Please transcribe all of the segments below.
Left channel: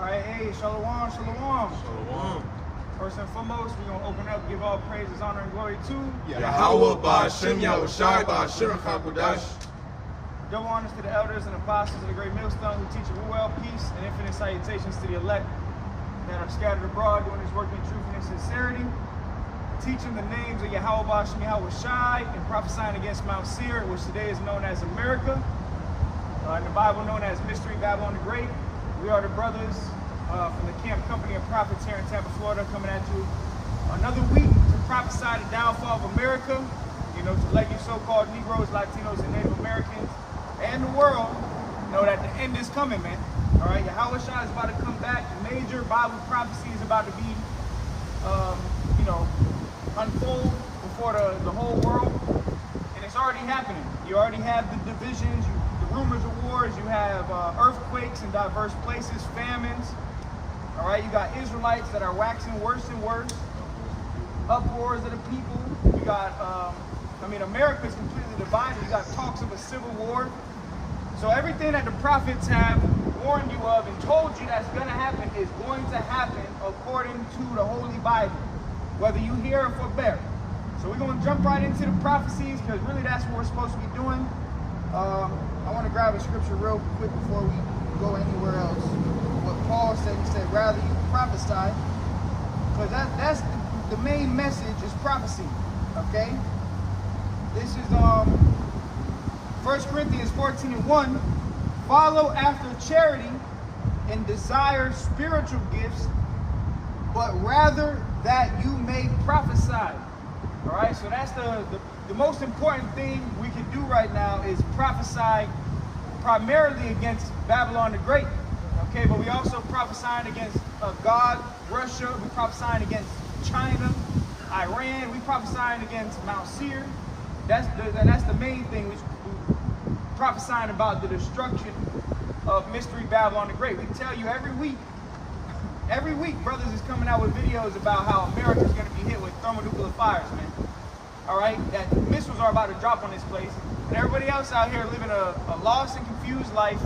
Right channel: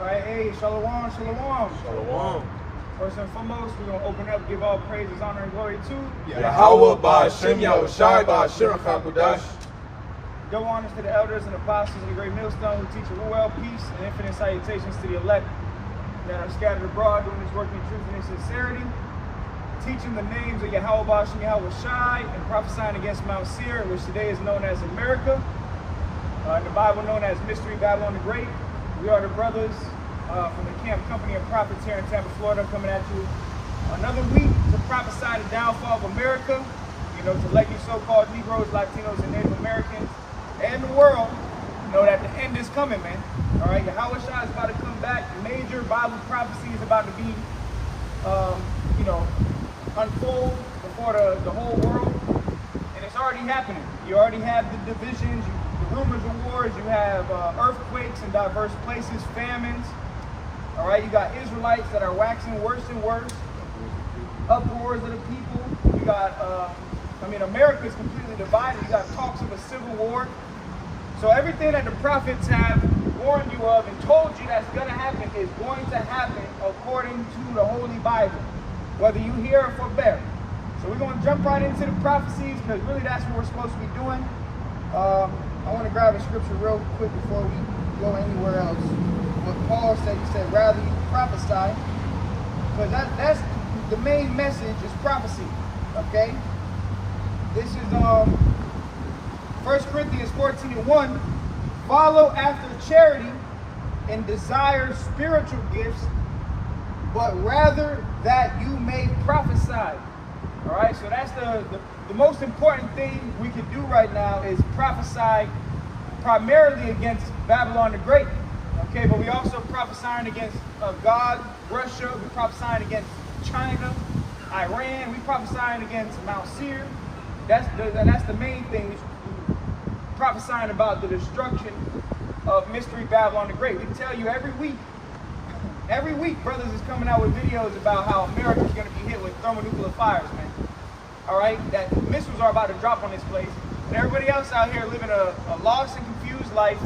All right, hey, shalom, shalom. Shalom. First and foremost, we're going to open up, give all praises, honor, and glory to Yahweh Ba'Shem Yahushai Ba'Shem HaKadosh. Double honors to the elders and apostles of the great millstone who teach a ruel, peace, and infinite salutations to the elect that are scattered abroad doing this work in truth and in sincerity, teaching the names of Yahweh Ba'Shem Yahushai and prophesying against Mount Seir, which today is known as America, in the Bible known as Mystery Babylon the Great. We are the brothers from the Camp Company of Prophets here in Tampa, Florida, coming at you another week to prophesy the downfall of America, to let you so-called Negroes, Latinos, and Native Americans and the world know that the end is coming, man. All right, Yahweh Shai is about to come back. Major Bible prophecy is about to be, unfold before the whole world, and it's already happening. You already have the divisions, the rumors of wars. You have earthquakes in diverse places, famines. All right, you got Israelites that are waxing worse and worse. Uproars of the people. You got, America is completely divided. You got talks of a civil war. So everything that the prophets have warned you of and told you that's going to happen is going to happen according to the Holy Bible, whether you hear or forbear. So we're going to jump right into the prophecies because really that's what we're supposed to be doing. I want to grab a scripture real quick before we go anywhere else. What Paul said, he said, rather you prophesy, because that's the main message is prophecy, okay? This is 1 Corinthians 14:1. Follow after charity and desire spiritual gifts, but rather that you may prophesy. All right, so that's the most important thing we can do right now is prophesy primarily against Babylon the Great. Okay, but we also prophesying against God, Russia. We prophesying against China, Iran. We prophesying against Mount Seir. That's the main thing. We prophesying about the destruction of Mystery Babylon the Great. We tell you every week, brothers is coming out with videos about how America is going to be hit with thermonuclear fires, man. All right, that missiles are about to drop on this place, and everybody else out here living a lost and confused life.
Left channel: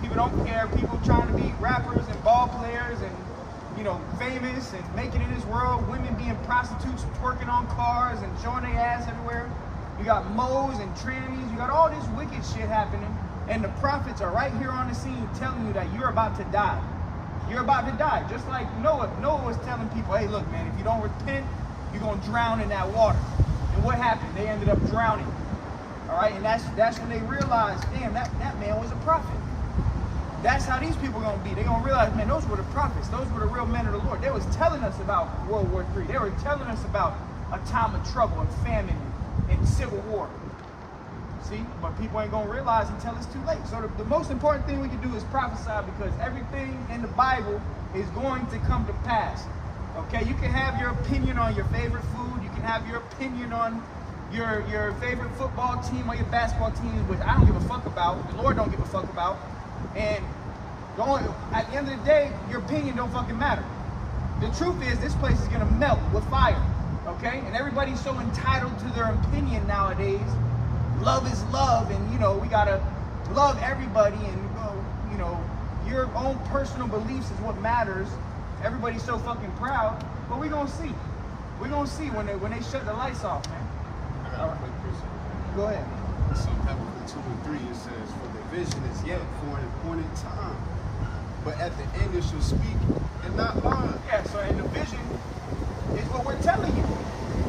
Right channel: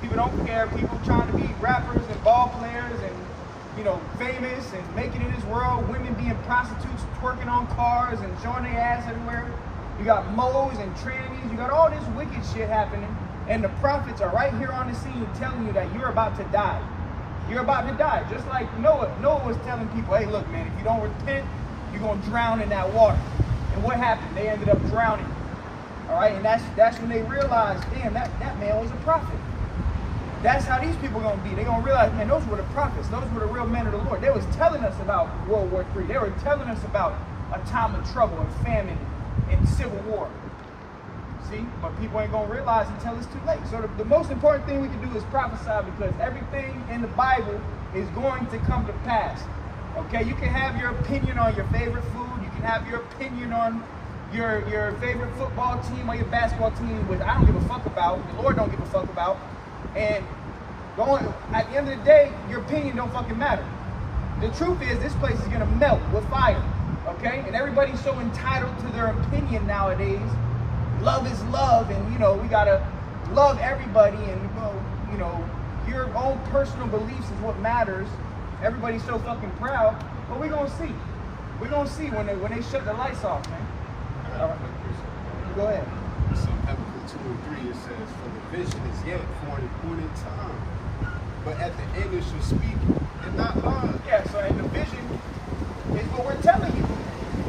People don't care. People trying to be rappers and ball players and, famous and making it in this world. Women being prostitutes, twerking on cars and showing their ass everywhere. You got moles and trannies. You got all this wicked shit happening. And the prophets are right here on the scene telling you that you're about to die. You're about to die. Just like Noah. Noah was telling people, hey, look, man, if you don't repent, you're going to drown in that water. And what happened? They ended up drowning. All right, and that's when they realized, damn, that man was a prophet. That's how these people are going to be. They're going to realize, man, those were the prophets. Those were the real men of the Lord. They was telling us about World War III. They were telling us about a time of trouble and famine and civil war. See? But people ain't going to realize until it's too late. So the most important thing we can do is prophesy because everything in the Bible is going to come to pass. Okay? You can have your opinion on your favorite food. You can have your opinion on your favorite football team or your basketball team, which I don't give a fuck about. The Lord don't give a fuck about. And at the end of the day, your opinion don't fucking matter. The truth is, this place is gonna melt with fire, okay? And everybody's so entitled to their opinion nowadays. Love is love, and we gotta love everybody, and your own personal beliefs is what matters. Everybody's so fucking proud, but we're gonna see. We're gonna see when they shut the lights off, man. All right. Go ahead. So Habakkuk 2:3 it says, for the vision is yet for an appointed time, but at the end it shall speak and not lie. Yeah, so and the vision is what we're telling you,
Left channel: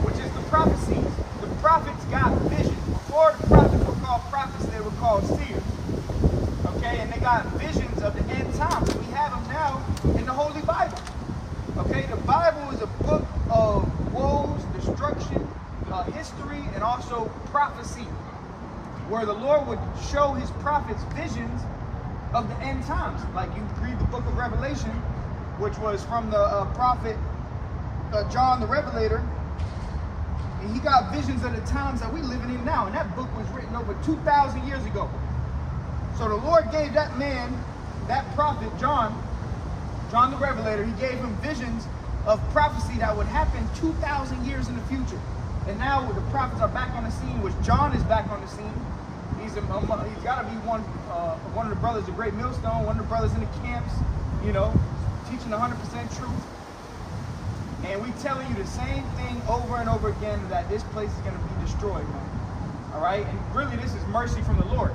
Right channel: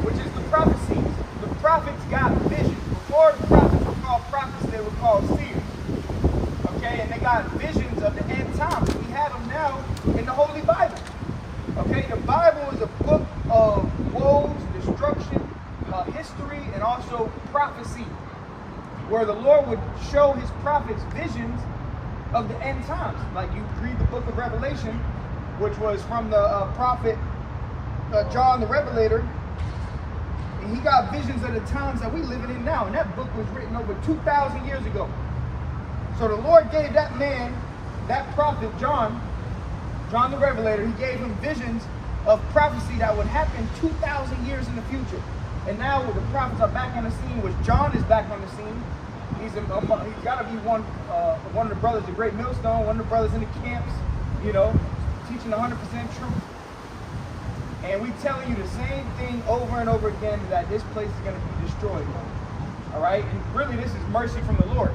which is the prophecy. The prophets got vision. Before the prophets were called prophets, they were called seers. Okay, and they got visions of the end times. We have them now in the Holy Bible. Okay, the Bible is a book of woes, destruction, history, and also prophecy, where the Lord would show his prophets visions of the end times. Like you read the book of Revelation, which was from the prophet John the Revelator, and he got visions of the times that we living in now. And that book was written over 2,000 years ago. So the Lord gave that man, that prophet John the Revelator, he gave him visions of prophecy that would happen 2,000 years in the future. And now the prophets are back on the scene, which John is back on the scene. He's got to be one of the brothers, the great millstone, one of the brothers in the camps, teaching 100% truth. And we telling you the same thing over and over again, that this place is going to be destroyed, man. All right? And really, this is mercy from the Lord.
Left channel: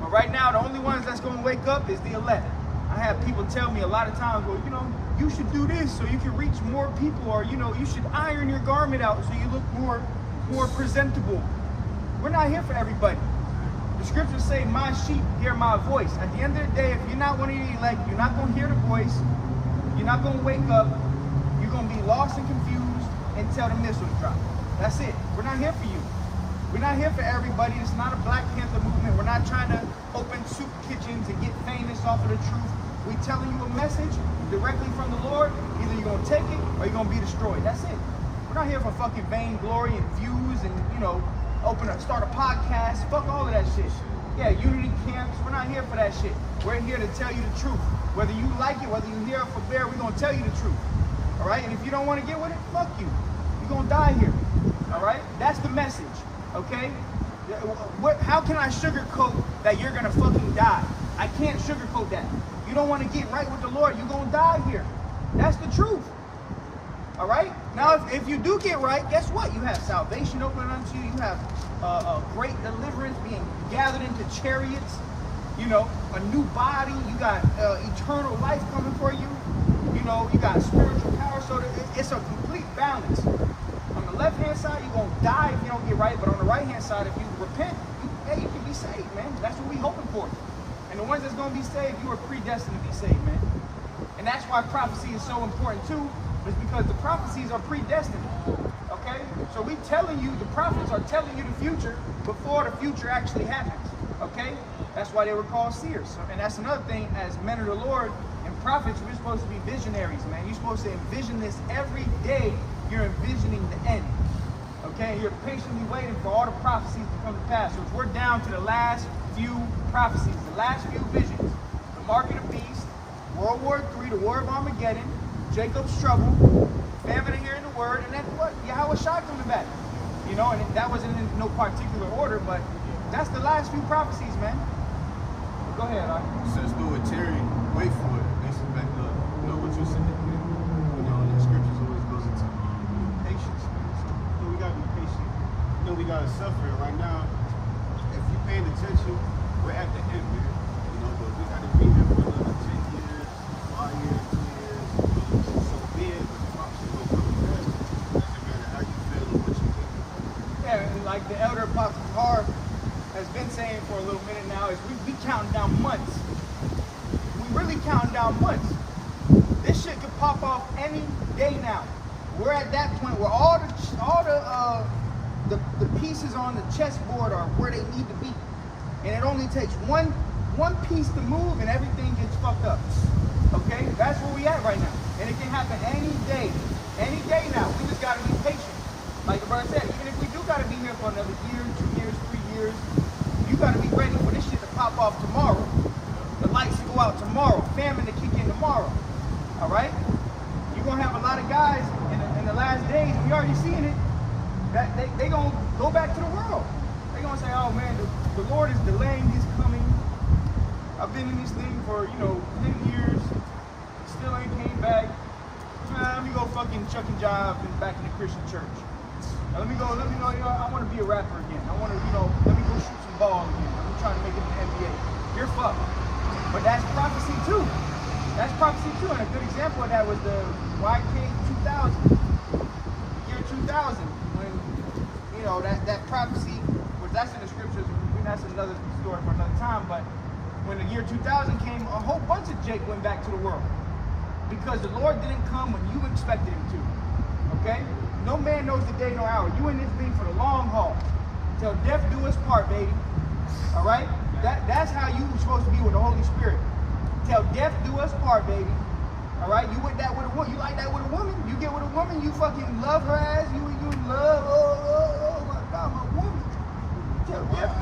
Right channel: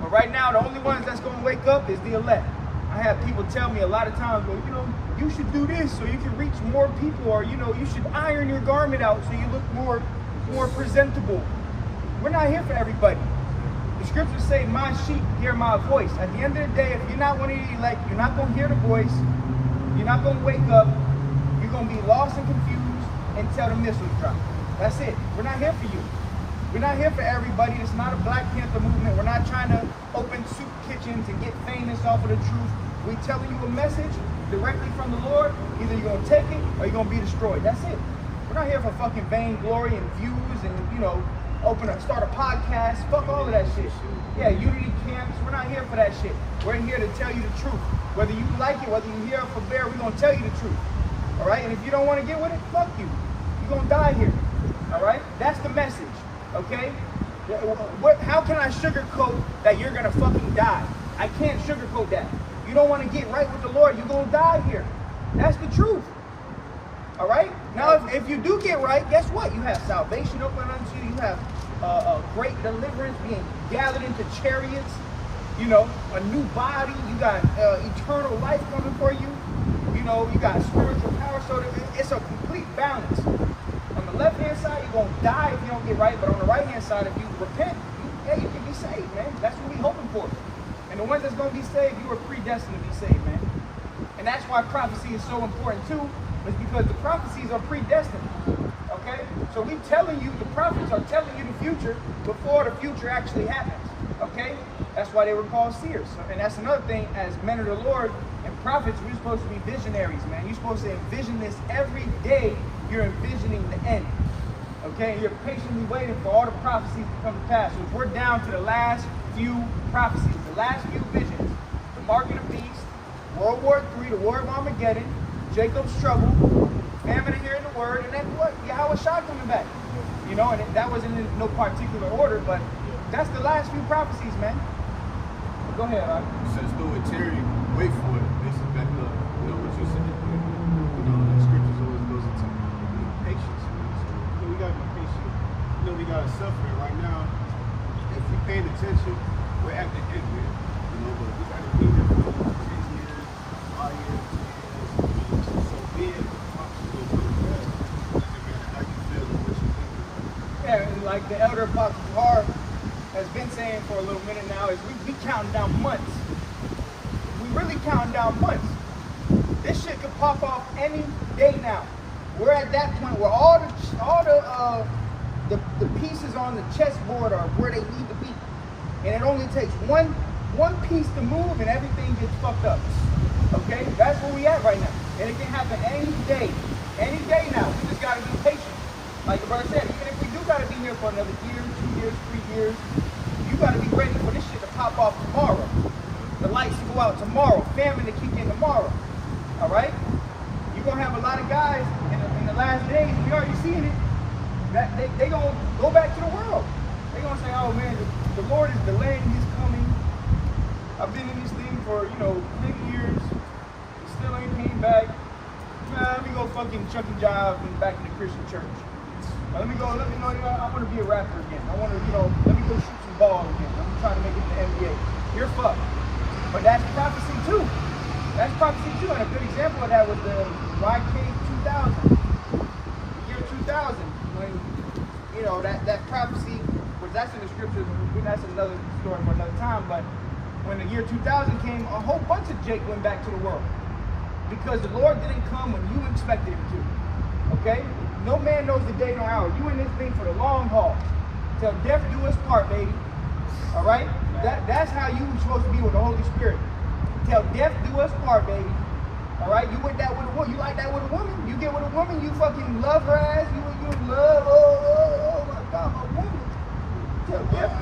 But right now, the only ones that's going to wake up is the elect. I have people tell me a lot of times, well, you know, you should do this so you can reach more people, or, you know, you should iron your garment out so you look more presentable. We're not here for everybody. The scriptures say, my sheep hear my voice. At the end of the day, if you're not one of the elect, you're not going to hear the voice. You're not going to wake up. You're going to be lost and confused until the missiles drop. That's it. We're not here for you. We're not here for everybody. It's not a Black Panther movement. We're not trying to open soup kitchens and get famous off of the truth. We're telling you a message directly from the Lord. Either you're going to take it or you're going to be destroyed. That's it. We're not here for fucking vainglory and views and, you know, start a podcast. Fuck all of that shit. Yeah, unity camps. We're not here for that shit. We're here to tell you the truth. Whether you like it, whether you're here for bear, we're going to tell you the truth. All right? And if you don't want to get with it, fuck you. You're going to die here. All right? That's the message. Okay? How can I sugarcoat that you're going to fucking die? I can't sugarcoat that. You don't want to get right with the Lord, you're going to die here. That's the truth. All right? Now, if you do get right, guess what? You have salvation open unto you. You have a great deliverance being gathered into chariots. You know, a new body. You got eternal life coming for you. You know, you got spiritual power. So it's a complete balance. On the left-hand side, you're going to die if you don't get right. But on the right-hand side, if you repent, you can be saved, man. That's what we're hoping for. And the ones that's going to be saved, you are predestined to be saved, man. And that's why prophecy is so important, too. Is because the prophecies are predestined. Okay? So we telling you, the prophets are telling you the future before the future actually happens. Okay? That's why they were called seers. And that's another thing, as men of the Lord and prophets, we're supposed to be visionaries, man. You're supposed to envision this every day. You're envisioning the end. Okay? And you're patiently waiting for all the prophecies to come to pass. So if we're down to the last few prophecies, the last few visions, the mark of the beast, World War III, the War of Armageddon, Jacob's trouble, famine to hearing the word, and then what? Yahweh Shai coming back. You know, and that wasn't in no particular order, but that's the last few prophecies, man. But go ahead, all right? It says, though it tarry, wait for it. Basically backing up, you know, what you said. You know, the scriptures always goes into patience. So we gotta be patient. You know, we gotta suffer right now. If we paying attention, we're at the end, man. You know, but we gotta be there for another 10 years, 5 years, 2 years. So then the prophecy will come back. Again, how you feel and what you think. Yeah, and like the elder Apostle Har has been saying for a little minute now, is we counting down months. We really counting down months. This shit could pop off any day now. We're at that point where all the pieces on the chessboard are where they need to be. And it only takes one piece to move and everything gets fucked up. Okay? That's where we at right now. And it can happen any day. Any day now. We just gotta be patient. Like the brother said, even if we do gotta be here for another year, 2 years, 3 years, you gotta be ready for this shit to pop off tomorrow. The lights to go out tomorrow. Famine to kick in tomorrow. Alright? You're gonna have a lot of guys in the last days, we already seen it, that they gonna go back to the world. They gonna say, oh man, the Lord is delaying his coming. I've been in this thing for, 10 years. Still ain't came back. Nah, let me go fucking chuck and jive back in the Christian church. Now, let me go, I want to be a rapper again. I want to, let me go shoot some ball again. I'm trying to make it to the NBA. You're fucked. But that's prophecy too. That's prophecy too. And a good example of that was the YK 2000. Year 2000. When, that prophecy, which that's in the scriptures, and that's another story for another time, but when the year 2000 came, a whole bunch of Jake went back to the world. Because the Lord didn't come when you expected him to. Okay? No man knows the day nor hour. You in this thing for the long haul. Till death do us part, baby. Alright? That's how you supposed to be with the Holy Spirit. Till death do us part, baby. Alright? You with that with a woman. You like that with a woman. You get with a woman, you fucking love her ass. You in love. Oh my God, my woman. Till death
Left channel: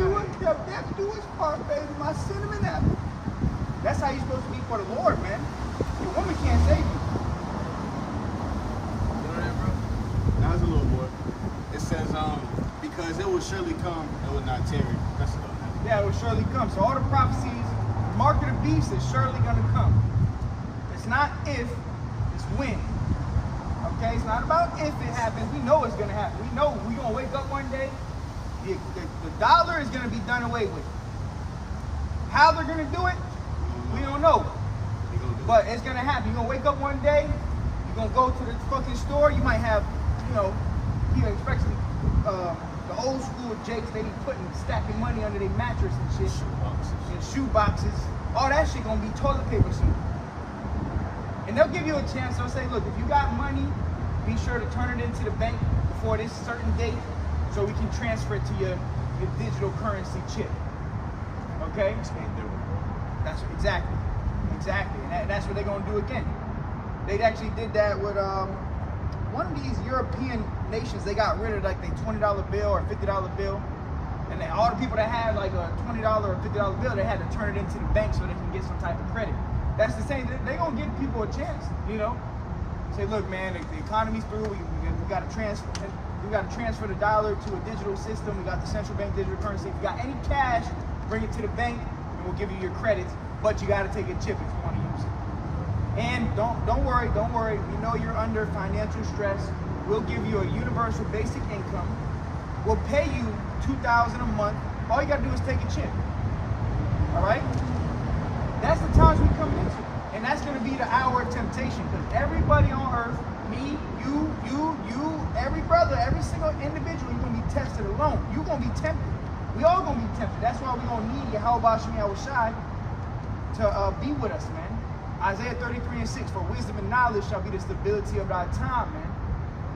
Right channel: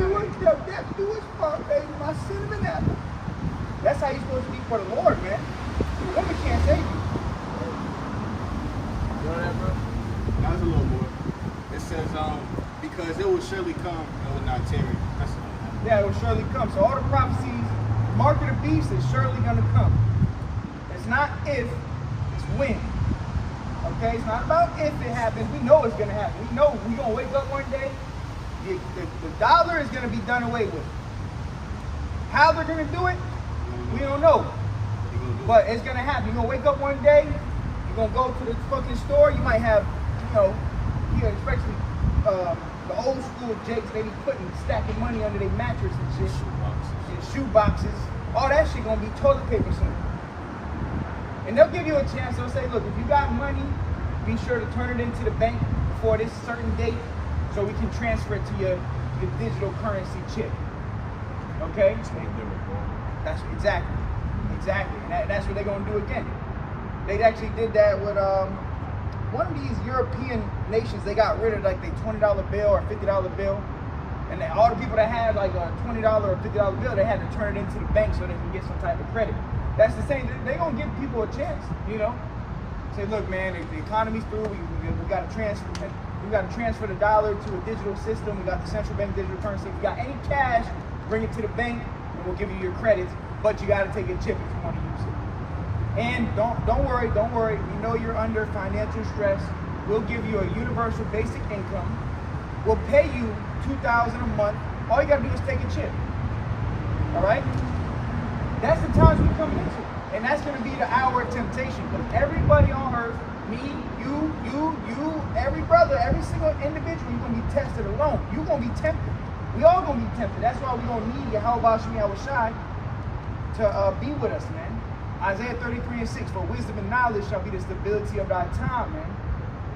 do us part, baby. My cinnamon apple. That's how you're supposed to be for the Lord, man. The woman can't save you. You know that, bro? That was a little more. It says, because it will surely come, it will not tarry. That's it on that. Yeah, it will surely come. So all the prophecies, the mark of the beast is surely going to come. It's not if, it's when. Okay, it's not about if it happens. We know it's gonna happen. We know we're gonna wake up one day. The dollar is gonna be done away with. How they're gonna do it, we don't know. But it's gonna happen. You're gonna wake up one day, you're gonna go to the fucking store, you might have, especially the old school with Jakes, they be stacking money under their mattress and shit. And shoe boxes. All that shit gonna be toilet paper soon. And they'll give you a chance. They'll say, look, if you got money, be sure to turn it into the bank before this certain date so we can transfer it to your digital currency chip. Okay? That's what they were for. That's exactly. And that's what they're gonna do again. They actually did that with one of these European nations. They got rid of like the $20 bill or $50 bill. And all the people that had like a $20 or $50 bill, they had to turn it into the bank so they can get some type of credit. That's the same. They're gonna give people a chance, Say, look, man, the economy's through. We got to transfer. We got to transfer the dollar to a digital system. We got the central bank digital currency. If you got any cash, bring it to the bank, and we'll give you your credits. But you got to take a chip if you want to use it. And don't worry. We know you're under financial stress. We'll give you a universal basic income. We'll pay you $2,000 a month. All you got to do is take a chip. All right. That's the times we're coming into. And that's going to be the hour of temptation. Because everybody on earth, me, you, every brother, every single individual, you're going to be tested alone. You're going to be tempted. We all going to be tempted. That's why we're going to need Yahweh Shai to be with us, man. Isaiah 33:6, for wisdom and knowledge shall be the stability of thy time, man.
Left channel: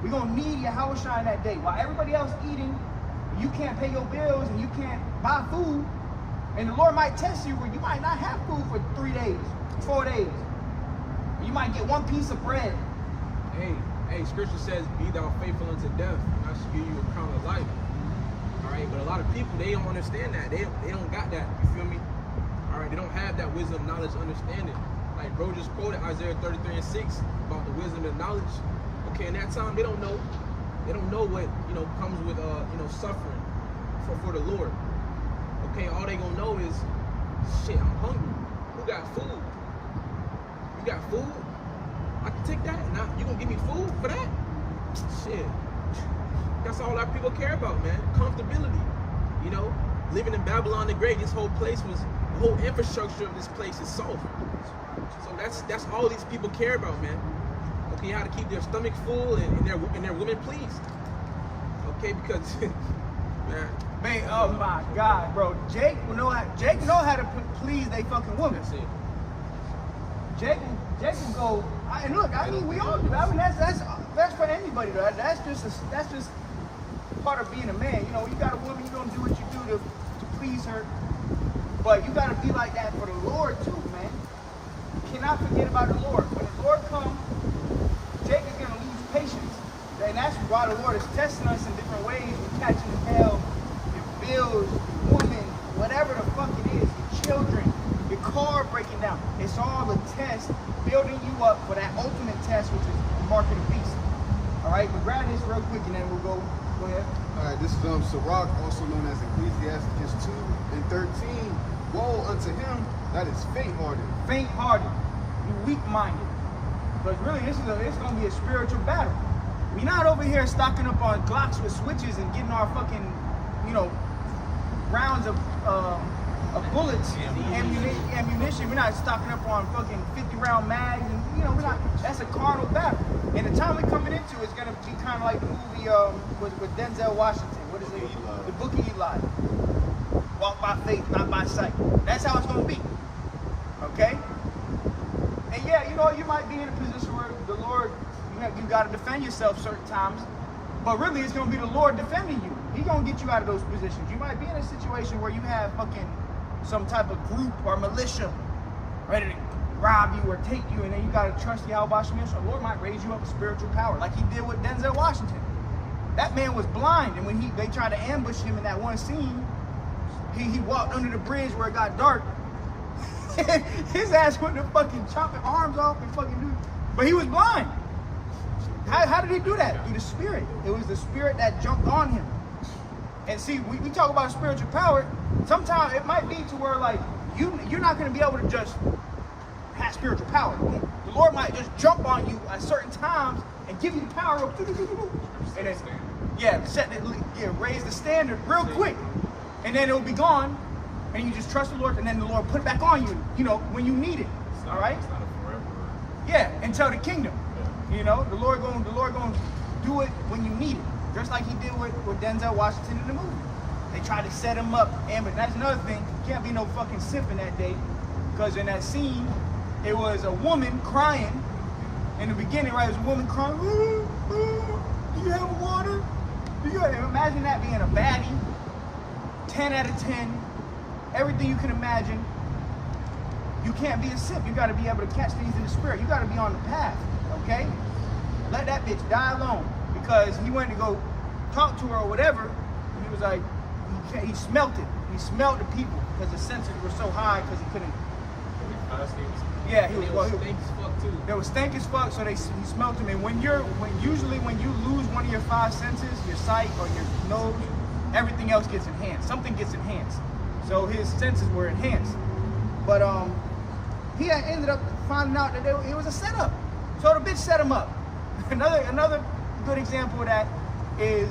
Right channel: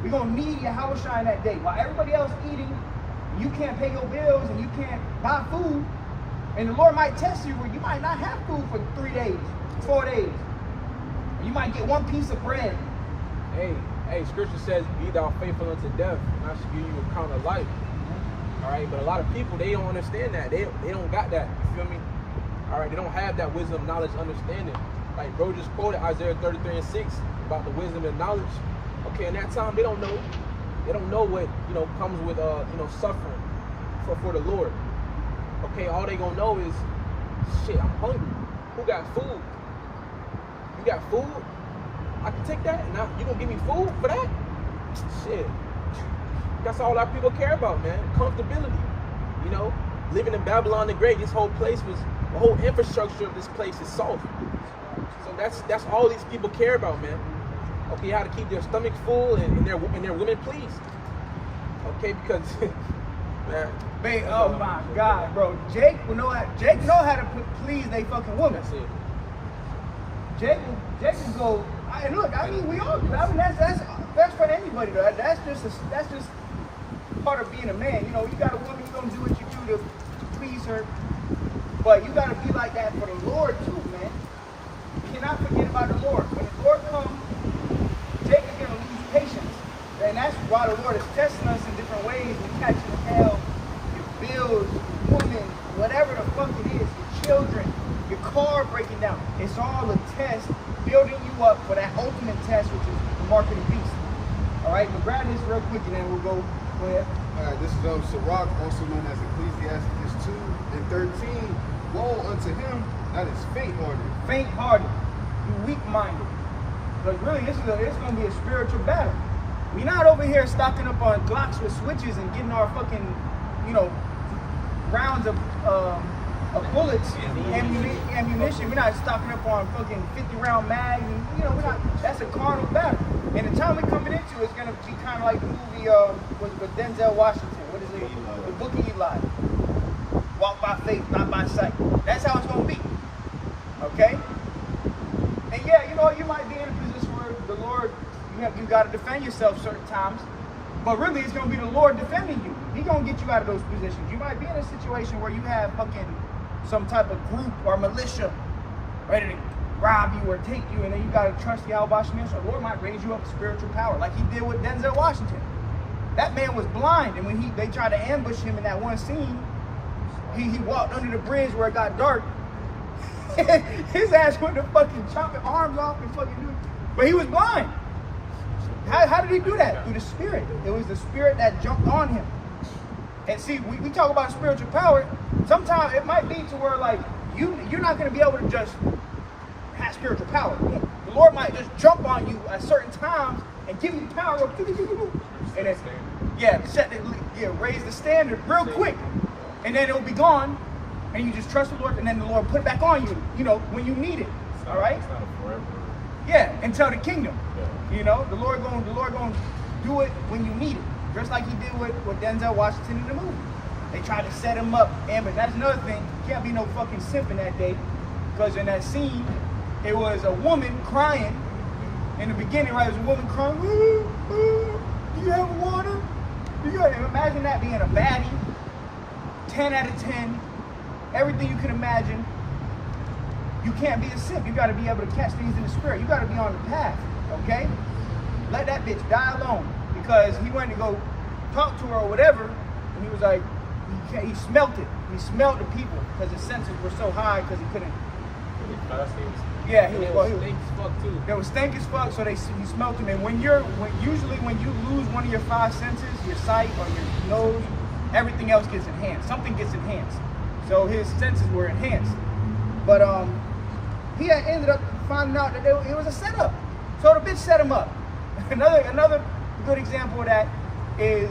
We're going to need Yahweh Shai in that day. While everybody else eating, and you can't pay your bills, and you can't buy food, and the Lord might test you where you might not have food for 3 days, 4 days. Or you might get one piece of bread. Hey, scripture says, be thou faithful unto death, and I shall give you a crown of life. All right, but a lot of people, they don't understand that. They don't got that. You feel me? All right, they don't have that wisdom, knowledge, understanding. Like bro just quoted Isaiah 33:6 about the wisdom and knowledge. Okay, in that time, they don't know. They don't know what, comes with, suffering for the Lord. Okay, all they gonna know is, shit, I'm hungry. Who got food? You got food? I can take that. Now you gonna give me food for that? Shit. That's all our people care about, man. Comfortability. Living in Babylon the Great, this whole place was, the whole infrastructure of this place is soft. So that's all these people care about, man. Okay, how to keep their stomach full and their women pleased. Okay, because man, Oh my God, bro. Jake know how to please they fucking woman. That's it. Jake will go. And look, we all do. That's for anybody though. That's just part of being a man. You got a woman, you gonna do what you do to please her. But you gotta be like that for the Lord too, man. You cannot forget about the Lord. When the Lord comes, Jake is gonna lose patience. And that's why the Lord is testing us in different ways. We're catching hell, your bills, your woman, whatever the fuck it is, your children, your car breaking down. It's all a test, building you up for that ultimate test, which is the mark of the beast. All right, but grab this real quick and then we'll go ahead. All right, this is Sirach, also known as Ecclesiastes 2:13. Woe unto him that is faint-hearted. Faint-hearted, you weak-minded. But really, it's going to be a spiritual battle. We're not over here stocking up on Glocks with switches and getting our fucking, rounds of bullets, ammunition. We're not stocking up on fucking 50-round mags, and we're not. That's a carnal battle. And the time we're coming into is gonna be kind of like the movie with Denzel Washington. What is it? The Book of Eli. Walk by faith, not by sight. That's how it's gonna be. Okay. And yeah, you might be in a position where the Lord, you got to defend yourself certain times. But really, it's going to be the Lord defending you. He's going to get you out of those positions. You might be in a situation where you have fucking some type of group or militia ready to rob you or take you, and then you got to trust Yahweh Shai. So the Lord might raise you up with spiritual power, like he did with Denzel Washington. That man was blind, and when they tried to ambush him in that one scene, he walked under the bridge where it got dark. His ass went to fucking chop his arms off and fucking do it. But he was blind. How did he do that? Through the Spirit. It was the Spirit that jumped on him. And see, we talk about spiritual power. Sometimes it might be to where like you're not going to be able to just have spiritual power. Boom. The Lord might just jump on you at certain times and give you power of and then, raise the standard real quick. And then it'll be gone. And you just trust the Lord, and then the Lord put it back on you, when you need it. All right? It's not a forever. Yeah, until the kingdom. Yeah. The Lord going to do it when you need it. Just like he did with Denzel Washington in the movie. They tried to set him up, but that's another thing. Can't be no fucking simp in that day, because in that scene, it was a woman crying. In the beginning, right? It was a woman crying. Do you have water? Imagine that being a baddie. 10 out of 10. Everything you can imagine. You can't be a simp. You got to be able to catch things in the spirit. You got to be on the path, okay? Let that bitch die alone, because he went to go talk to her or whatever, and he was like, he smelt it. He smelled the people because his senses were so high because he couldn't. Yeah, he was stink as fuck too. They was stink as fuck, so he smelt him. And usually when you lose one of your 5 senses, your sight or your nose, everything else gets enhanced. Something gets enhanced. So his senses were enhanced. But he had ended up finding out that it was a setup. So the bitch set him up. Another good example of that is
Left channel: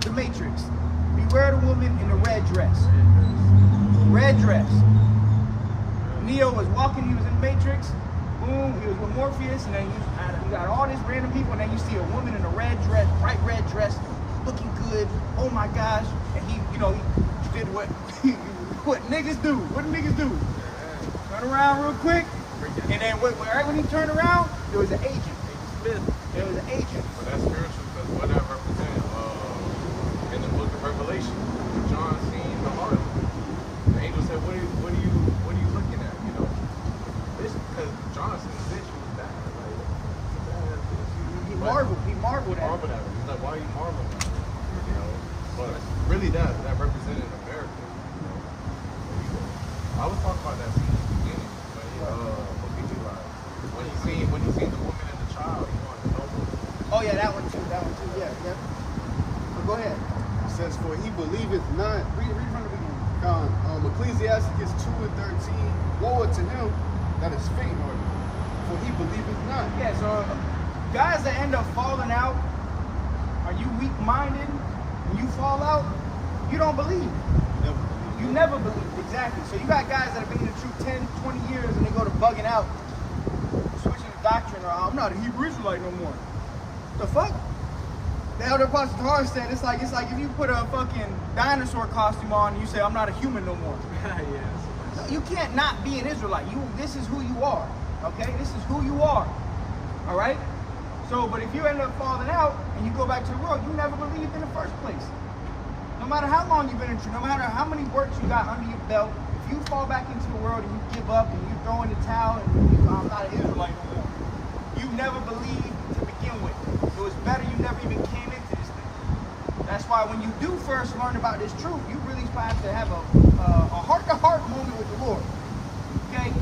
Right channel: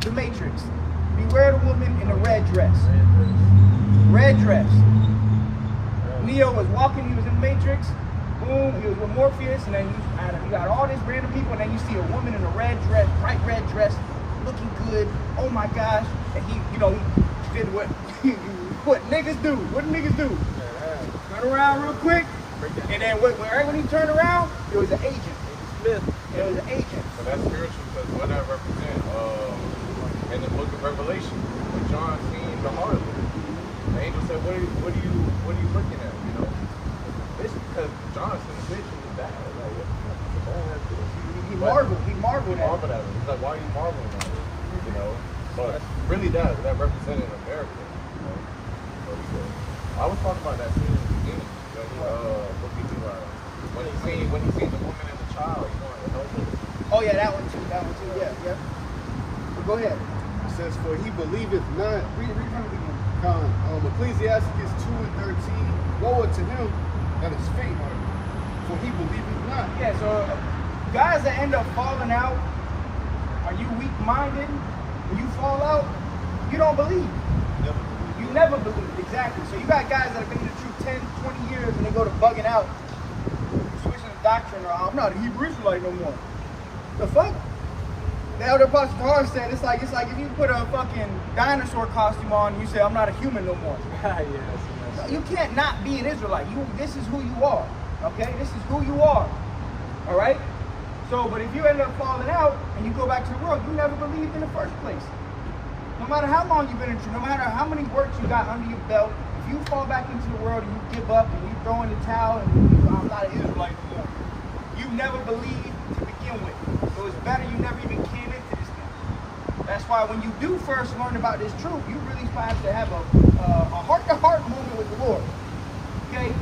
The Matrix. Beware the woman in the red dress. Red dress. Neo was walking, he was in the Matrix. Boom, he was with Morpheus, and then you got all these random people, and then you see a woman in a red dress, bright red dress, looking good. Oh my gosh. And he did what what niggas do. What do niggas do? Turn around real quick, and then right when he turned around, it was an agent. It was an agent. But that's spiritual, because what that represents, in the book of Revelation, when John seen the harlot, the angel said, what are you looking at? Because John seen the bitch who was bad. Like, what the fuck is a bad bitch? He marveled at it. He's like, why are you marveling at it? But really that represented America, So I was talking about that scene in the beginning when he seen the woman and the child, he wanted to help her. Oh yeah, that one too, yeah. But go ahead. It says, for he believeth not. Read from the beginning. Ecclesiasticus 2 and 13. Woe unto him that is faint-hearted, for he believeth not. Yeah, so guys that end up falling out, are you weak-minded? When you fall out, you don't believe. Never believe. You never believe, exactly. So you got guys that have been in the truth 10, 20 years, and they go to bugging out, switching the doctrine, or I'm not a Hebrew Israelite no more. The fuck? The elder Apostle Tahar said it's like if you put a fucking dinosaur costume on and you say I'm not a human no more. No, you can't not be an Israelite. This is who you are. Okay? This is who you are. Alright? So, but if you end up falling out and you go back to the world, you never believed in the first place. No matter how long you've been in truth, no matter how many works you got under your belt, if you fall back into the world and you give up and you throw in the towel and I'm not an Israelite no more, you never believed to begin with. It was better you never even came into this thing. That's why when you do first learn about this truth, you really have to have a heart-to-heart moment with the Lord. Okay?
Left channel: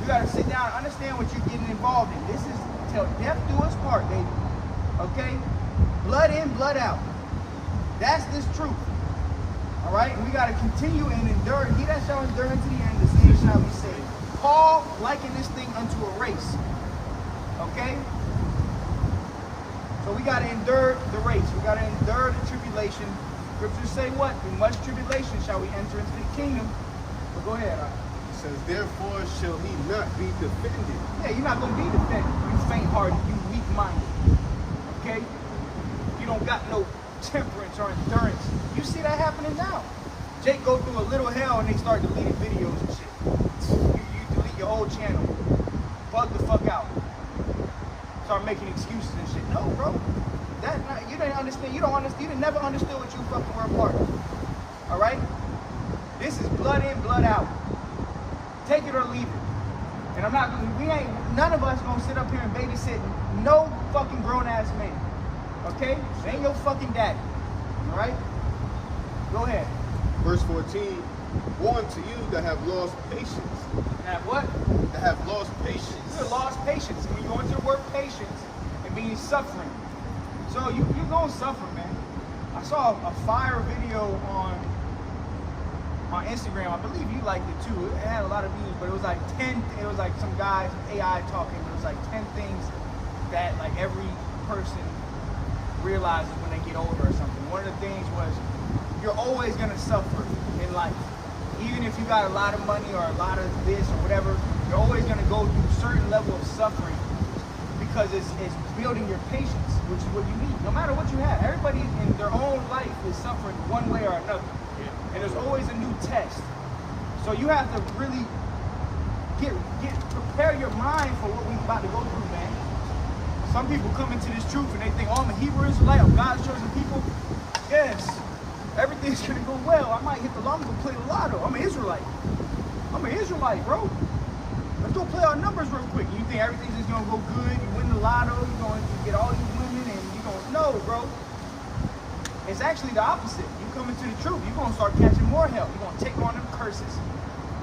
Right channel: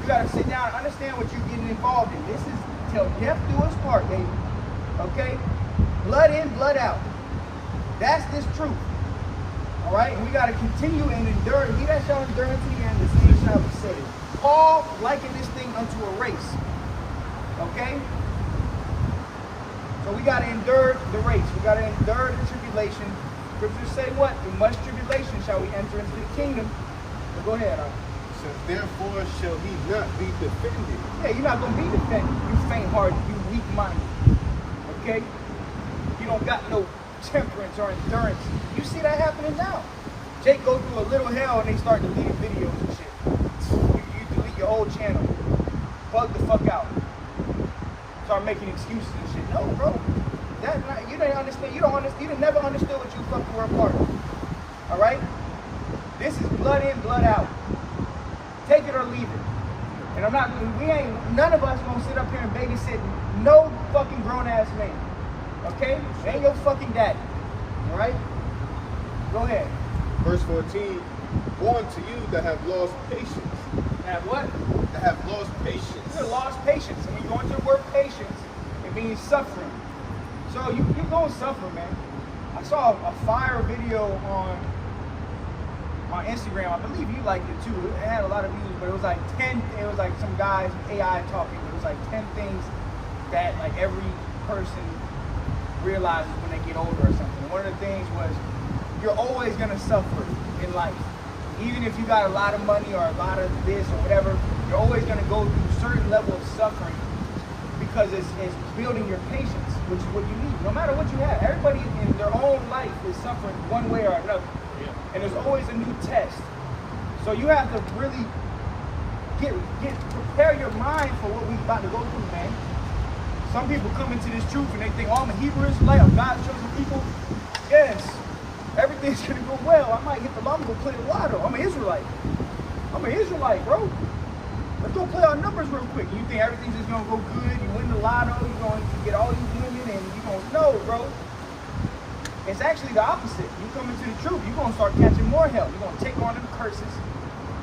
You got to sit down and understand what you're getting involved in. This is till death do us part, baby. Okay? Blood in, blood out. That's this truth. All right? And we got to continue and endure. He that shall endure unto the end, the same shall be saved. Paul likened this thing unto a race. Okay? So we got to endure the race. We got to endure the tribulation. Scriptures say what? In much tribulation shall we enter into the kingdom. But go ahead. It says, therefore shall he not be defended. Yeah, you're not going to be defended. You faint-hearted. You weak-minded. Okay? You don't got no temperance or endurance. You see that happening now. Jake go through a little hell and they start deleting videos and shit. You delete your whole channel. Bug the fuck out. Start making excuses and shit. No, bro. That's not, you didn't understand. You didn't never understood what you fucking were a part of. Alright? This is blood in, blood out. Take it or leave it. And none of us gonna sit up here and babysit no fucking grown ass man. Okay? It ain't your fucking daddy. Alright? Go ahead. Verse 14. Woe unto you that have lost patience. Have what? That have lost patience. You have lost patience. And when you go into the word patience, it means suffering. So you're going to suffer, man. I saw a fire video on Instagram. I believe you liked it too. It had a lot of views, but it was like 10. It was like some guy AI talking, but it was like 10 things that like every person realizes when they get older or something. One of the things was you're always gonna suffer in life. Even if you got a lot of money or a lot of this or whatever, you're always gonna go through a certain level of suffering because it's building your patience, which is what you need. No matter what you have, everybody in their own life is suffering one way or another. Yeah. And there's always a new test. So you have to really prepare your mind for what we're about to go through, man. Some people come into this truth and they think, oh, I'm a Hebrew Israelite, I'm God's chosen people. Yes, everything's gonna go well. I might hit the lotto, go play the lotto. I'm an Israelite. I'm an Israelite, bro. Let's go play our numbers real quick. You think everything's just gonna go good? You win the lotto, you're going to get all these women, and you're gonna no, bro. It's actually the opposite. You come into the truth, you're gonna start catching more hell. You're gonna take on them curses.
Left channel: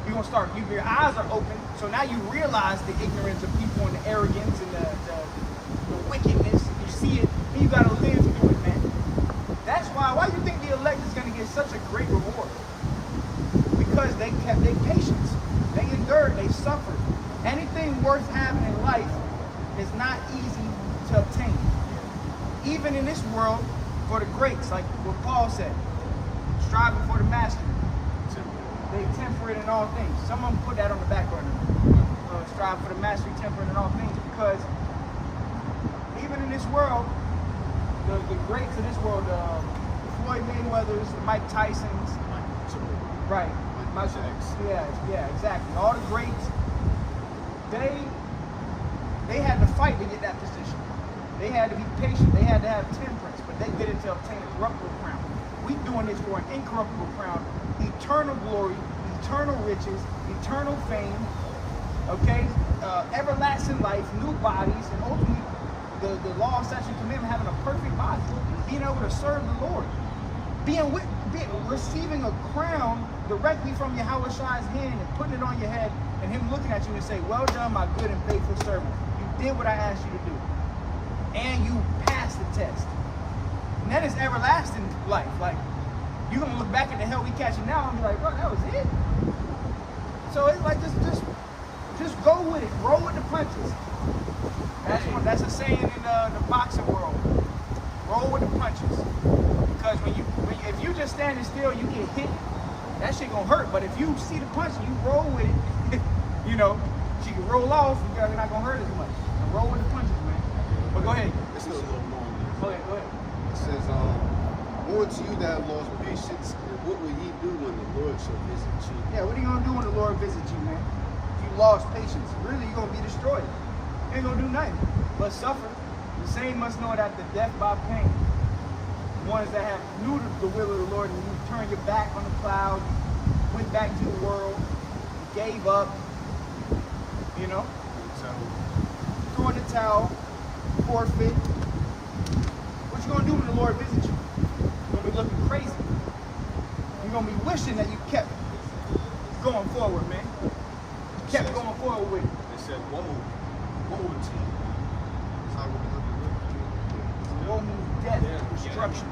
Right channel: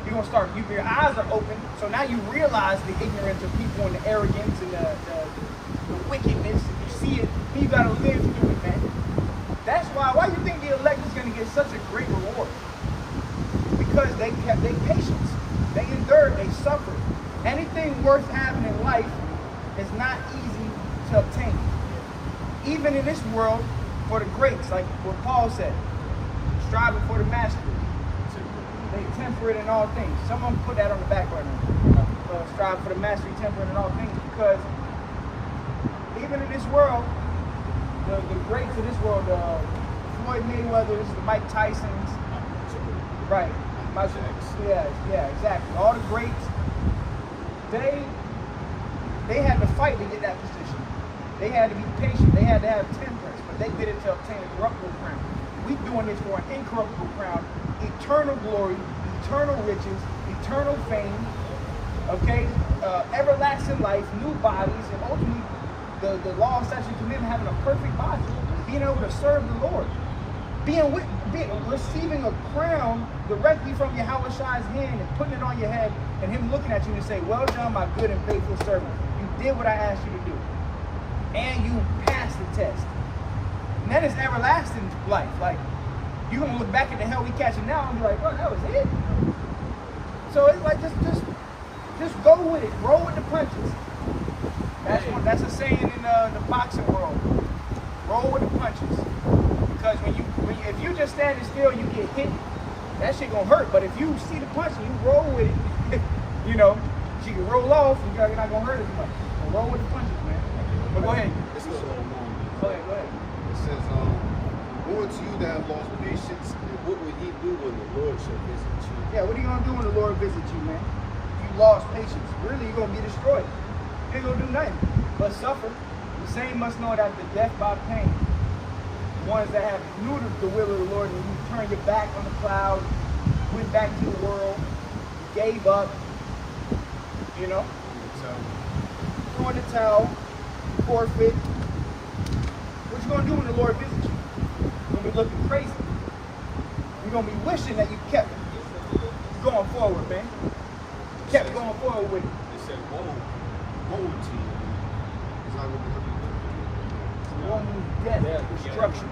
You're gonna start. Your eyes are open, so now you realize the ignorance of people and the arrogance and the wickedness. You see it, and you gotta live through it, man. That's why you think the elect is gonna get such a great reward? Because they kept their patience. They endured, they suffered. Anything worth having in life is not easy to obtain. Even in this world, for the greats, like what Paul said, striving for the mastery. They temperate in all things. Someone put that on the back burner. Strive for the mastery, temperate in all things, because even in this world, the greats of this world, the Floyd Mayweathers, the Mike Tysons, right? Yeah, exactly. All the greats, they had to fight to get that position. They had to be patient. They had to have temperance, but they did it to obtain a corruptible crown. We doing this for an incorruptible crown, eternal glory, eternal riches, eternal fame, okay, everlasting life, new bodies, and ultimately the law, statute, and commandment, having a perfect body, being able to serve the Lord, receiving a crown directly from Yahweh Shai's hand and putting it on your head, and him looking at you and say, well done, my good and faithful servant. You did what I asked you to do. And you passed the test. And that is everlasting life. Like, you're gonna look back at the hell we catching now and be like, bro, that was it? So it's like just go with it, roll with the punches. That's a saying in the boxing world. Roll with the punches. Because if you just standing still, you get hit, that shit gonna hurt. But if you see the punch and you roll with it, you can roll off and you're not gonna hurt as much. So roll with the punches, man. But go ahead. It's a little more. Go ahead. It says, woe to you that have lost patience, and what will ye do when the Lord shall visit you? Yeah, what are you gonna do when the Lord visits you, man? If you lost patience, really you're gonna be destroyed. You ain't gonna do nothing but suffer. The same must know that the death by pain. The ones that have knew the will of the Lord and you turned your back on the cloud, went back to the world, gave up, throw in the towel, forfeit. What you gonna do when the Lord visits you? You're gonna be looking crazy. You're gonna be wishing that you kept going forward, man. Kept going forward with it. It said, woe to you. It's not gonna be looking good for you. Woe means death, destruction.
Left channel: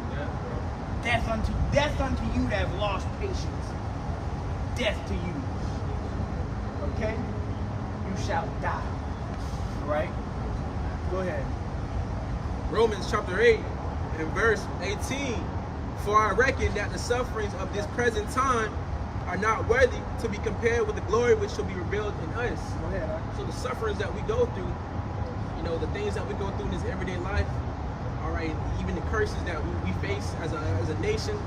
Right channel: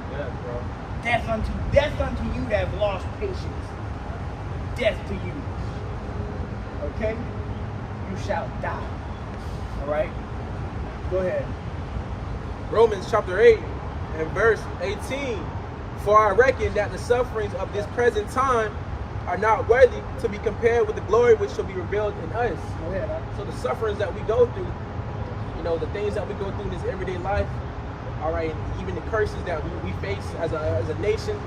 Death unto you that have lost patience. Death to you. Okay? You shall die. Alright? Go ahead. Romans chapter 8 and verse 18. For I reckon that the sufferings of this present time are not worthy to be compared with the glory which shall be revealed in us. Go ahead, right? So the sufferings that we go through, the things that we go through in this everyday life, all right, and even the curses that we face as a nation,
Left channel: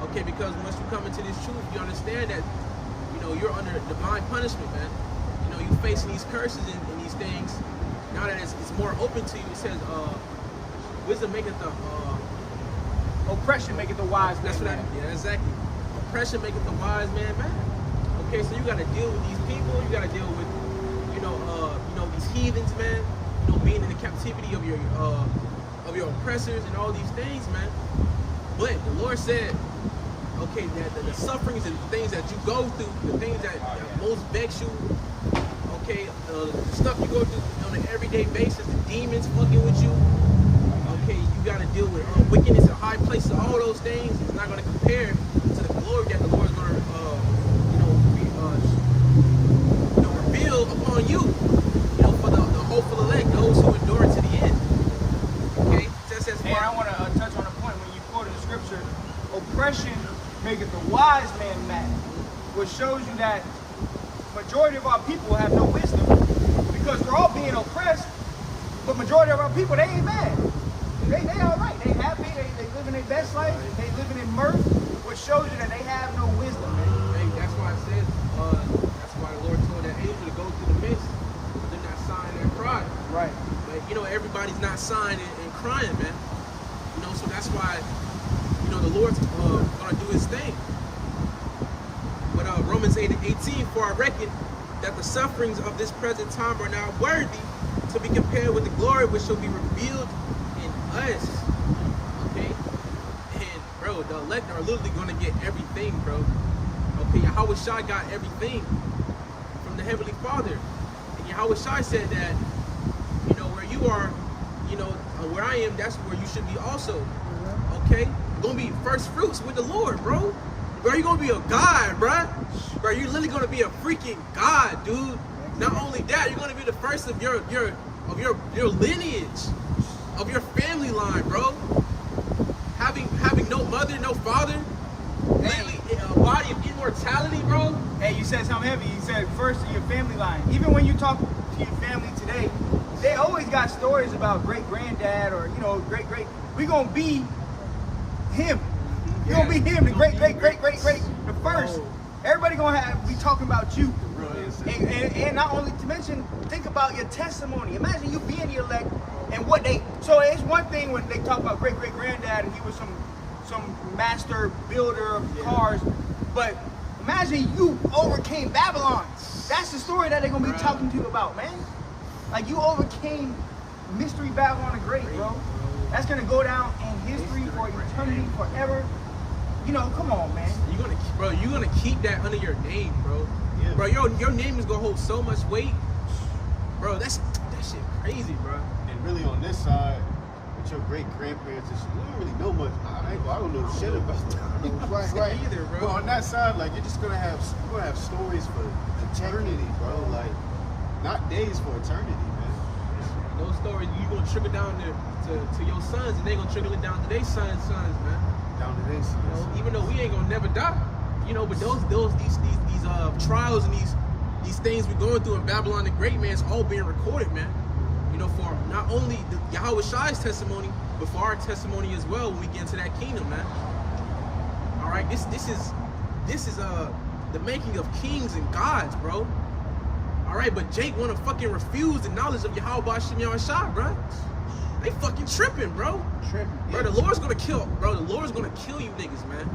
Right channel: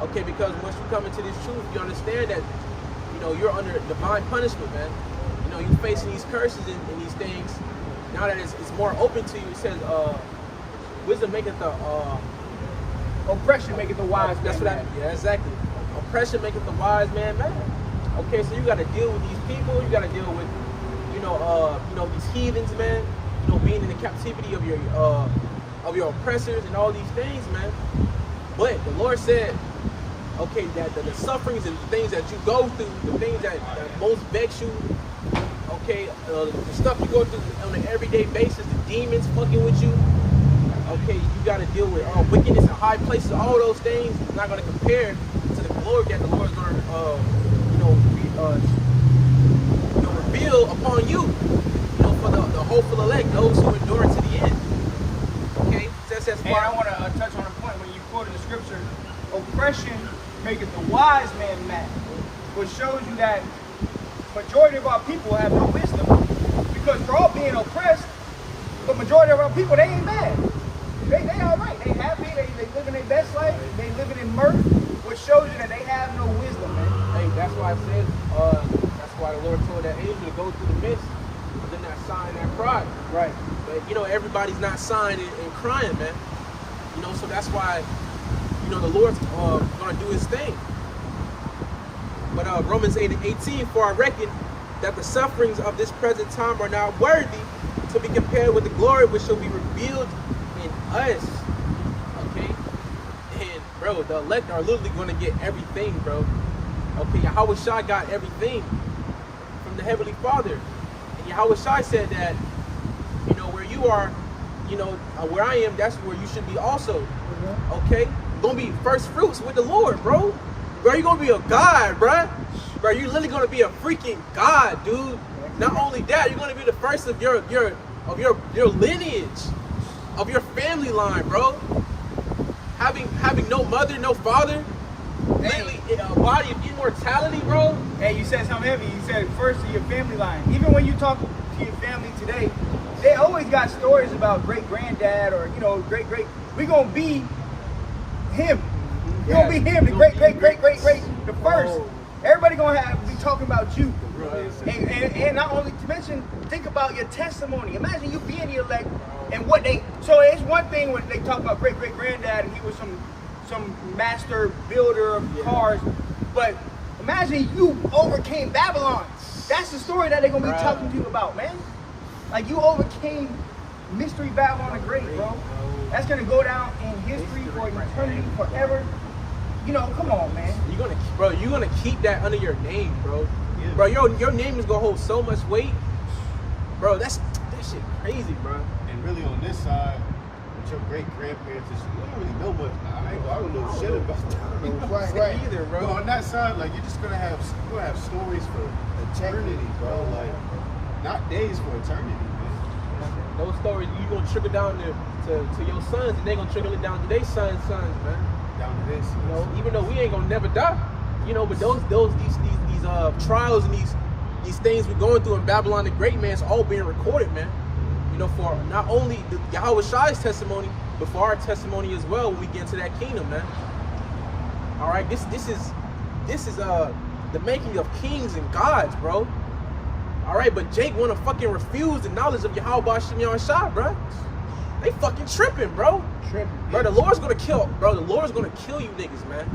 okay, because once you come into this truth, you understand that, you're under divine punishment, man. You're facing these curses and these things. Now that it's more open to you, it says, wisdom maketh the oppression maketh the wise man. That's what yeah, exactly. Oppression maketh the wise man mad. Okay, so you got to deal with these people. You got to deal with, these heathens, man. Being in the captivity of your oppressors and all these things, man. But the Lord said, okay, that the sufferings and the things that you go through, the things that most vex you, okay, the stuff you go through on an everyday basis, the demons fucking with you, okay, you got to deal with wickedness in high places. All those things is not going to compare to the glory that the Lord is going to, reveal upon you, for the hopeful elect, those who endure to the end. Okay? That's And I want to touch on a point when you quoted the scripture, oppression maketh the wise man mad, which shows you that majority of our people have no wisdom because we're all being oppressed, but majority of our people, they ain't mad. They all right. They happy. They living their best life. They living in mirth, which shows you that they have no wisdom, man. Hey, that's why I said, that's why the Lord told that angel to go through the midst, but then not sighing and cry. Right. But everybody's not sighing and crying, man. So that's why, the Lord's gonna do his thing. But Romans 8:18, for I reckon that the sufferings of this present time are not worthy to be compared with the glory which shall be revealed in us. Okay? And bro, the elect are literally gonna get everything, bro. Okay, Yahweh Shai got everything from the Heavenly Father. And Yahweh Shai said that, where you are, where I am, that's where you should be also. Okay? You're gonna be first fruits with the Lord, bro. Bro, you're gonna be a god, bro. Bro, you're literally gonna be a freaking god, dude. Not only that, you're gonna be the first of your lineage, of your family line, bro. Having no mother, no father, literally a body of immortality, bro. Hey, you said something heavy. You said first of your family line. Even when you talk to your family today, they always got stories about great granddad or great. We gonna be him. You gonna be him, the great, the first. Oh. Everybody gonna be talking about you. And not only to mention, think about your testimony. Imagine you being the elect and what they. So it's one thing when they talk about great granddad and he was some master builder of cars, but imagine you overcame Babylon. That's the story that they're gonna be talking to you about, man. Like you overcame Mystery Babylon the Great, bro. That's gonna go down in history for eternity, forever. Come on, man. You're gonna keep that under your name, bro. Yeah. Bro, your name is gonna hold so much weight, bro. That shit crazy, bro. And really on this side, with your great grandparents and shit, we don't really know much. I don't know shit about them. Right. Either, bro. But on that side, like you're just gonna have stories for eternity, bro. Like not days for eternity, man. Those stories you gonna trickle down to your sons, and they gonna trickle it down to their sons, man. Down to this. Even though we ain't gonna never die, but these trials and these things we're going through in Babylon the Great, man, it's all being recorded, man. For not only the Yahweh Shai's testimony, but for our testimony as well when we get into that kingdom, man. All right, this is the making of kings and gods, bro. All right, but Jake wanna fucking refuse the knowledge of Yahweh Shem Shai, bro. They fucking tripping, bro. Bro, the Lord's gonna kill you niggas, man.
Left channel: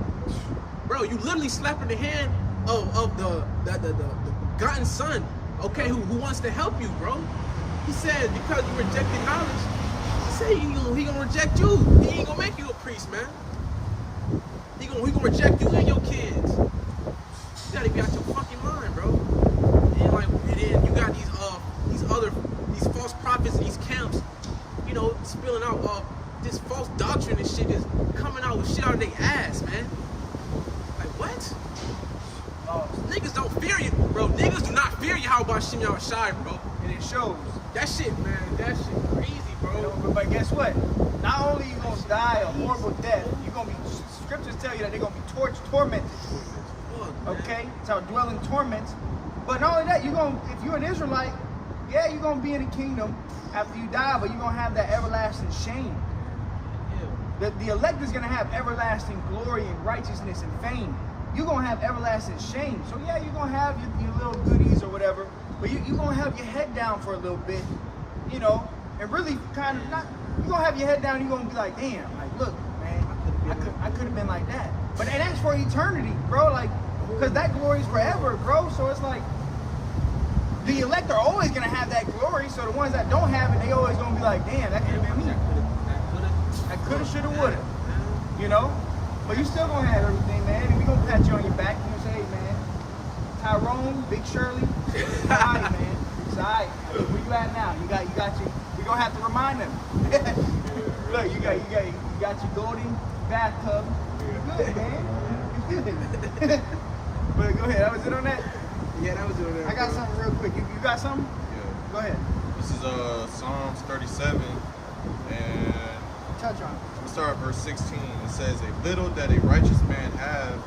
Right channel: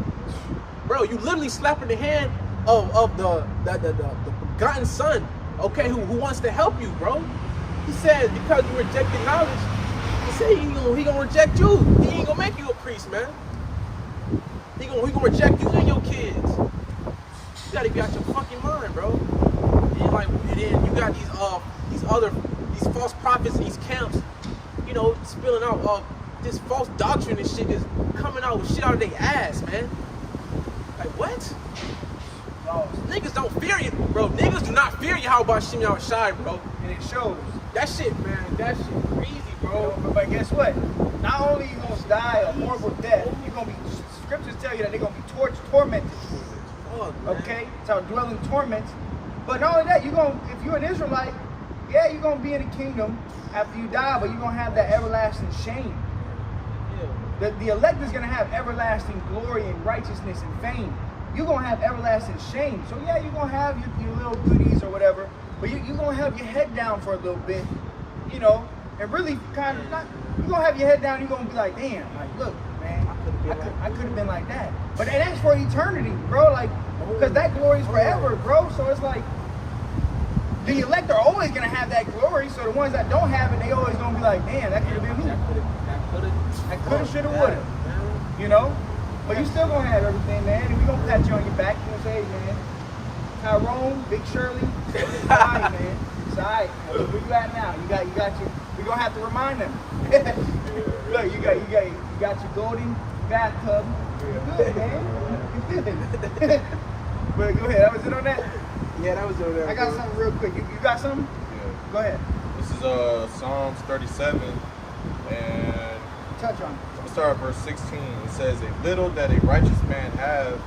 Bro, you literally slapping the hand of the begotten son, okay, who wants to help you, bro. He said because you rejected knowledge, he said he gonna reject you. He ain't gonna make you a priest, man. He gonna reject you and your kids. You gotta be out your fucking mind, bro. And then you got these false prophets, these camps, spilling out this false doctrine and shit is coming out with shit out of their ass, man. Like what? Niggas don't fear you, bro. Niggas do not fear you. How about Shem Shai, bro? And it shows. That shit, man. That shit crazy, bro. But guess what? Not only you gonna die a horrible death, you're gonna be. Scriptures tell you that they're gonna be tormented. Okay, so dwell in torments. But not only that, if you're an Israelite, yeah, you're gonna be in the kingdom after you die, but you're gonna have that everlasting shame. The elect is gonna have everlasting glory and righteousness and fame. You're gonna have everlasting shame. So yeah, you're gonna have your little goodies or whatever, but you're gonna have your head down for a little bit, and really kind of not. You're gonna have your head down. You're gonna be like, damn, like look, man, I could have been like that. But that's for eternity, bro. Like, because that glory is forever, bro. So it's like the elect are always gonna have that glory. So the ones that don't have it, they always gonna be like, damn, that could have been me. I could have, should have, would have. But you still gonna have everything, man. And we gonna pat you on your back. You gonna say, hey, man, Tyrone, Big Shirley, it's all right, man. It's all right. Where you at now? You got your. We gonna have to remind them. Look, you got your golden bathtub. You're good, man. You're good. But go ahead. That was it on that? Yeah, that was doing that. I got something real quick. You got something? Yeah. Go ahead. This is Psalms 37, and Touch on it. I'm gonna start at verse 16. It says, "A little that a righteous man have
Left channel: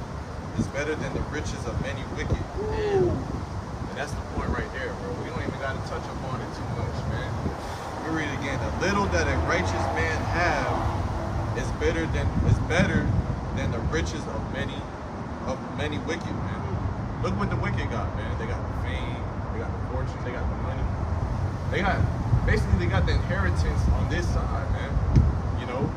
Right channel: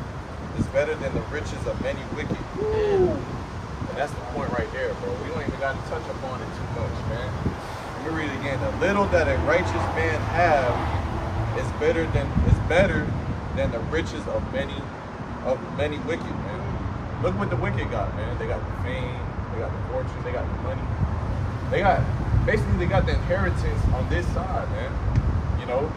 is better than the riches of many wicked." Ooh. And that's the point right there, bro. We don't even got to touch upon it too much, man. Let me read it again. The little that a righteous man have is better than the riches of many wicked, man. Look what the wicked got, man. They got the fame, they got the fortune, they got the money. They got the inheritance on this side, man. You know?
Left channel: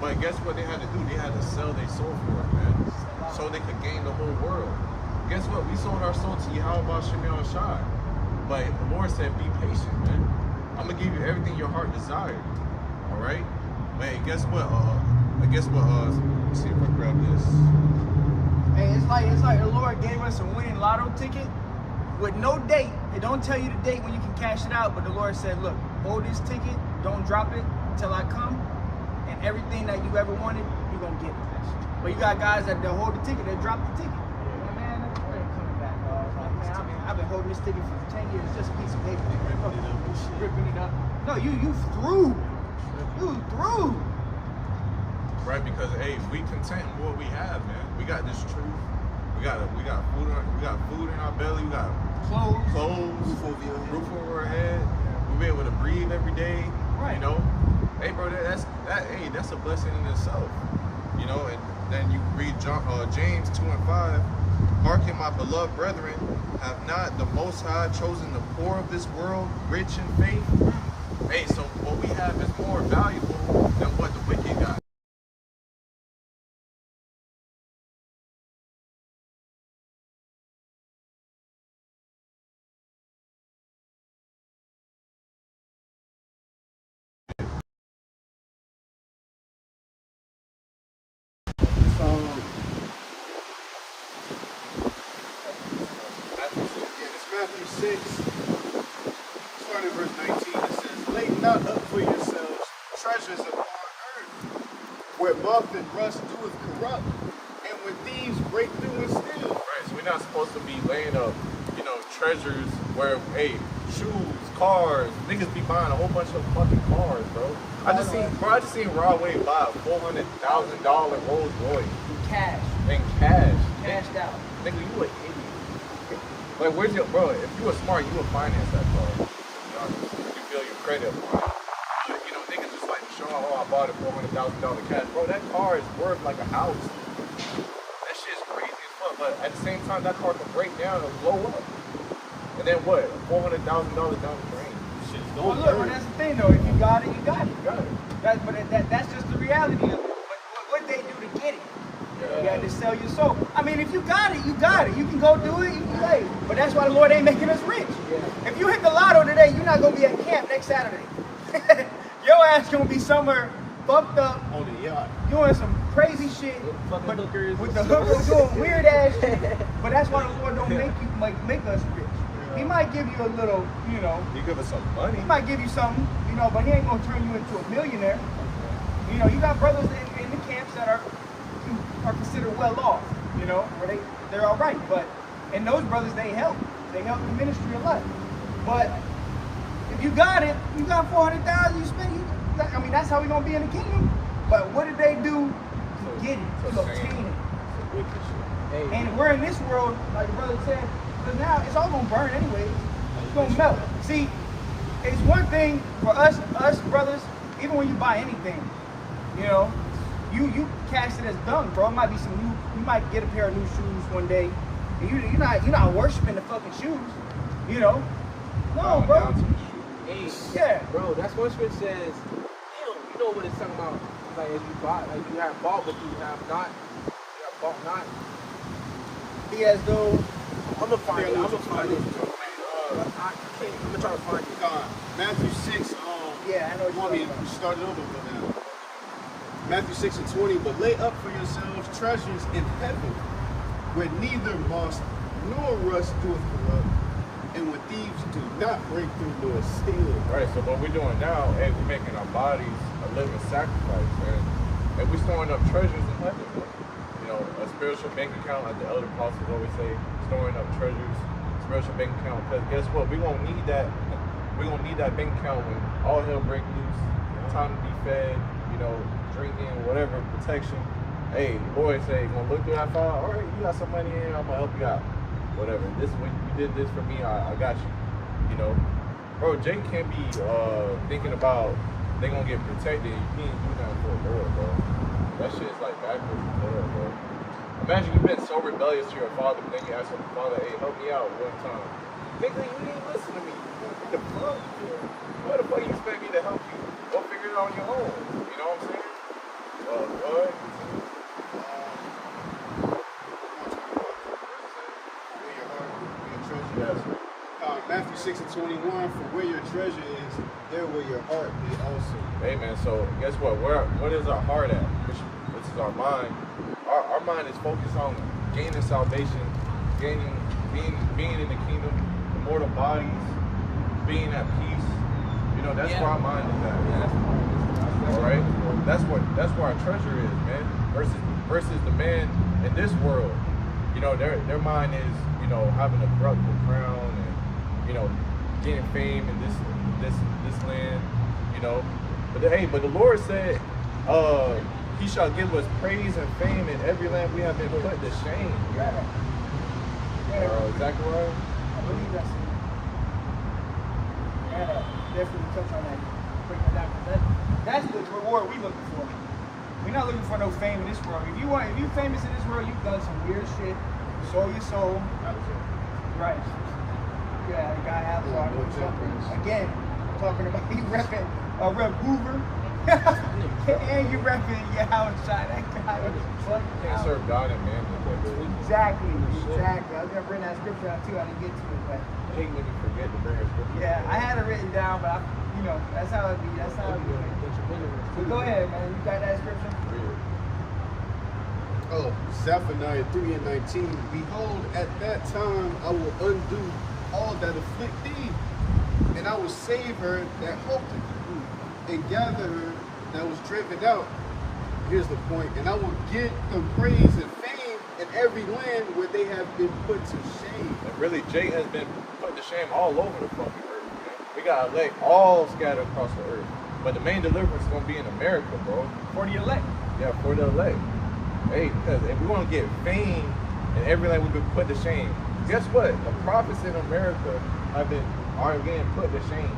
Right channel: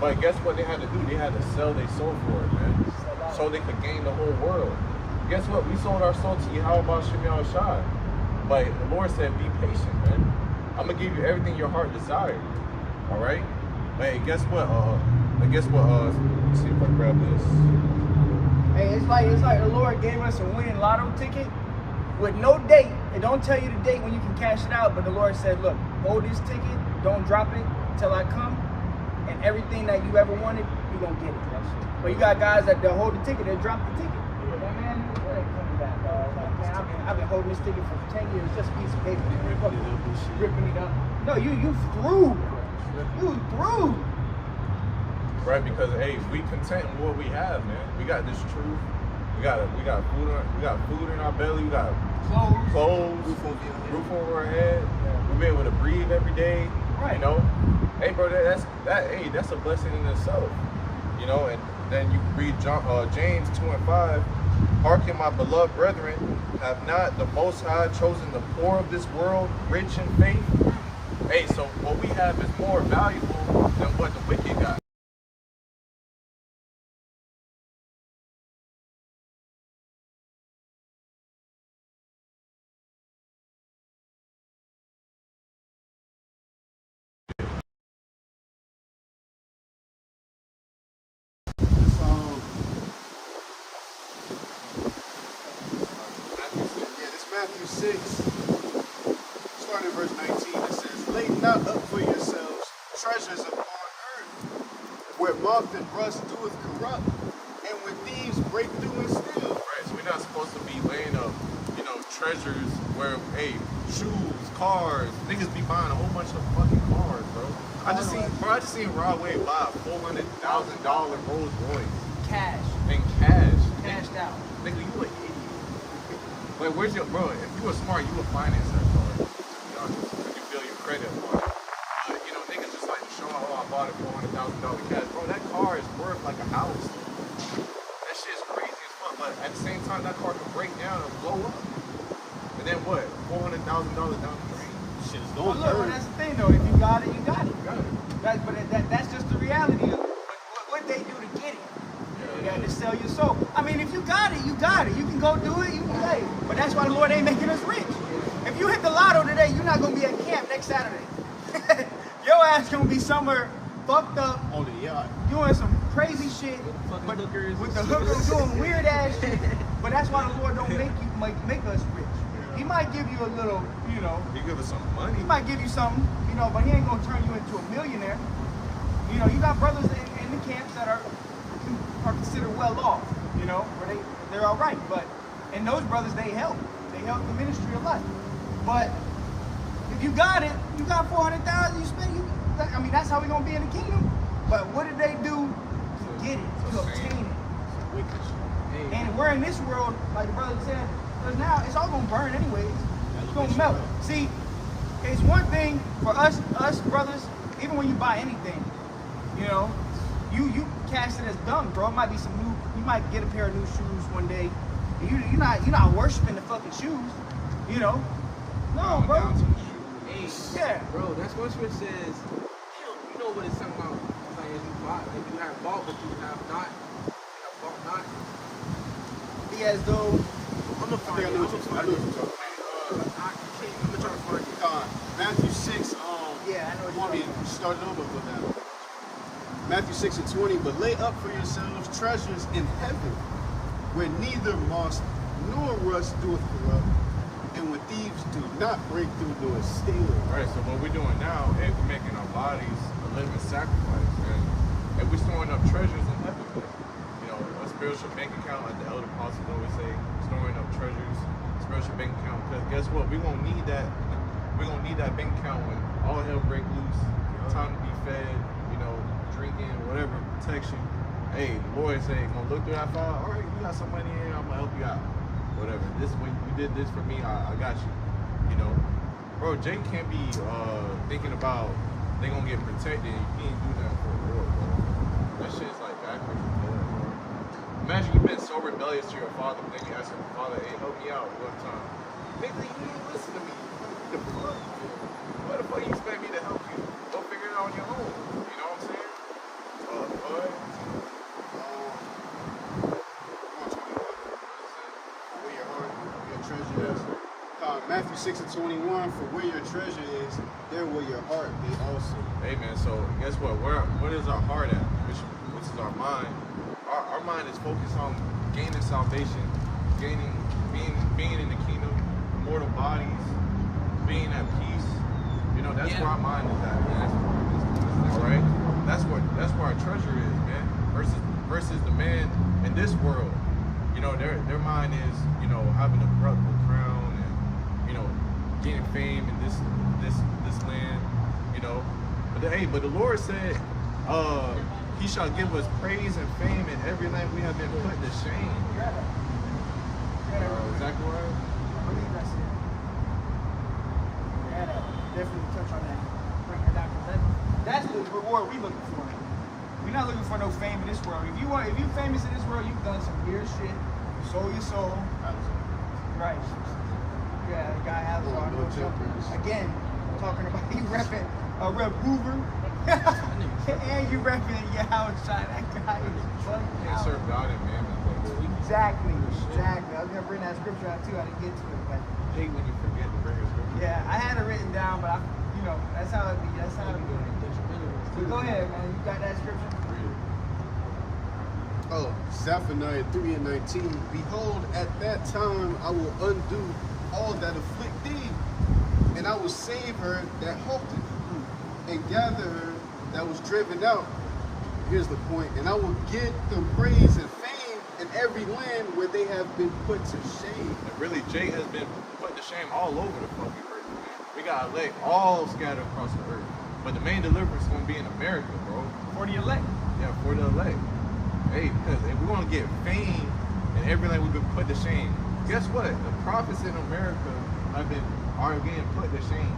But guess what they had to do? They had to sell their soul for it, man. So they could gain the whole world. Guess what? We sold our soul to Yahweh Shemi Shai. But the Lord said, be patient, man. I'm gonna give you everything your heart desired. All right? But hey, guess what? Let me see if I grab this. Hey, it's like the Lord gave us a winning lotto ticket with no date. It don't tell you the date when you can cash it out, but the Lord said, look, hold this ticket, don't drop it until I come, and everything that you ever wanted, you're gonna get it. But you got guys that they'll hold the ticket, they'll drop the ticket. Like, man, it ain't coming back, dog. Like, man, I've been holding this ticket for 10 years, just a piece of paper. Man. Ripping it up. No, you through. You through. Right, because hey, we content with what we have, man. We got this truth. We got food in our belly. We got clothes, roof over our head. We be able to breathe every day. Right. You know, hey, bro, that's a blessing in itself. You know, and then you read James 2:5. Hearken, my beloved brethren, have not the Most High chosen the poor of this world rich in faith? Hey, so what we have is more valuable than what the wicked got. Matthew 6, starting in verse 19, it says, "Lay not up for yourselves treasures upon earth, where moth and rust doeth corrupt, and where thieves break through and steal." Right, so we're not supposed to be laying up, treasures where, hey, shoes, cars, niggas be buying a whole bunch of fucking cars, bro. I just seen Rod Wave buy a $400,000 Rolls Royce. Cash. In cash. Cashed out. Nigga, you an idiot. Like, where's your, bro, if you were smart, you would finance that car, to be honest. Would you build your credit upon it? But, niggas just like to show off, oh, I bought it $400,000 cash. Bro, that car is worth like a house. That shit's crazy as fuck, but at the same time, that car could break down and blow up. And then what? $400,000 down the drain. Shit's going Well, look, that's the thing, though. If you got it, you got it. You got it. That's just the reality of it. But what they do to get it? Yeah. You got to sell your soul. I mean, if you got it, you got it. You can go do it, you can play. But that's why the Lord ain't making us rich. Yeah. If you hit the lotto today, you're not going to be at camp next Saturday. Your ass going to be somewhere fucked up. On the yacht. Doing some crazy shit. Fucking hookers. With the hookers doing weird ass shit. But that's why the Lord don't make us rich. He might give you a little, He give us some money. He might give you something, but he ain't going to turn you into a millionaire. You got brothers in the camps that are considered well off, where they're all right. And those brothers, they help the ministry a lot. But if you got it, you got 400,000, you spend. That's how we gonna be in the kingdom. But what did they do to get it, to obtain it? Hey. And we're in this world, like the brother said, because now it's all gonna burn anyway. It's gonna melt. See, it's one thing for us brothers. Even when you buy anything, you cast it as dung, bro. It might be some new. You might get a pair of new shoes one day, and you're not worshiping the fucking shoes, No, bro. Down to the shoes. Hey, Yeah, bro, that's what scripture says. Damn, you know what it's talking about? It's like, as you bought, like you have bought, but you have not. You have bought not. be as though. I'm gonna find it. I'm gonna find it. I'm I'm gonna try to find it. Matthew 6, Yeah, I know what you're talking about. Start it over, go down. Matthew 6 and 20, "But lay up for yourselves treasures in heaven, where neither moth nor rust doeth corrupt, and where thieves do not break through nor steal." Right, so what we're doing now, hey, we're making our bodies a living sacrifice. And and we're storing up treasures in heaven, man. You know, a spiritual bank account, like the elder apostles always say, storing up treasures, spiritual bank account. Because guess what? We're gonna need that. We're gonna need that bank account when all hell break loose. Time to be fed. You know, drinking, whatever, protection. Hey, the Lord say, gonna look through that file. All right, you got some money in. I'm gonna help you out. Whatever. This when you did this for me, I got you. You know, bro. Jake can't be thinking about they gonna get protected. You can't do nothing for the Lord, bro. That shit is like backwards as hell, bro. Imagine you've been so rebellious to your father, but then you ask your father, "Hey, help me out one time." Nigga, you didn't listen to me. What the fuck? What the fuck you expect me to help you? Go figure it out on your own. You know what I'm saying? What? Where your heart, where your treasure is. Matthew 6:21, for where your treasure is, there will your heart be also. Hey man, so guess what? What is our heart at? Which is our mind. Our mind is focused on gaining salvation, being in the kingdom, immortal bodies, being at peace. You know, that's where our mind is at, man. All right, that's where our treasure is, man. Versus the man in this world. You know, their mind is, you know, having a corruptible crown and, you know, getting fame in this land. You know, but the Lord said, He shall give us praise and fame in every land we have been put to shame. Zechariah? I believe that's it. Yeah, definitely touch on that. Break that down, because that's the reward we looking for. We're not looking for no fame in this world. If you famous in this world, you've done some weird shit. You sold your soul. Right. Yeah, the guy has again, talking about you repping Rep Hoover. And you repping your outside. That guy is fucking You can't serve God and man. Exactly. I was gonna bring that scripture out too. I didn't get to it, but I hate when you forget to bring a scripture. yeah, I had it written down, but that's how it be. That's how it be. But go ahead, man. You got that scripture? Read it. Oh, Zephaniah 3:19. Behold, at that time I will undo all that afflict thee, and I will save her that hoped, and gather her that was driven out. Here's the point. And I will give them praise and fame in every land where they have been put to shame. And really, Jay has been put to shame all over the fucking earth, man. We got elect all scattered across the earth. But the main deliverance is going to be in America, bro. For the elect. Yeah, for the elect. Hey, because if we're going to get fame in every land we've been put to shame, guess what? The prophets in America are getting put to shame.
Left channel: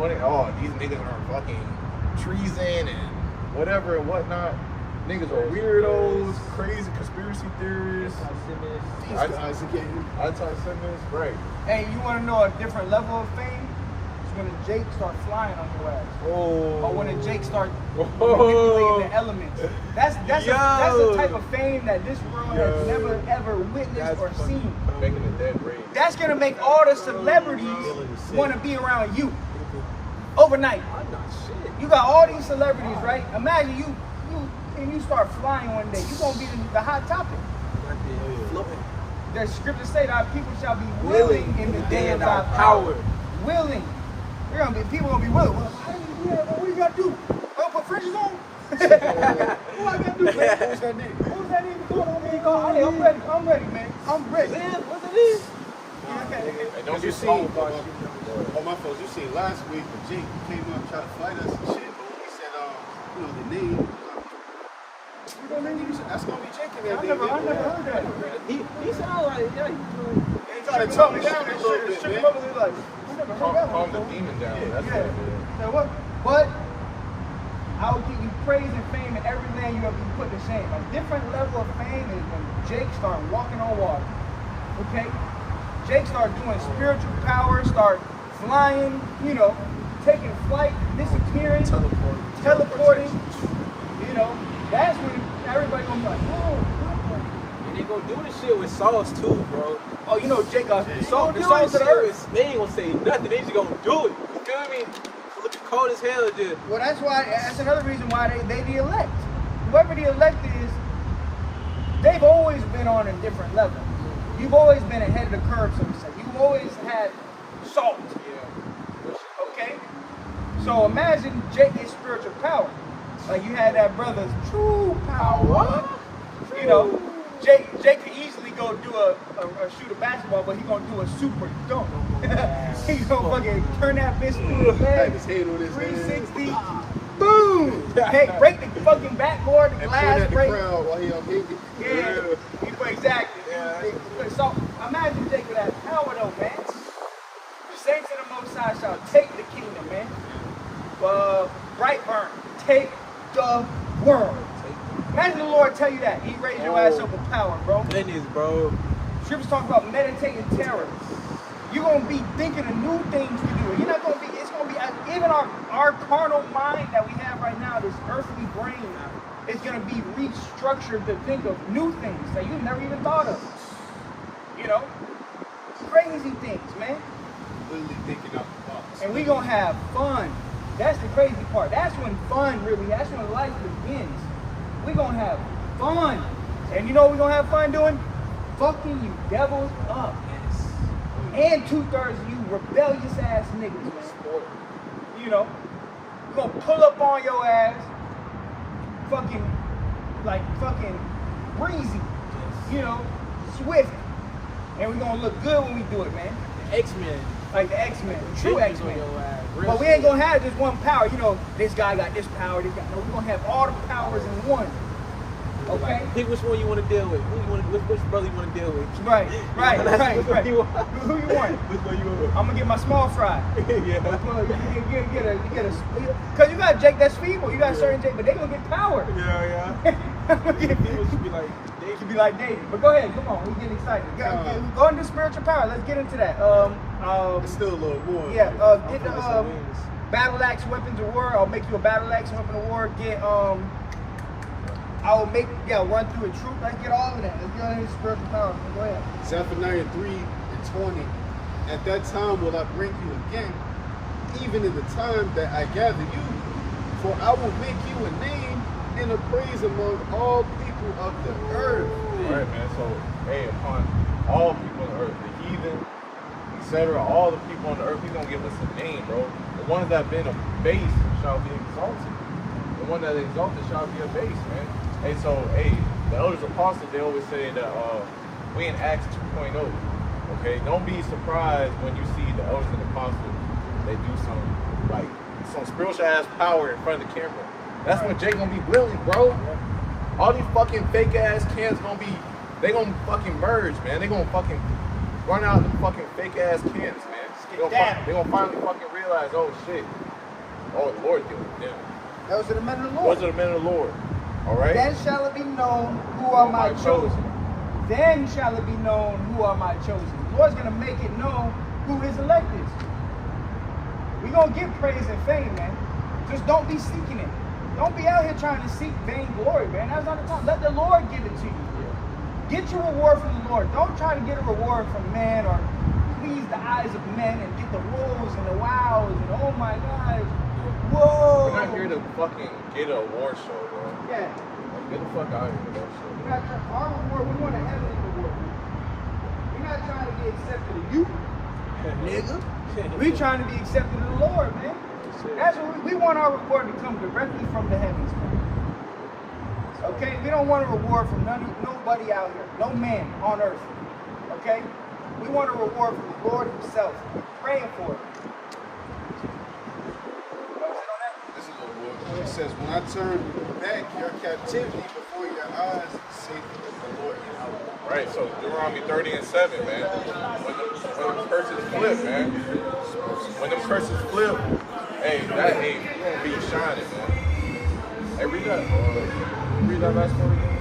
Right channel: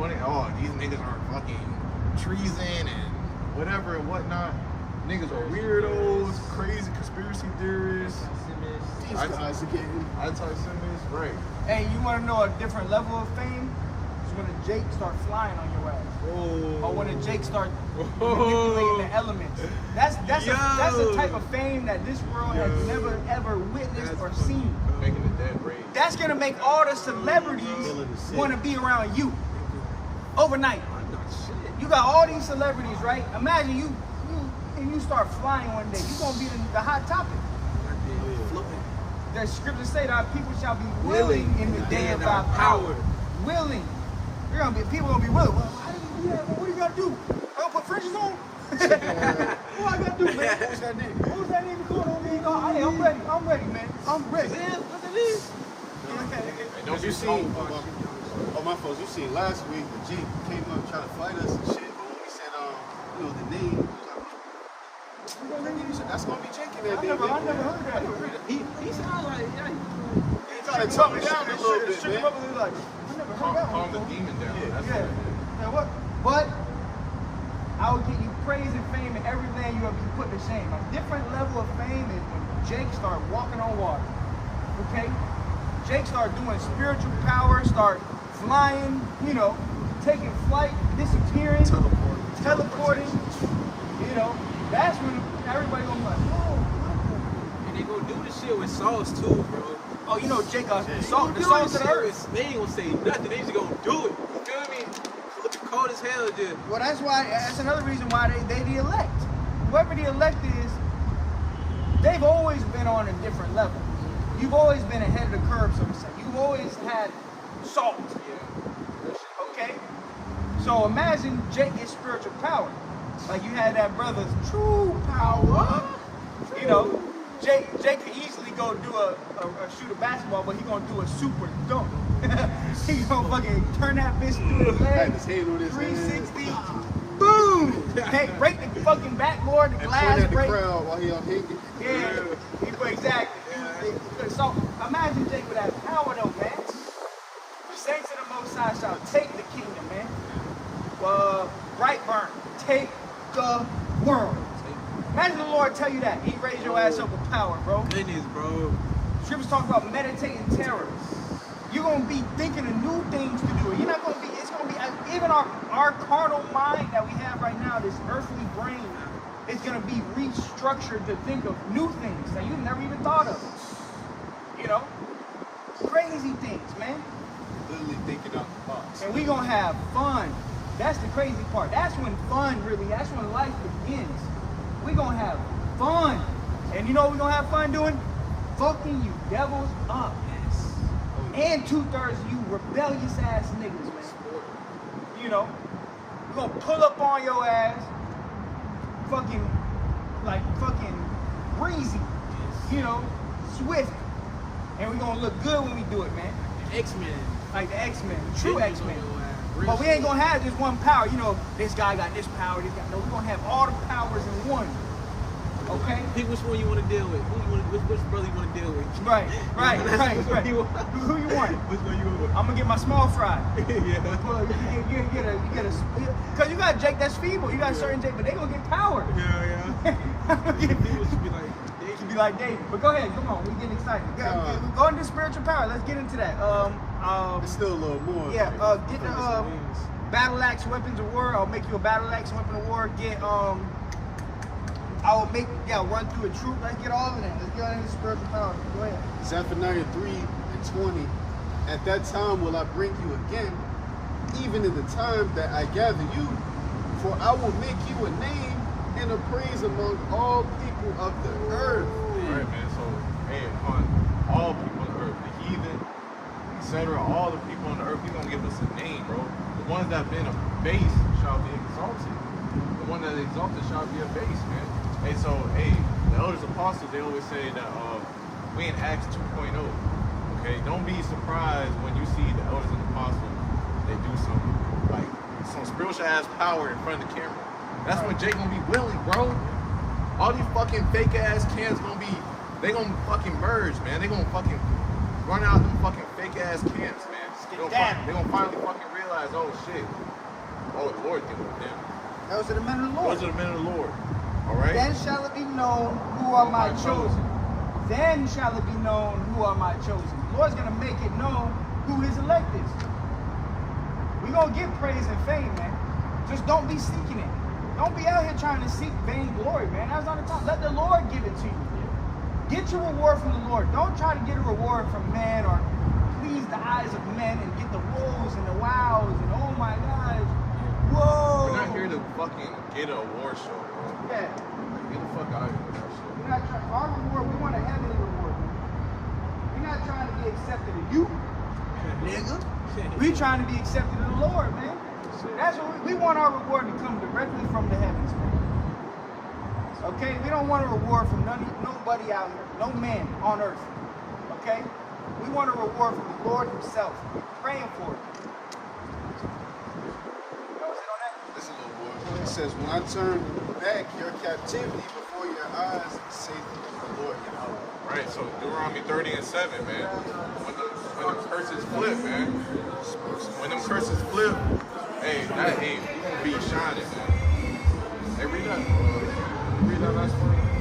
These niggas are fucking treason and whatever and whatnot. Niggas are weirdos, crazy conspiracy theorists. Anti-Semites, right. Hey, you want to know a different level of fame? It's when a Jake start flying on your ass. Or when a Jake start manipulating the elements. That's the type of fame that this world has never ever witnessed or seen. Making the dead rage. That's gonna make all the celebrities want to be around you overnight. You got all these celebrities, right? Imagine you start flying one day. You're gonna be the hot topic. The scriptures say that people shall be willing in the day of our power. Willing. People gonna be willing. Well, how do you do that? What do you gotta do? I don't put fringes on? What I gotta do, man? Who's that nigga? Who's that nigga calling on me? Hey, I'm ready, man. I'm ready. What's it is? Hey, don't be you slow. Oh, my folks, you seen last week when Jake came up and tried to fight us and shit, but when we said, the name, that's gonna be Jake in there. I never heard that. He sounded like, He tried to talk me down a little bit, man. I never heard that Calm one. the demon down. That's Yeah. what it is. But I will give you praise and fame in every land you have been put to shame. A different level of fame is when Jake start walking on water. Okay? Jake start doing spiritual power, start flying, taking flight, disappearing, teleporting. That's when everybody gonna be like, whoa, what? and they gonna do this shit with sauce too, bro. Oh, Jake, the salt to the earth. They ain't gonna say nothing. They just gonna do it. You feel me? Look cold as hell, just. Well, that's another reason why they the elect. Whoever the elect is, they've always been on a different level. You've always been ahead of the curve, so to say. You've always had salt. Yeah. Okay? So imagine Jake gets spiritual power. Like you had that brother's true power. You know, Jake could easily go do a shoot a basketball, but he gonna do a super dunk. He's gonna fucking turn that bitch with his Had leg, his hand on his 360, boom! Hey, break the fucking backboard, the and glass point at the break. crowd while he unhinged. Yeah, exactly. Yeah. So imagine Jake with that power though, man. The saints of the Most High shall take the kingdom, man. Brightburn, take the world. Imagine the Lord tell you that. He raised your ass up with power, bro. Goodness, bro. Scriptures talk about meditating terror. You're gonna be thinking of new things to do. You're not gonna be. It's gonna be even our carnal mind that we have right now. This earthly brain is gonna be restructured to think of new things that you never even thought of. You know, crazy things, man. Literally thinking out the box. And we gonna have fun. That's the crazy part. That's when fun really. That's when life begins. We gonna have fun. And you know what we gonna have fun doing? Fucking you devils up. And 2/3 of you rebellious ass niggas, man. You know, we're gonna pull up on your ass, fucking breezy, you know, swift, and we're gonna look good when we do it, man. X-Men. Like the X-Men, the true Ninjas on X-Men. your ass. Real But we shit. ain't gonna have just one power. You know, this guy got this power, this guy. No, we're gonna have all the powers in one. Okay? Pick which one you want to deal with. Which brother you want to deal with. Right. Which one you want? Who you want? Which one you want? I'm gonna get my small fry. Yeah. You get a, cause you got Jake that's feeble. You got certain Jake, but they gonna get power. Yeah. People should be like, They should be like David. But go ahead, come on, we getting excited. Go into spiritual power. Let's get into that. It's still a little more. Yeah. Get the battle axe weapons of war. I'll make you a battle axe weapon of war. Get run through a troop. Let's get all of that. Let's get all into spiritual power. Man. Go ahead. Zephaniah 3:20. At that time will I bring you again, even in the time that I gather you, for I will make you a name and a praise among all people of the earth. Right, man. So, hey, upon all people on the earth, the heathen, etc., all the people on the earth, he's gonna give us a name, bro. The ones that have been abased shall be exalted. The one that is exalted shall be abased, man. Hey, so, the elders apostles, they always say that we in Acts 2.0. Okay, don't be surprised when you see the elders and apostles. They do some spiritual ass power in front of the camera. That's when Jake gonna be willing, bro. All these fucking fake ass camps they gonna fucking merge, man. They gonna fucking run out them fucking fake ass camps, man. They gonna finally fucking realize, oh shit, oh the Lord dealing with them. Those are the men of the Lord. Those are the men of the Lord. All right. Then shall it be known who are my chosen. Then shall it be known who are my chosen. The Lord's gonna make it known who his elect is. We're gonna get praise and fame, man. Just don't be seeking it. Don't be out here trying to seek vain glory, man. That's not the time. Let the Lord give it to you. Get your reward from the Lord. Don't try to get a reward from man or please the eyes of men and get the woes and the wows and oh my God. Whoa. We're not here to fucking get an award show, bro. Yeah. Like, get the fuck out of here with that shit. We're not trying, our reward, we want a heavenly reward. We're not trying to be accepted of you, nigga. We're trying to be accepted of the Lord, man. That's what we want our reward to come directly from the heavens, man. Okay? We don't want a reward from nobody out here. No man on earth. Okay? We want a reward from the Lord himself. We're praying for it. This is a little more. It says, when I turn back your captivity before your eyes, say the Lord Yahweh. Right, so Deuteronomy 30:7, man. When them curses flip, man. When them curses flip, we gonna be shining, man. Hey, read that last one again.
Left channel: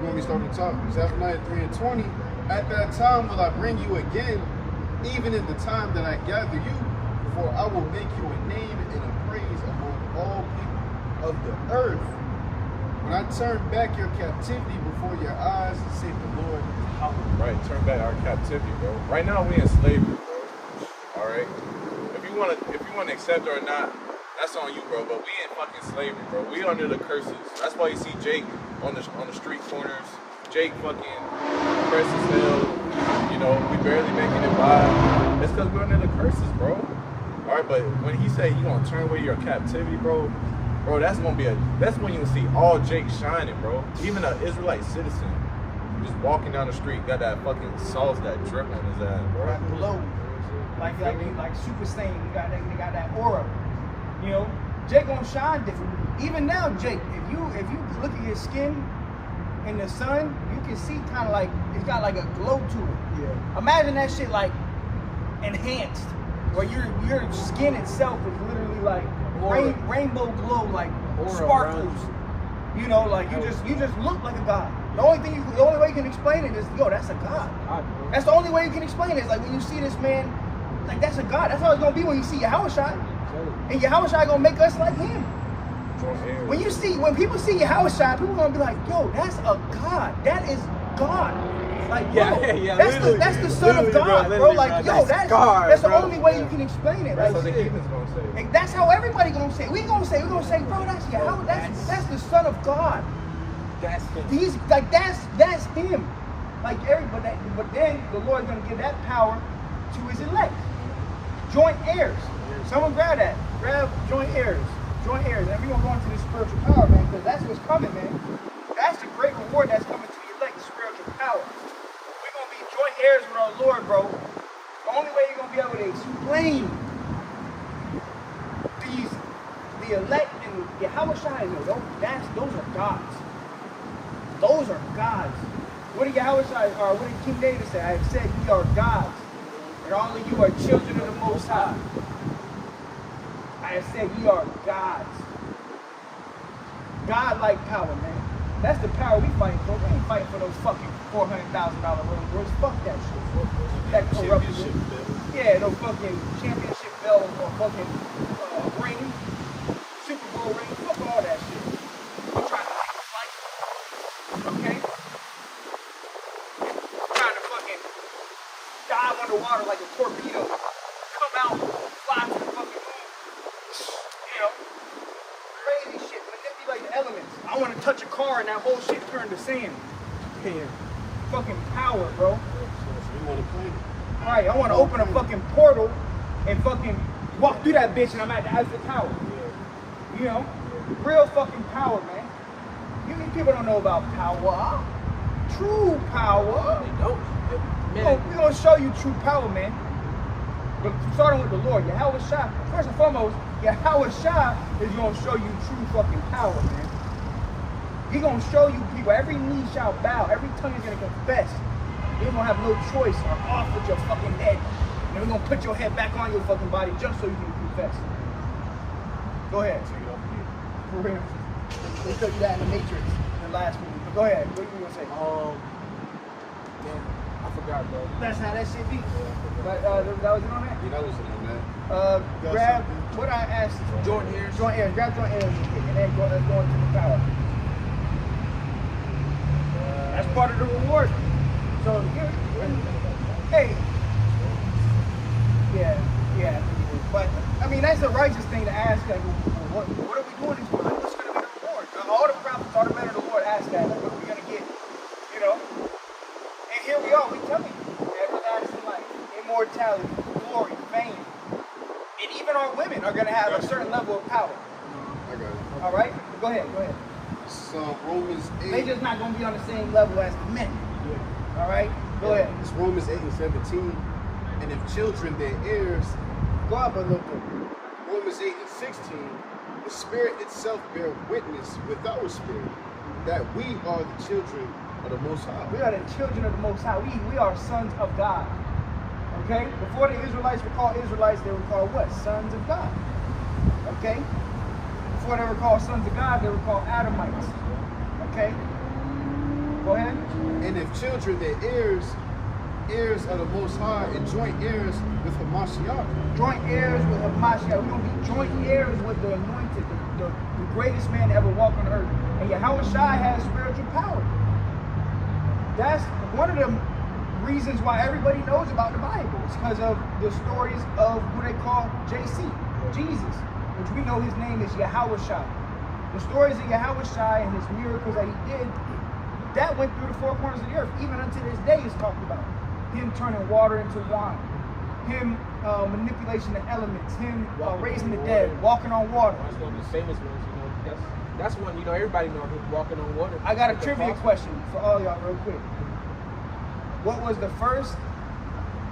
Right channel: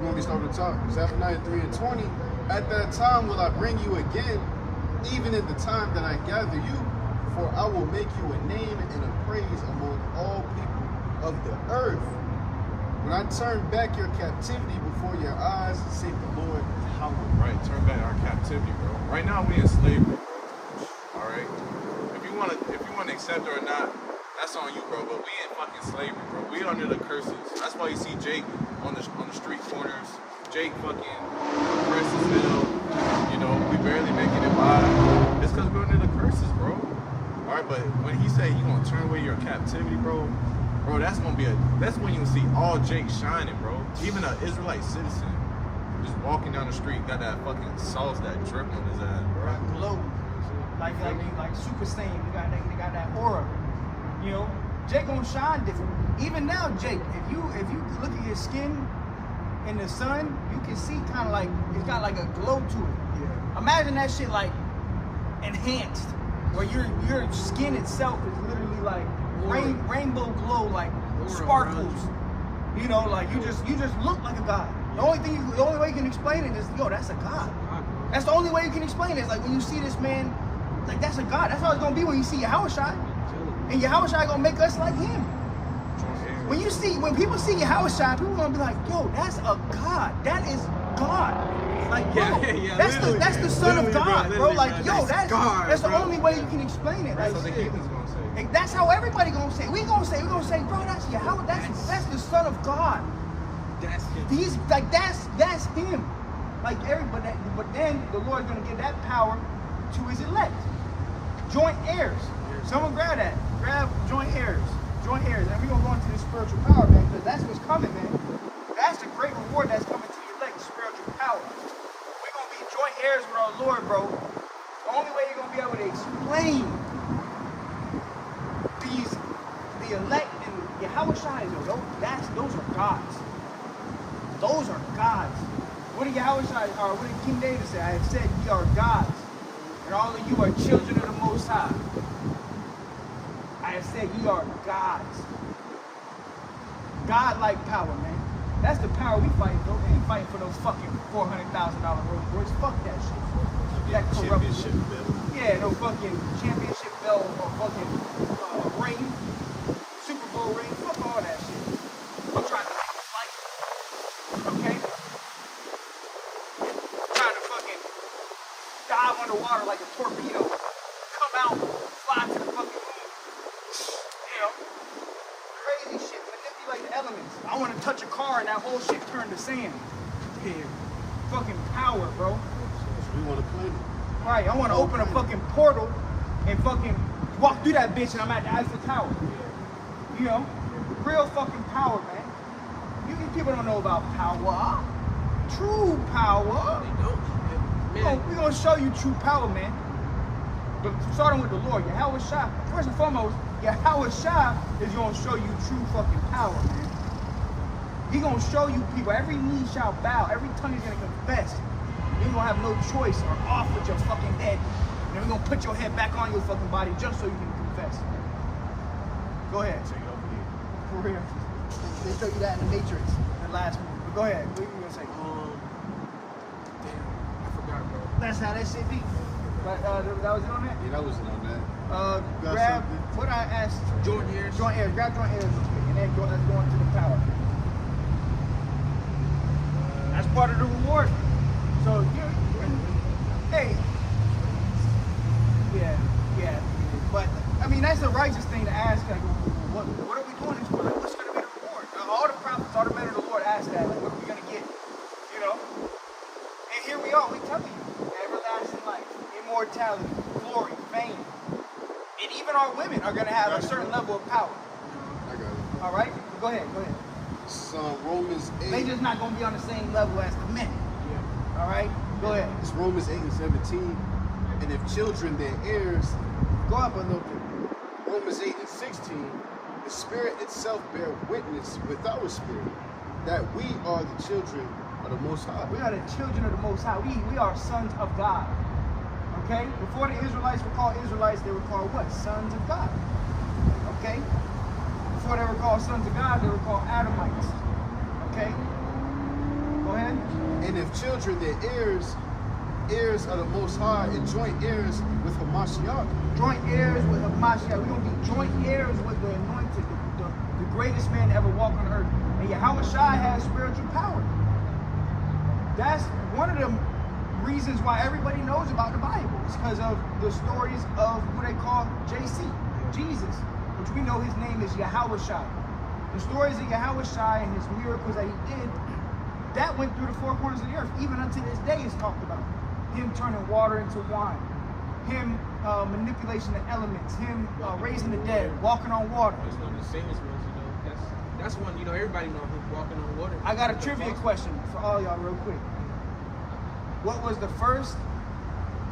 You want me to start at the top? Zephaniah 3:20. At that time will I bring you again, even in the time that I gather you, for I will make you a name and a praise among all people of the earth. When I turn back your captivity before your eyes, say the Lord Yahweh. Right, turn back our captivity, bro. Right now we in slavery, bro. All right. If you wanna accept it or not, that's on you, bro. But we in fucking slavery, bro. We under the curses. That's why you see Jake on the street corners. Jake fucking oppressed as hell. You know, we barely making it by. It's because we're under the curses, bro. All right, but when he said he gonna turn away your captivity, bro, that's gonna be that's when you see all Jake shining, bro. Even an Israelite citizen just walking down the street got that fucking sauce that drip on his ass, bro. Right below. Like Super Saiyan, they got that aura. You know, Jake gonna shine different. Even now, Jake, if you look at your skin in the sun, you can see kind of like it's got like a glow to it. Yeah. Imagine that shit like enhanced, where your skin itself is literally like rainbow glow, like Aura sparkles. around You know, like you just look like a god. The only way you can explain it is, yo, that's a god. That's the only way you can explain it. Is like when you see this man, like that's a god. That's how it's gonna be when you see Yahushua, and Yahushua gonna make us like him. When people see Yahushua, people gonna be like, yo, that's a god. That is God. Like, yo, that's the son of God, bro. Like, yo, that's the only way you can explain it. That's Like, what the heathens gonna say. like, that's how everybody gonna say. We're gonna say, bro, that's Yahweh. That's the son of God. That's him. He's like that's him. Like everybody, but then the Lord's gonna give that power to his elect, joint heirs. Someone grab that. Grab joint heirs. Joint heirs, and we're gonna go into this spiritual power, man, because that's what's coming, man. That's the great reward that's coming to the elect, spiritual power. We're gonna be joint heirs with our Lord, bro. The only way you're gonna be able to explain the elect and Yahushua, those are gods. Those are gods. What did Yahushua, or what did King David say? I have said ye are gods, and all of you are children of the Most High. I have said ye are gods. God-like power, man. That's the power we fighting for. We ain't fighting for those fucking $400,000 Rolls Royce. Fuck that shit. That corruption. Yeah, no fucking championship belt or fucking ring, Super Bowl ring. Fuck all that shit. I'm trying to take a flight. Okay? I'm trying to fucking dive underwater like a torpedo. Come out, fly to the fucking moon. You know, crazy shit. But it'd be like the elements. I want to touch a car and that whole shit turn to sand. Damn. Fucking power, bro. We want to play it. Right, I want to open a fucking portal and fucking walk through that bitch and I'm at the Eiffel Tower. You know? Real fucking power, man. These people don't know about power. True power. We're going to show you true power, man. But starting with the Lord, Yahushua, first and foremost, Yahushua is going to show you true fucking power, man. He's going to show you people, every knee shall bow, every tongue is going to confess. You're going to have no choice or off with your fucking head. And we're going to put your head back on your fucking body just so you can confess. Go ahead. So you don't forget. For real. They show you that in the Matrix, the last movie. But go ahead. What are you going to say? Damn, I forgot, bro. That's how that shit be. But that was it on that? Yeah, that was it on that. Grab something? what I asked. Joint heirs. Joint heirs. Grab joint heirs real quick, and then let's go into the tower. That's part of the reward. So hey, yeah, I think it is. But I mean, that's the righteous thing to ask. Like, what are we doing this for? Like, what's going to be the reward? All the prophets, all the men of the Lord ask that. Like, what are we going to get? You know. And here we are. We telling you, everlasting life, immortality, glory, fame, and even our women are going to have a certain level of power. I got it. All right, but go ahead. So Romans 8. They just not going to be on the same level as the men. All right, go ahead. It's Romans 8 and 17. And if children, they're heirs. Go up a little bit. Romans 8 and 16. The Spirit itself bear witness with our spirit that we are the children of the Most High. We are the children of the Most High. We are sons of God. Okay? Before the Israelites were called Israelites, they were called what? Sons of God. Okay? Before they were called sons of God, they were called Adamites. Okay? Go ahead. And if children, they're heirs, heirs of the Most High, and joint heirs with Hamashiach. Joint heirs with Hamashiach. We're going to be joint heirs with the anointed, the greatest man to ever walk on earth. And Yahushua has spiritual power. That's one of the reasons why everybody knows about the Bible. It's because of the stories of what they call JC, Jesus, which we know his name is Yahushua. The stories of Yahushua and his miracles that he did, that went through the four corners of the earth. Even unto this day is talked about. Him turning water into wine. Him manipulation of elements, him raising the dead, walking on water. That's one of the famous ones, That's one, everybody know him walking on water. I got a Like the trivia prophet. question for all y'all real quick. What was the first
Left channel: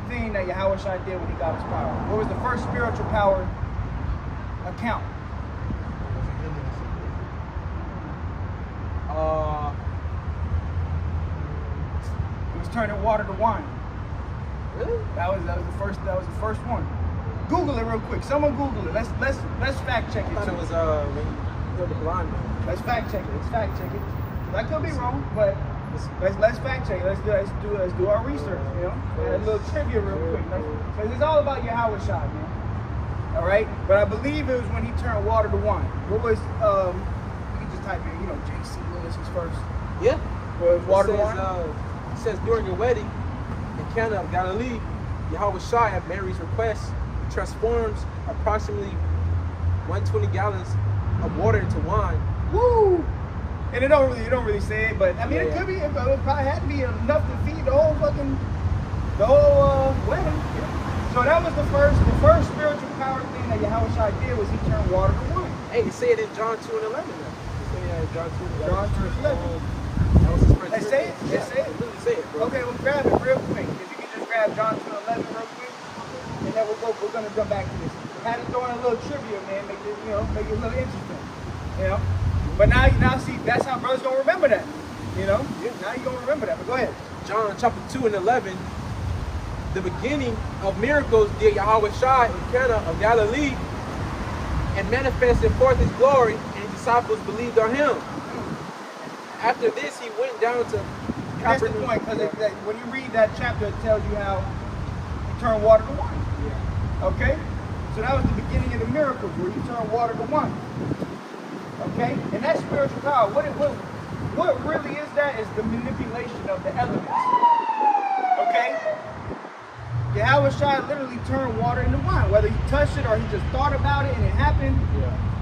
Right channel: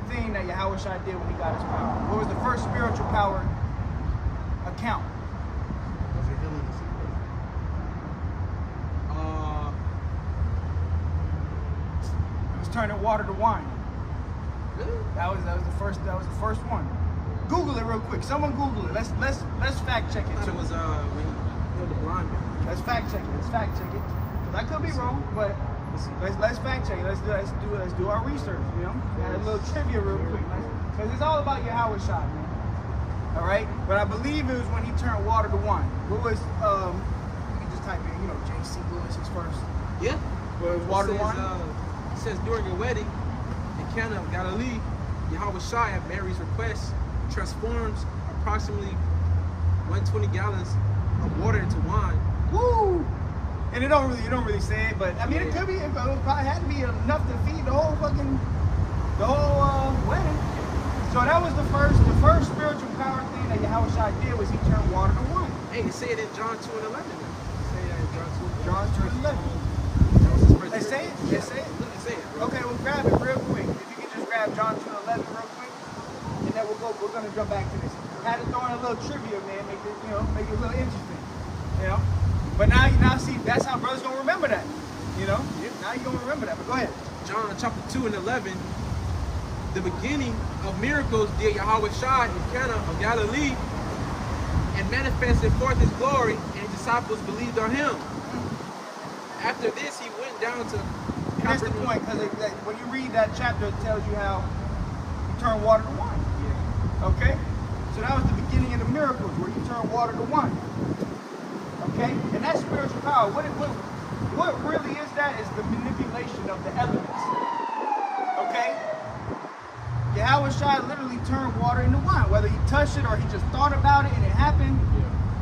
thing that Yahweh Shai did when he got his power? What was the first spiritual power account? Was he healing his sick? It was turning water to wine. Really? That was the first one. Google it real quick. Someone Google it. Let's fact check I it. thought it too. was when he healed the blind man. Let's fact check it. Let's fact check it. Cause I could be wrong, but let's fact check it. Let's do our research. Add a little trivia real quick. Cause it's all about Yahweh Shai, man. All right, but I believe it was when he turned water to wine. What was you can just type in, JC. What was his first? Yeah. What was water to It says, wine? it says during your wedding in Cana of Galilee, Yahweh Shai at Mary's request transforms approximately 120 gallons of water into wine. Woo! And it don't really say it, but I mean it could be. It probably had to be enough to feed the whole wedding. So that was the first spiritual power thing that Yahweh Shai did was he turned water to wine. Hey, it said in John 2 and 11 now. It say that in John 2. John 2 and 11. That was his first They say it? They Yeah, say it? literally say it, bro. Okay, we'll grab it real quick. If you can just grab John 2:11 real quick, and then we're gonna jump back to this. Had to throw in a little trivia, man, make it a little interesting. But now see, that's how brothers gonna remember that. Now you're gonna remember that. But go ahead. John chapter 2 and 11, the beginning of miracles did Yahweh Shai in Cana of Galilee and manifested forth his glory, and his disciples believed on him. After this, he went down to And that's the point, because when you read that chapter, it tells you how you turn water to wine. Okay? So that was the beginning of the miracles, where you turn water to wine. Okay? And that's spiritual power. What really is that is the manipulation of the elements. Okay? Yahweh Shai literally turned water into wine. Whether he touched it or he just thought about it and it happened,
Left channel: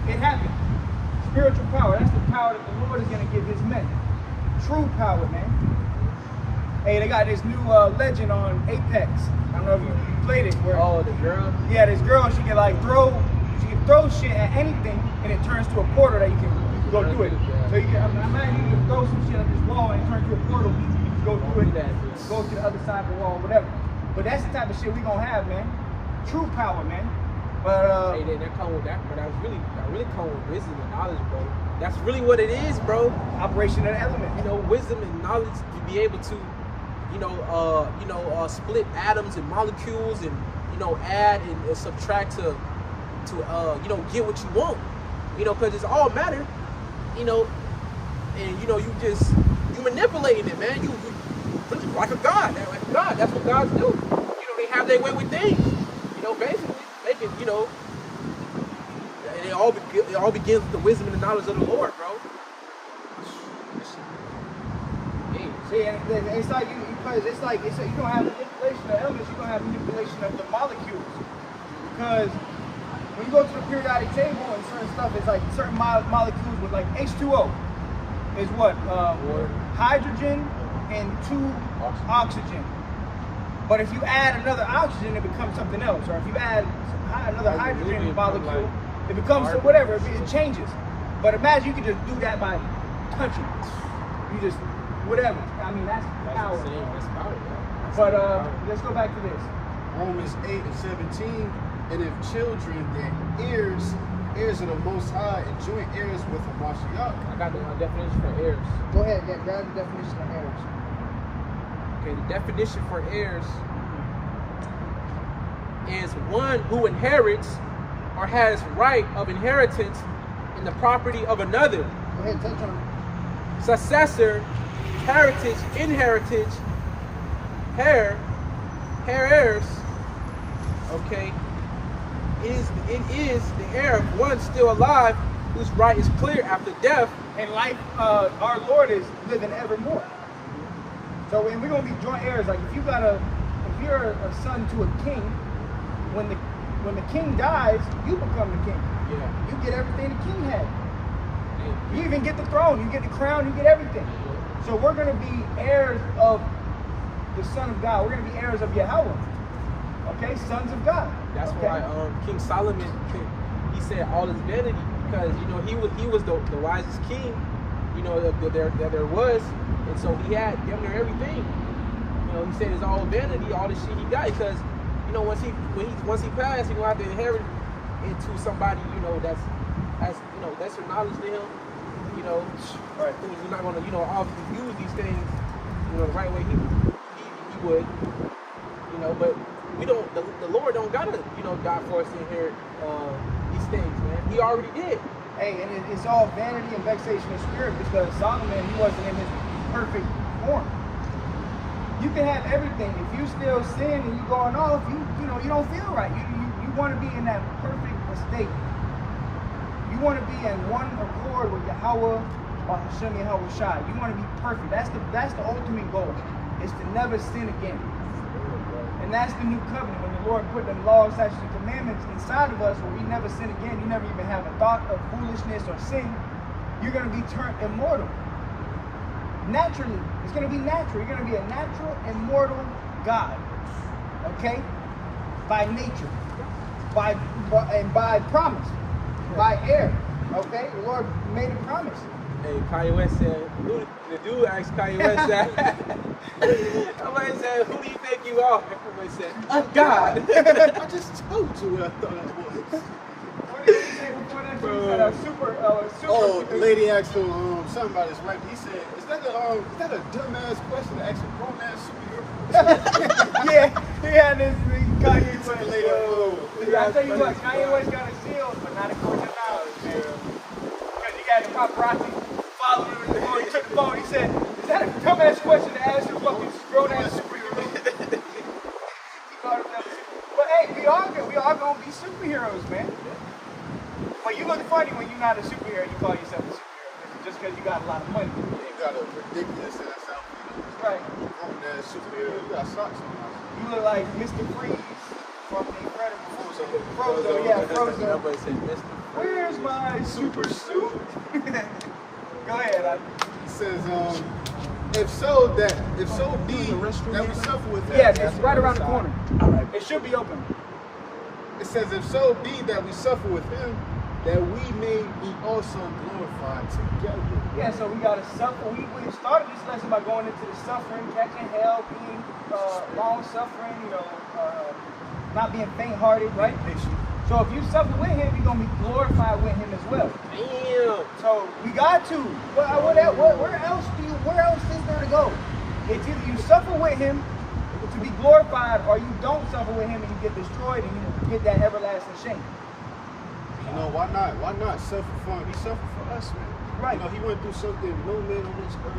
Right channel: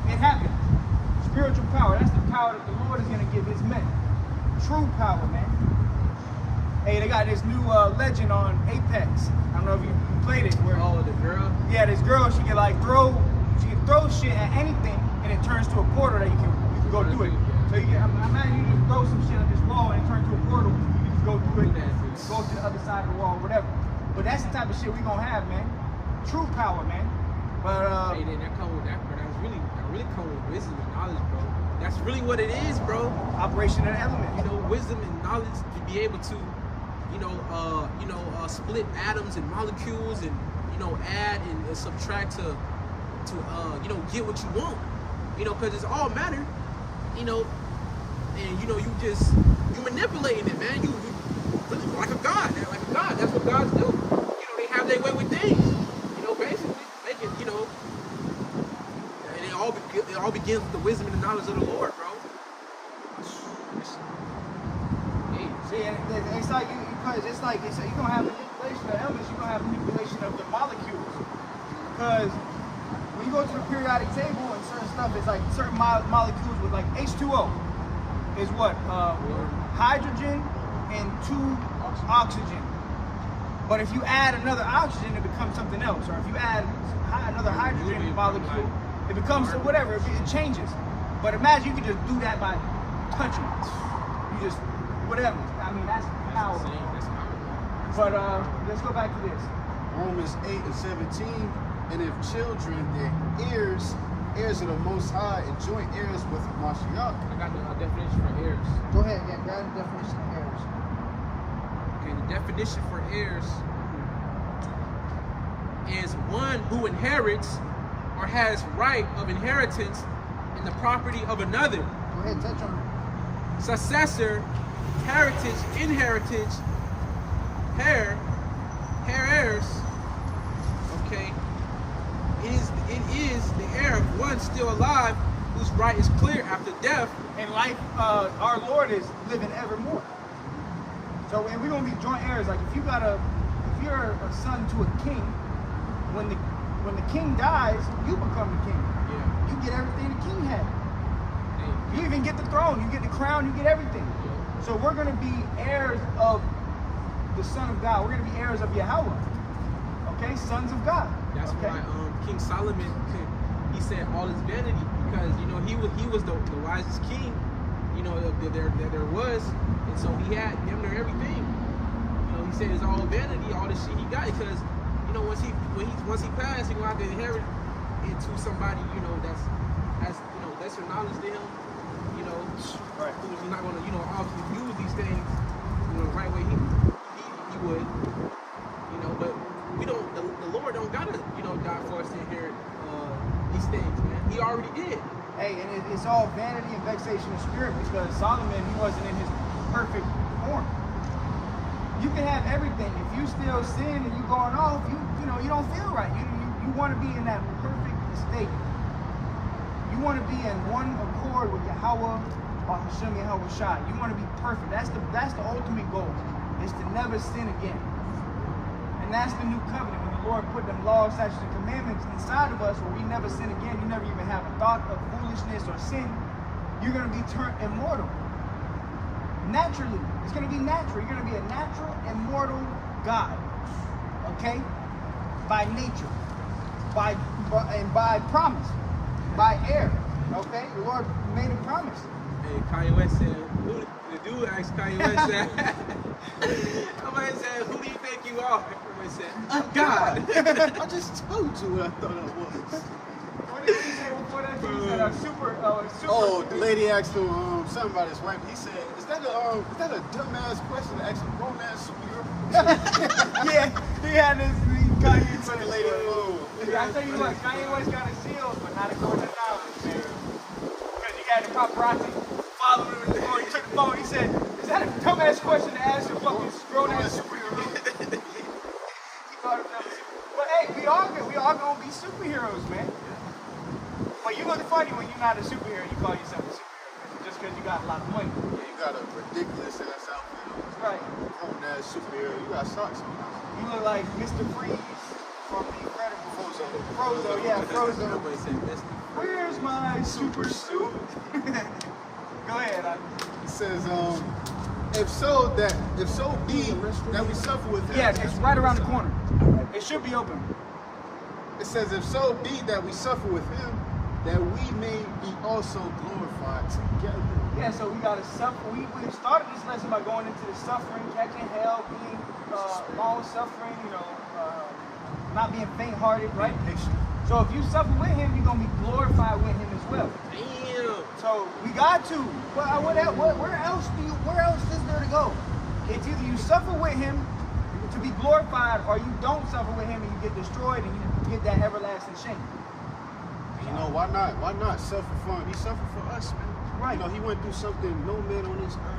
it happened. Spiritual power. That's the power that the Lord is going to give his men. True power, man. Hey, they got this new legend on Apex. I don't know if you played it. Where, the girl. yeah, this girl, she can throw shit at anything and it turns to a portal that you can go do it. So you can, imagine you can throw some shit at this wall and it turns to a portal. You can go do it, go to the other side of the wall, whatever. But that's the type of shit we gonna have, man. True power, man. But Hey, that come with that, but that really come with wisdom and knowledge, bro. That's really what it is, bro. operation of the element. Wisdom and knowledge to be able to, split atoms and molecules and, add and subtract to get what you want. Because it's all matter, and you manipulating it, man. You really like a god, That's what gods do. They have their way with things. Basically making, and it all begins with the wisdom and the knowledge of the Lord, bro. See, and it's like you don't have manipulation of the elements, you don't have manipulation of the molecules. Because when you go to the periodic table and certain stuff, it's like certain molecules with like H2O is what? Hydrogen and 2 oxygen. But if you add another oxygen, it becomes something else. Or if you add another hydrogen molecule, it becomes whatever, it changes. But imagine you could just do that by touching it. You just, whatever. I mean, that's power. That's power, bro. But let's go back to this. Romans 8:17, and if children and heirs of the Most High and joint heirs with the Mashiach. I got the definition for heirs. Go ahead, grab the definition of heirs. Okay, the definition for heirs is one who inherits or has right of inheritance in the property of another. Go ahead, touch on it. Successor, heritage, inheritance, heirs. Okay, it is the heir of one still alive whose right is clear after death. And life, our Lord is living evermore. So, and we're gonna be joint heirs. Like if you're a son to a king, when the king dies, you become the king. Yeah. You get everything the king had. You even get the throne, you get the crown, you get everything. So we're gonna be heirs of the Son of God. We're gonna be heirs of Yahweh. Okay, sons of God. That's okay? why King Solomon he said all is vanity, because he was the wisest king, that there was, and so he had damn near everything. He said it's all vanity, all the shit he got, because once he passed, he gonna have to inherit into somebody that's lesser knowledge than him, Right. who's not gonna obviously use these things the right way he would, but we don't, the Lord don't gotta die for us to inherit these things, man. He already did. Hey, and it's all vanity and vexation of spirit, because Solomon, he wasn't in his perfect form. You can have everything. If you still sin and you going off, you don't feel right. You want to be in that perfect state. You want to be in one accord with Yahweh or Hashem Yahweh Shai. You want to be perfect. That's the ultimate goal, is to never sin again. And that's the new covenant. When the Lord put the laws, statutes, and commandments inside of us, where we never sin again, you never even have a thought of foolishness or sin, you're going to be turned immortal. Naturally. It's going to be natural. You're going to be a natural, immortal God. Okay? By nature. By promise. By air. Okay? The Lord made a promise. Hey, Kanye West said, the dude asked Kanye West that. Somebody said, who do you think you are? Somebody said, God. I just told you what I thought I was. What did he say before that? He said super. Oh, the lady asked him something about his wife. He said, "Is that a dumbass question to ask a grown ass superhero?" Yeah, he had this Kanye He said, West. "Later, I tell you what, Kanye West got his deals, but not according to knowledge, man. Because he had the paparazzi following him before he took the phone. He said, "Is that a dumbass question to ask a fucking grown ass superhero?" He thought it was a superhero. But hey, we all gonna be superheroes, man. But you look funny when you're not a superhero. You call yourself a superhero, just because you got a lot of money. you got a ridiculous ass outfit on. Right. Grown ass superhero. You got socks on now. You look like Mr. Freeze from The Incredibles. Frozo. Yeah, Frozo. Nobody said this. Where's my super suit? Go ahead. He says, if so be that we suffer with him. Yeah, it's right around the corner. It should be open. It says, if so be that we suffer with him, that we may be also glorified together. Yeah, so we got to suffer. We started this lesson by going into the suffering, catching hell, being long suffering, not being faint-hearted, right? Patient. So if you suffer with him, you're going to be glorified with him as well. Damn. So we got to. Where else is there to go? It's either you suffer with him to be glorified, or you don't suffer with him and you get destroyed and you get that everlasting shame. Why not? Why not suffer for him? He suffered for us, man. Right. He went through something no man on this earth.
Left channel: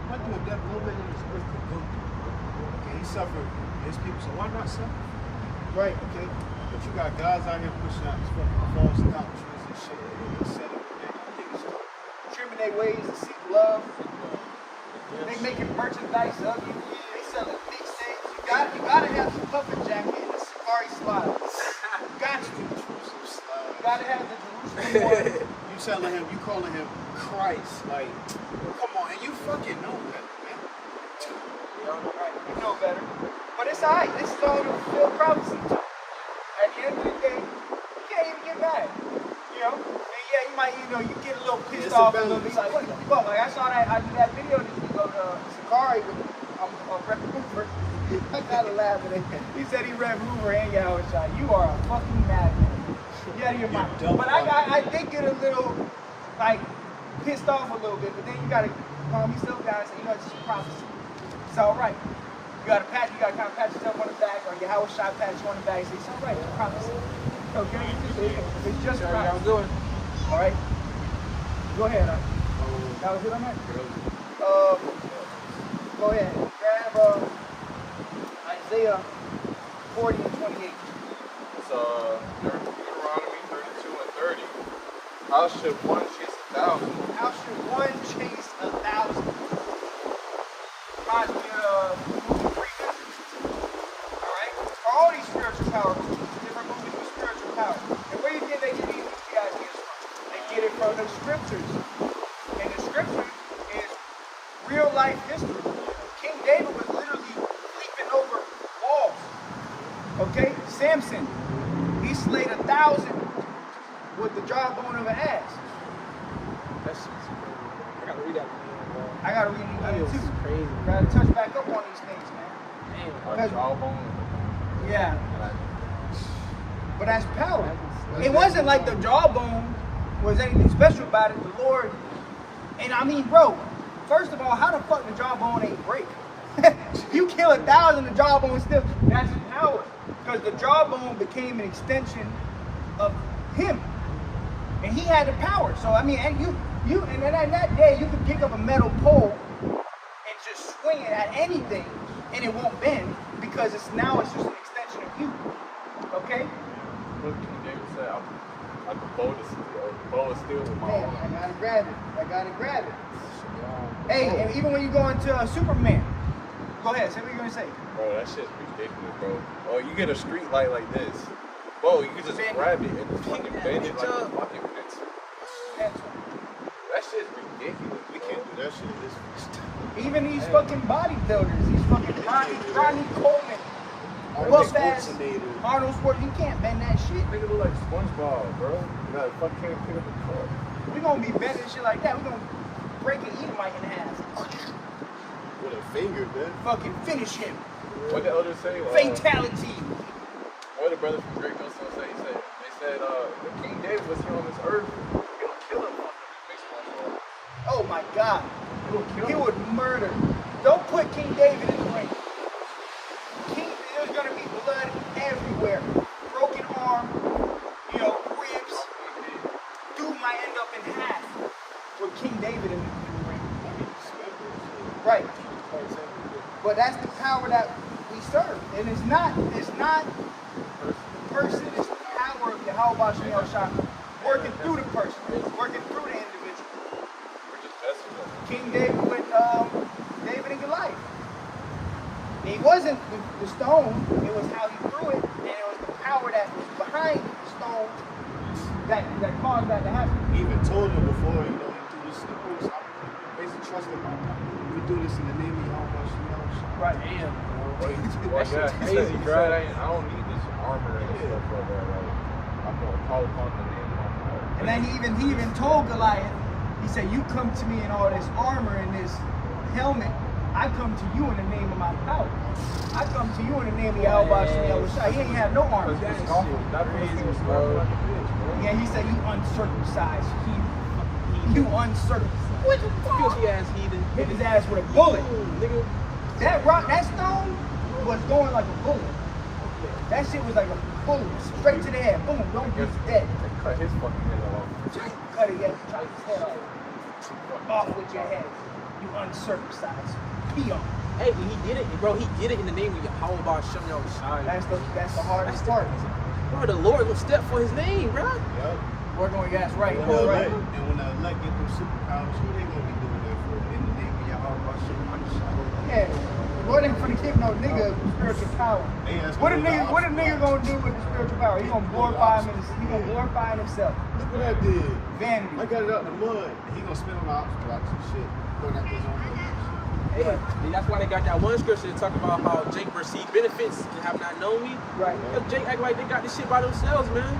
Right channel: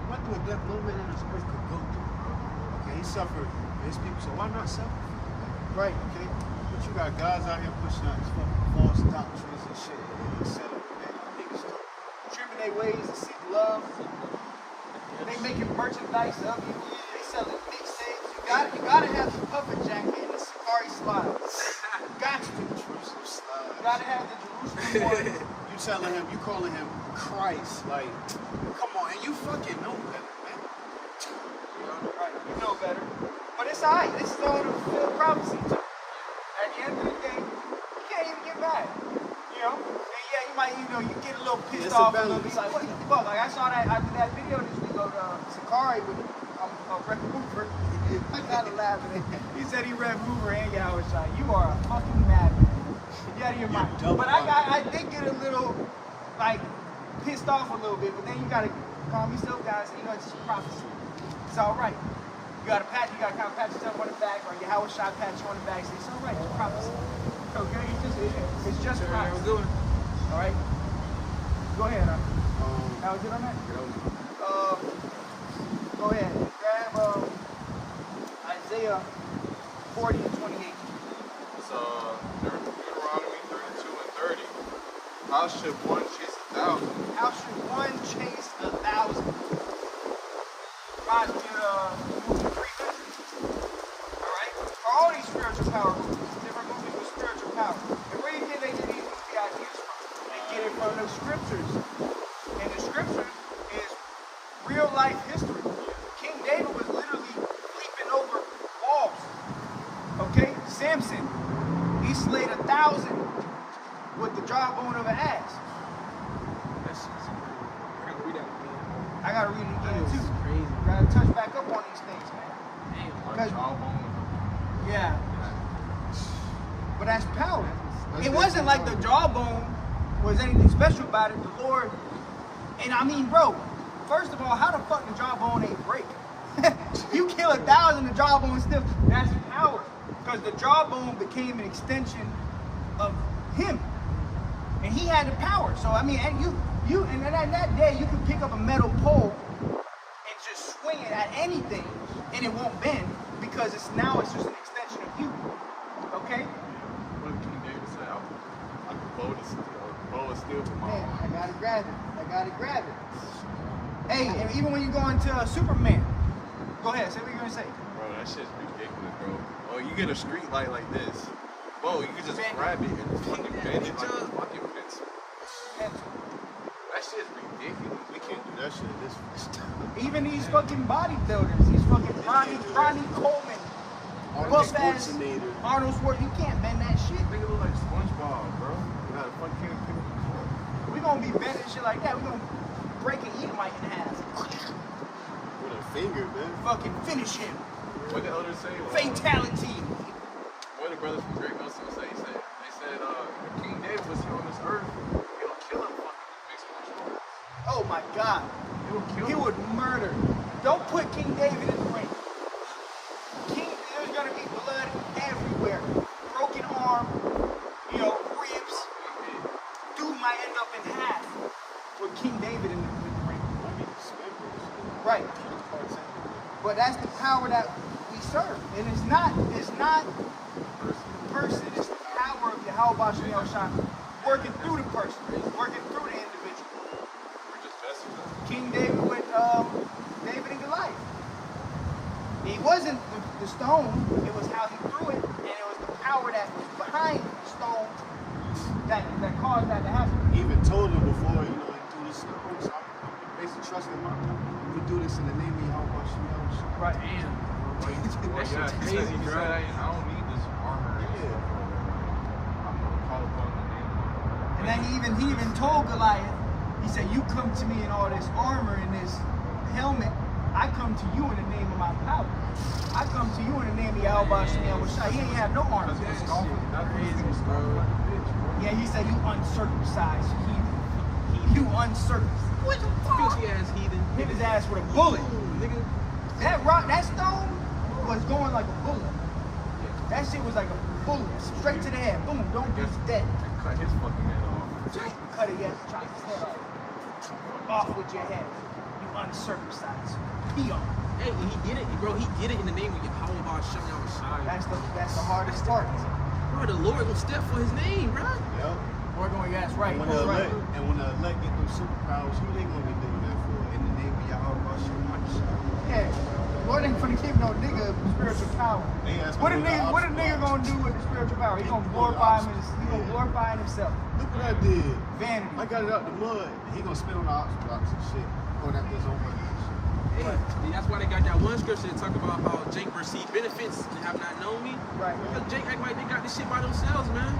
He went through a death no man on this earth could go through, bro. Okay, he suffered for his people, so why not suffer? Right. Okay? But you got guys out here pushing out these fucking false doctrines and shit. They set up, man. I think it's Trimming their ways to seek love. They making merchandise of you. They selling mixtapes. You gotta have the puffer jacket and the safari slides. Got to. You gotta have the Jerusalem one. You telling him, you calling him Christ, like, come on, and you fucking know better, man. Right, you know better. But it's alright. This is all the fulfilled prophecy. At the end of the day, you can't even get mad. And yeah, you might, you get a little pissed It's a off a little balance. bit. Like, what the fuck? Like, I saw that, I did that video this week of Sakari with Red Hoover. I gotta laugh at it. He said he Red Hoover and Yahweh Shai. You are a fucking madman. You out of your mind. But I did get a little, pissed off a little bit, but then you gotta calm yourself down and say, it's just prophecy. It's alright. You gotta kind of pat yourself on the back, or Yahweh Shai pat you on the back and say, it's alright, it's prophecy. Okay? It's just prophecy. I'm doing. Alright? Go ahead, that was it on that? Go ahead. Grab Isaiah 40 and 28. It's Deuteronomy 32 and 30. How should one chase 1,000? How should one chase 1,000? Reminds me of the movie 300. Alright? All these spiritual power movies, different movies with spiritual power. And where do you think they get these ideas from? They get it from the scriptures. And the scriptures is real life history. King David was literally leaping over walls. Okay? Samson, he slayed 1,000 with the jawbone of an ass. That's crazy. I gotta read that again, bro. I gotta read it That again was too. crazy. Gotta touch back up on these things, man. Damn. A jawbone of a Yeah, donkey. but that's power. That's It wasn't like the jawbone was anything special about it. The Lord, and I mean, bro, first of all, how the fuck the jawbone ain't break? You kill 1,000, the jawbone still, that's power. Because the jawbone became an extension of him. And he had the power. So, I mean, and and then that day, you could pick up a metal pole and just swing it at anything, and it won't bend, because it's just an extension of you. Okay? What did King David say? I could bow of steel with my Man, arm. I gotta grab it. Hey, and even when you go into Superman, go ahead, say what you're gonna say. Bro, that shit's ridiculous, bro. Oh, you get a street light like this. Bro, you can just grab it and just fucking bend it like a fucking pencil. That shit's ridiculous. We can't do that shit in this time. Even these fucking bodybuilders, these fucking Ronnie Coleman, Arnold buff ass Schwarzenegger. Arnold Schwarzenegger, you can't bend that shit. Nigga look like SpongeBob, bro. You gotta fucking can't pick up a cup. We gonna be bending shit like that. We gonna break an Edomite in half. With a finger, dude. Fucking finish him. What the elders say? Fatality. What the brothers from Great Millstone say? They said if King David was here on this earth, he'll kill him fucking mixed martial arts. Oh my God. He'll kill He him. would murder. Don't put King David in the ring. There's gonna be blood everywhere. Broken arm, ribs. Dude might end up in half with King David in the ring. Right. But that's the power that we serve. And it's not the person, it's the power of Yahweh Shem Shah working through the person, working through the individual. We're just vessels of it. King David with David and Goliath. It wasn't the stone, it was how he threw it, and it was the power that was behind the stone that caused that to happen. He even told him before, he threw the stones. I basically trusted my power. We do this in the name of Yahweh Shem. Right. Damn, bro. Well, yeah, he said I don't need this armor and stuff like that. Like, I'm gonna call upon the name of my God. And then he even told Goliath, he said, you come to me in all this armor and this helmet, I come to you in the name of my power. I come to you in the name of Yahweh Shem Shah. He ain't have no armor. Because he was scoffing. That's what he was scoffing like a bitch, bro. Yeah, he said, you uncircumcised heathen. You uncircumcised. What the fuck? Filthy ass heathen. Hit his ass with a bullet. Nigga. That stone was going like a bullet. That shit was like a bullet, straight to the head. Boom, don't be dead. They cut his fucking head off. Cut it, yes, chop his head off. Off with your head. You uncircumcised peon. Hey, he did it, bro. He did it in the name of Yahweh Shem Shai. That's the hardest part. Bro, the Lord gonna step for his name, bro. Yep. We're going, yes, right. And when the elect get them superpowers, who they gonna be doing that for? In the name of Yahweh Shem. Yeah. Lord ain't finna give no nigga spiritual power. What a nigga gonna do with the spiritual power? He gonna glorify him he gonna glorify himself. Look what I did. Vanity. I got it out the mud. He gonna spit on the ox blocks and shit. Going after his own money and shit. Hey, that's why they got that one scripture to talk about how Jake received benefits and have not known me. Right. Because Jake act like they got this shit by themselves, man.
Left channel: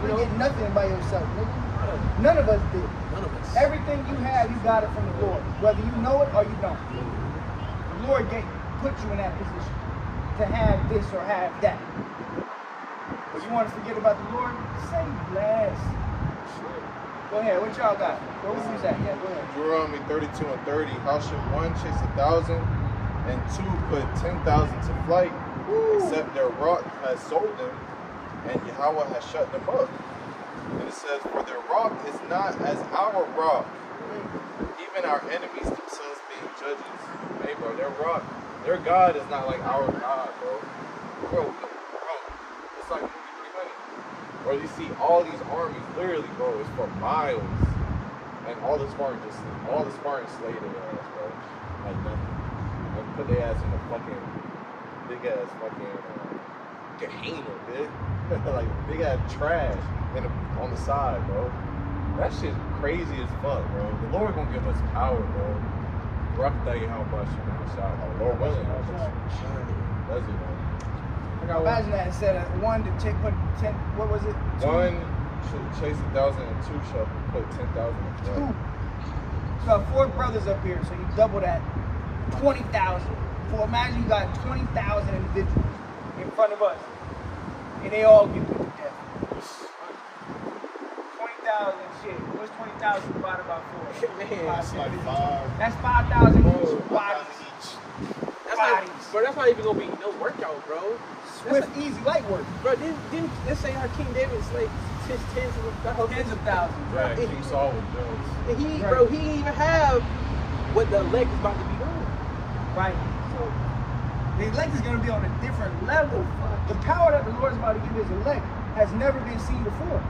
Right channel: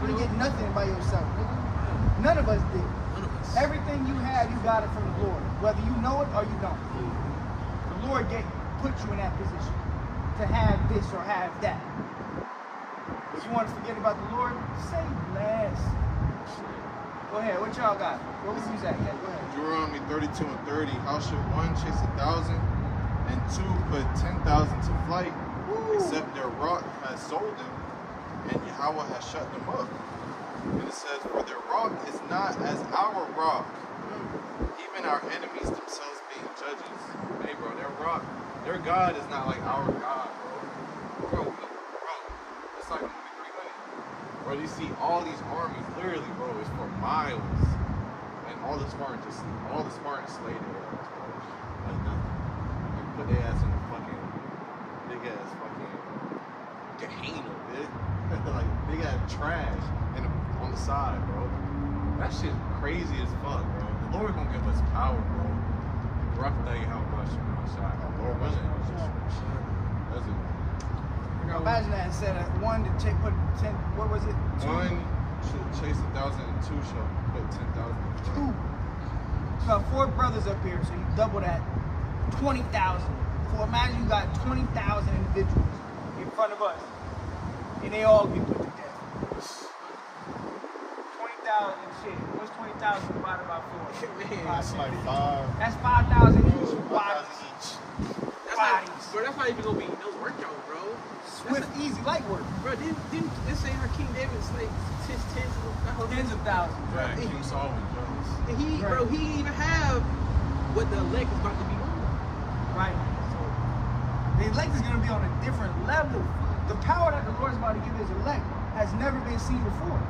You don't get nothing by yourself, nigga. None of us did. None of us. Everything you have, you got it from the Lord. Whether you know it or you don't. The Lord put you in that position to have this or have that. But you want to forget about the Lord? Say less. Go ahead, what y'all got? Where was that? Yeah, go ahead. Deuteronomy 32:30. How should one chase 1,000 and two put 10,000 to flight, except their rock has sold them, and Yahweh has shut them up? And it says, for their rock is not as our rock, even our enemies themselves being judges. Hey, bro, their rock, their God is not like our God, bro. Bro, it's like movie 300. Bro, you see all these armies, literally, bro, it's for miles. And all the Spartans slay their ass, bro. Like nothing. Like put their ass in a fucking big ass fucking Gehenna, bitch. Like big ass trash on the side, bro. That shit crazy as fuck, bro. The Lord gonna give us power, bro. Rough day, how much, you know, shot. Lord willing, that's it, man. got Imagine that instead of 1 to take what 10. What was it? 1 should chase 1,000, and 2 shall put 10,000 in flight. 2. So 4 brothers up here, so you double that, 20,000. So imagine you got 20,000 individuals in front of us, and they all get put to death. 20,000 shit. What's 20,000 divided by 4? Man, That's like 5. That's 5,000 Bro, each. Bodies. That's Bodies. not, bro, that's not even gonna be no workout, bro. Swift, easy, light work. Bro, didn't let's say how King David slayed tens of Tens of thousands. Yeah, King Saul was jealous. And he, Right. bro, he didn't even have what the elect is about to be doing. Right. The elect is going to be on a different level. The power that the Lord is about to give his elect has never been seen before.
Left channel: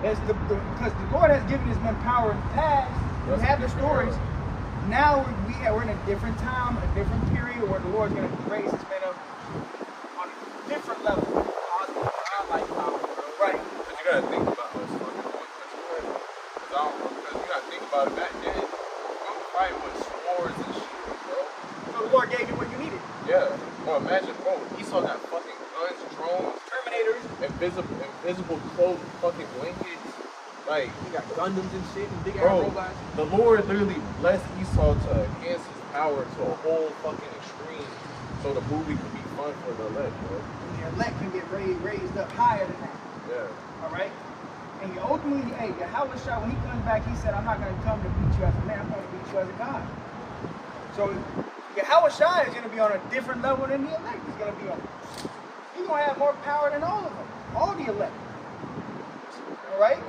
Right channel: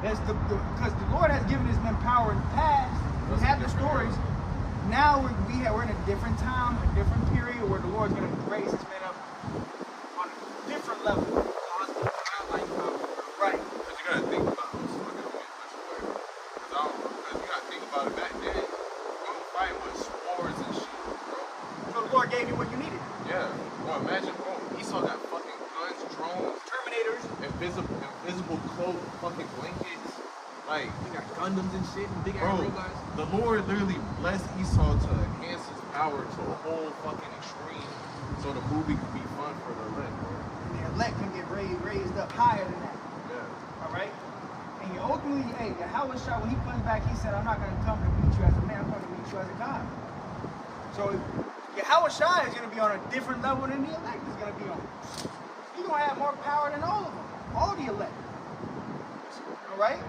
Because the Lord has given his men power in the past. That's We have a the different stories. era. Now we're in a different time, a different period where the Lord's going to raise his men up on a different level. Cosmic godlike power, bro. Right. But you gotta think about how it's fucking one country. Because you gotta think about it back then. We were fighting with swords and shields, bro. So the Lord gave you what you needed. Yeah. Well, imagine, bro, Esau got fucking guns, drones, Terminators. invisible cloak, fucking blankets. Like, He got Gundams and shit and big ass bro, robots. the Lord literally blessed Esau to enhance his power to a whole fucking extreme so the movie could be fun for the elect, bro. And the elect can get raised up higher than that. Yeah. All right? And you ultimately, hey, Yahweh Shah, when he comes back, he said, I'm not going to come to beat you as a man, I'm going to beat you as a God. So Yahweh Shah is going to be on a different level than the elect is going to be on. He's going to have more power than all of them, all the elect. All right?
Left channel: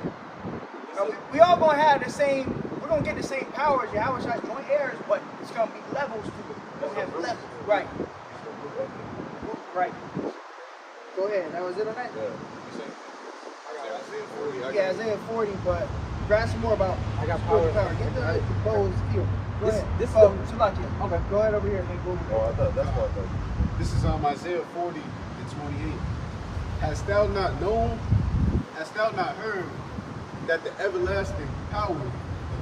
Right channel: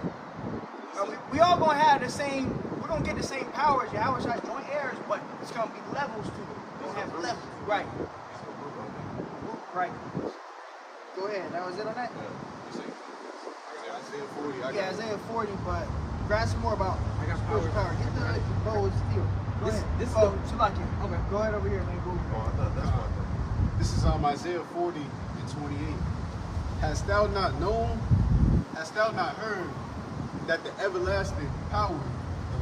Now, we all going to have the same, we're going to get the same power as Yahweh Shah's joint heirs, but it's going to be levels to it. We're going to have levels. Right. He's the root of it. Right. Go ahead. That was it on that? Yeah. You say? Isaiah 40. I Yeah, got Isaiah 40, but grab some more about I got spiritual power. power. Get the bow and steel. Go This- ahead. this is oh, the- Salakia. Okay. Go ahead over here and then go over Oh, there. I thought that's what I thought. This is Isaiah 40 and 28. Hast thou not known? Hast thou not heard that the everlasting power,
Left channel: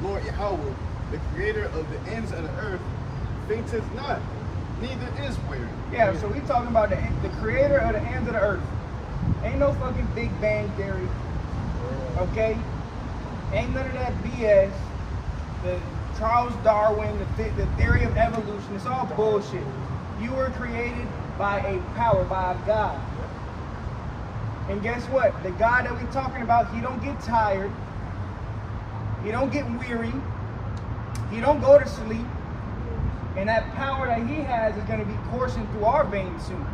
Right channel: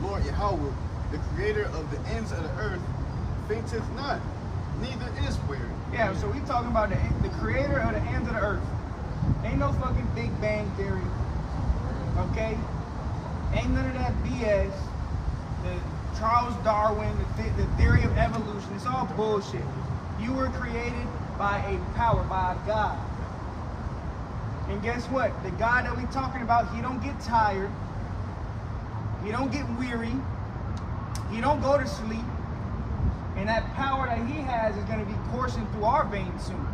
the Lord Yahweh, the creator of the ends of the earth, fainteth not, neither is weary. Yeah, so we talking about the creator of the ends of the earth. Ain't no fucking Big Bang Theory. Okay? Ain't none of that BS. The Charles Darwin, the theory of evolution. It's all bullshit. You were created by a power, by a God. And guess what? The God that we talking about, he don't get tired. He don't get weary. He don't go to sleep. And that power that he has is going to be coursing through our veins soon.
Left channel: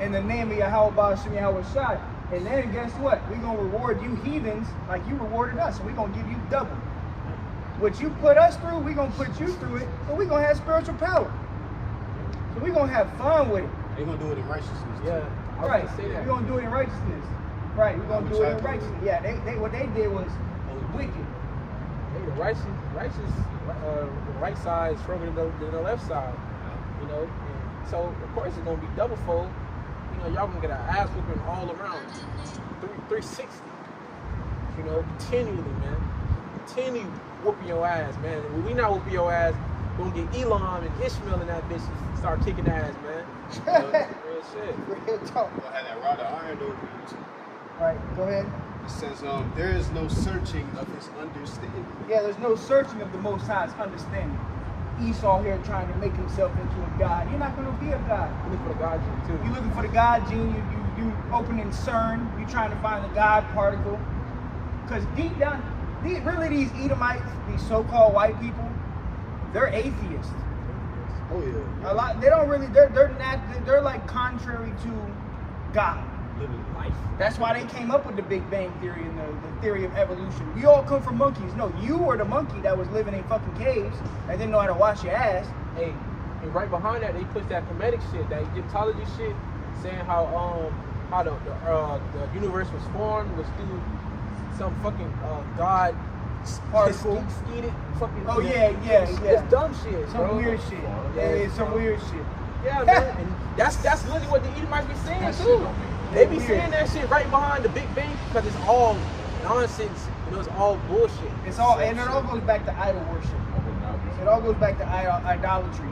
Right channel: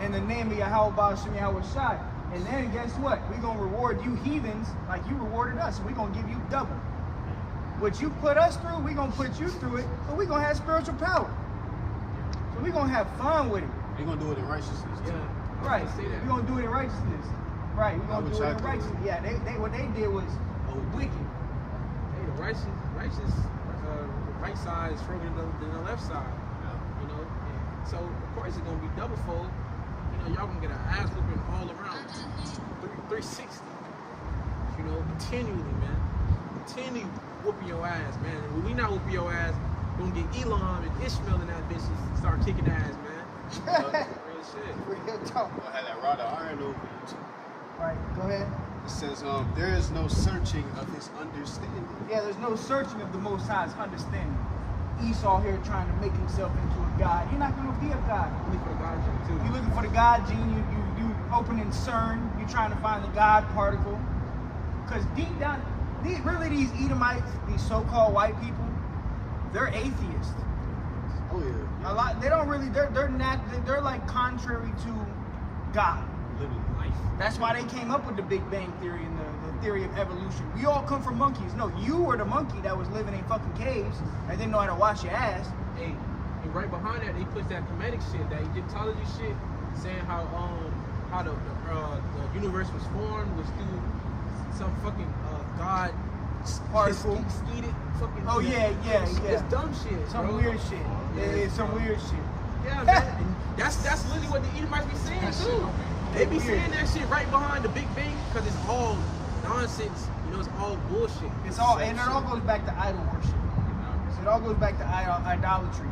In the name of Yahweh Ba'ashem Yahweh Shai. And then guess what? We're going to reward you heathens like you rewarded us. And we're going to give you double. What you put us through, we're going to put you through it. But we're going to have spiritual power. So we're going to have fun with it. They're going to do it in righteousness. too. Yeah. I was Right. gonna say We're that. going to do it in righteousness. Right. We're going to do it in Which I do. righteousness. Yeah. They what they did was wicked. Hey, the right side is stronger than the left side. You know, and so of course it's gonna be double fold. You know, y'all gonna get an ass whooping all around. 360. You know, continually, man. Continue whooping your ass, man. And when we not whooping your ass, we're gonna get Elon and Ishmael and that bitch to start kicking ass, man. Real shit. Real talk. You're gonna have that rod of iron over you too. Right. Go ahead. It says, there is no searching of his understanding. Yeah, there's no searching of the Most High's understanding. Esau here trying to make himself into a god. You're not going to be a god. Look for the God too. You're looking for the God gene. You opening CERN. You're trying to find the God particle. Because deep down, these Edomites, these so-called white people, they're atheists. Oh yeah. A lot. They don't really. They're like contrary to God. Literally. That's why they came up with the Big Bang Theory and the theory of evolution. We all come from monkeys. No, you were the monkey that was living in fucking caves and didn't know how to wash your ass. Hey, and right behind that, they put that Kemetic shit, that Egyptology shit, saying how the universe was formed was through some fucking God Particle. eat it fucking. Oh yeah. It's dumb shit, Some bro. weird shit. Yeah, it's some weird shit. Yeah, man, and that's literally what the Edomites be saying That shit too. don't make no They be Weird. saying that shit right behind the Big Bang because it's all nonsense. You know, it's all bullshit. It's all, and it all goes back to idol worship. I would not be It all goes back to idolatry.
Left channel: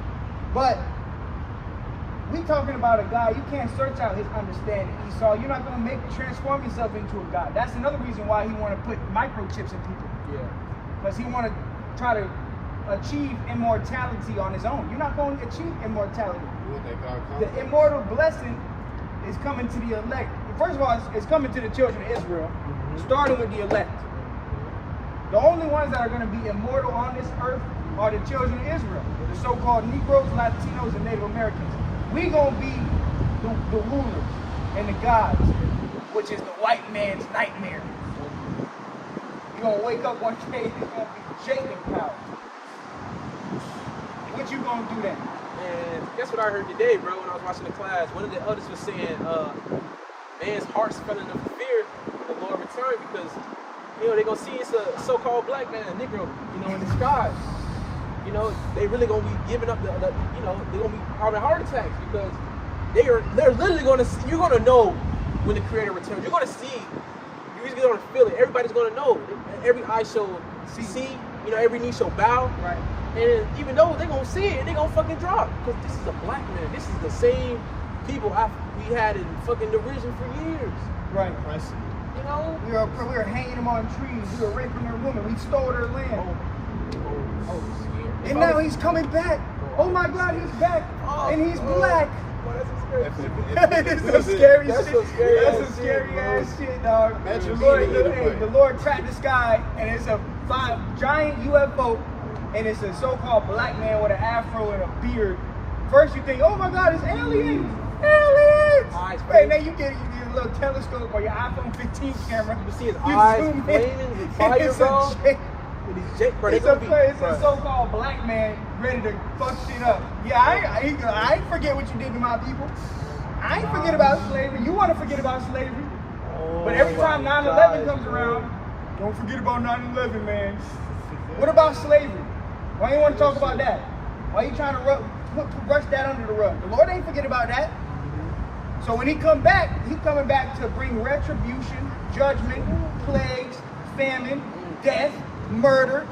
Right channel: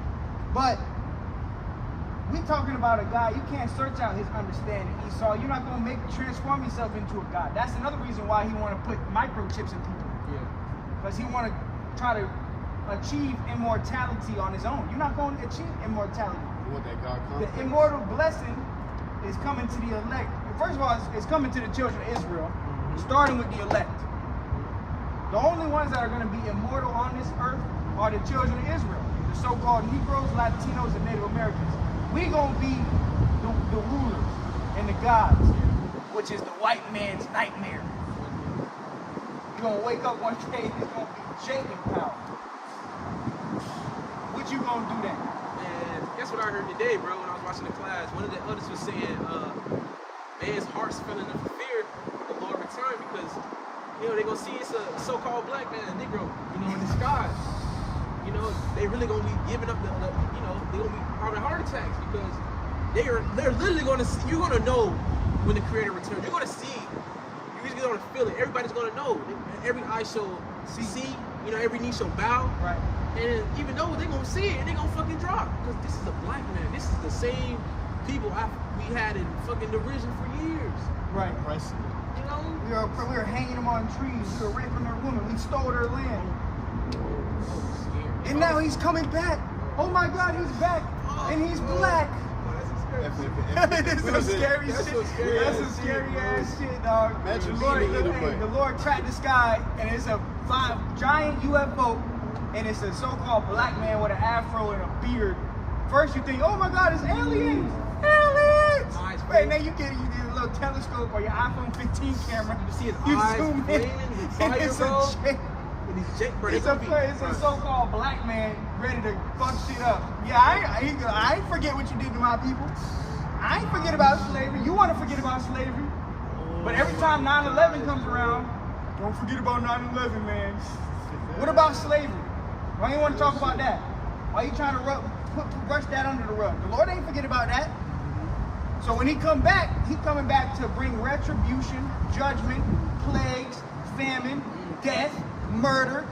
But we we talking about a guy, you can't search out his understanding, Esau. You're not going to transform yourself into a God. That's another reason why he want to put microchips in people. Yeah. Because he want to try to achieve immortality on his own. You're not going to achieve immortality. You want that God complex. The immortal blessing is coming to the elect. First of all, it's coming to the children of Israel, starting with the elect. The only ones that are going to be immortal on this earth are the children of Israel, the so-called Negroes, Latinos, and Native Americans. We going to be the rulers and the gods, which is the white man's nightmare. You're going to wake up one day and it's going to be shaking power. What you going to do then? And guess what I heard today, bro, when I was watching the class? One of the elders was saying, man's heart's filling up with fear when the Lord return because, you know, they're going to see it's a so-called black man, a Negro, you know, in disguise. You know, they really going to be giving up the you know, they're going to be having heart attacks because they're literally going to see, you're going to know when the Creator returns. You're going to see, you're just going to feel it. Everybody's going to know. Every eye shall see, you know, every knee shall bow. Right. And even though they're going to see it, and they're going to fucking drop. Because this is a black man. This is the same people we had in fucking derision for years. Right. Impressive. You know? We were hanging them on trees. We were raping their women. We stole their land. Oh, it's scary. And now he's coming back. Oh my God, he's back. And he's black. Oh, that's a scary That's some scary That's shit. some scary That's ass some shit, scary bro. ass shit, dog. Imagine The Lord tracked the sky, and it's a giant UFO, and it's a so-called black man with an afro and a beard. First you think, oh my God, it's aliens! Aliens! Eyes Wait, now you get a little telescope or your iPhone 15 camera. You see his You eyes zoom in, flaming with and fire, it's bro. a J- With these Jake, bro, It's a so-called black man ready to fuck shit up. Yeah, I ain't forget what you did to my people. I ain't forget about slavery. You want to forget about slavery. But every time 9/11 comes around, don't forget about 9/11, man. What about slavery? Why you want to talk about that? Why you trying to brush that under the rug? The Lord ain't forget about that. So when he coming back to bring retribution, judgment, plagues, famine, death, murder,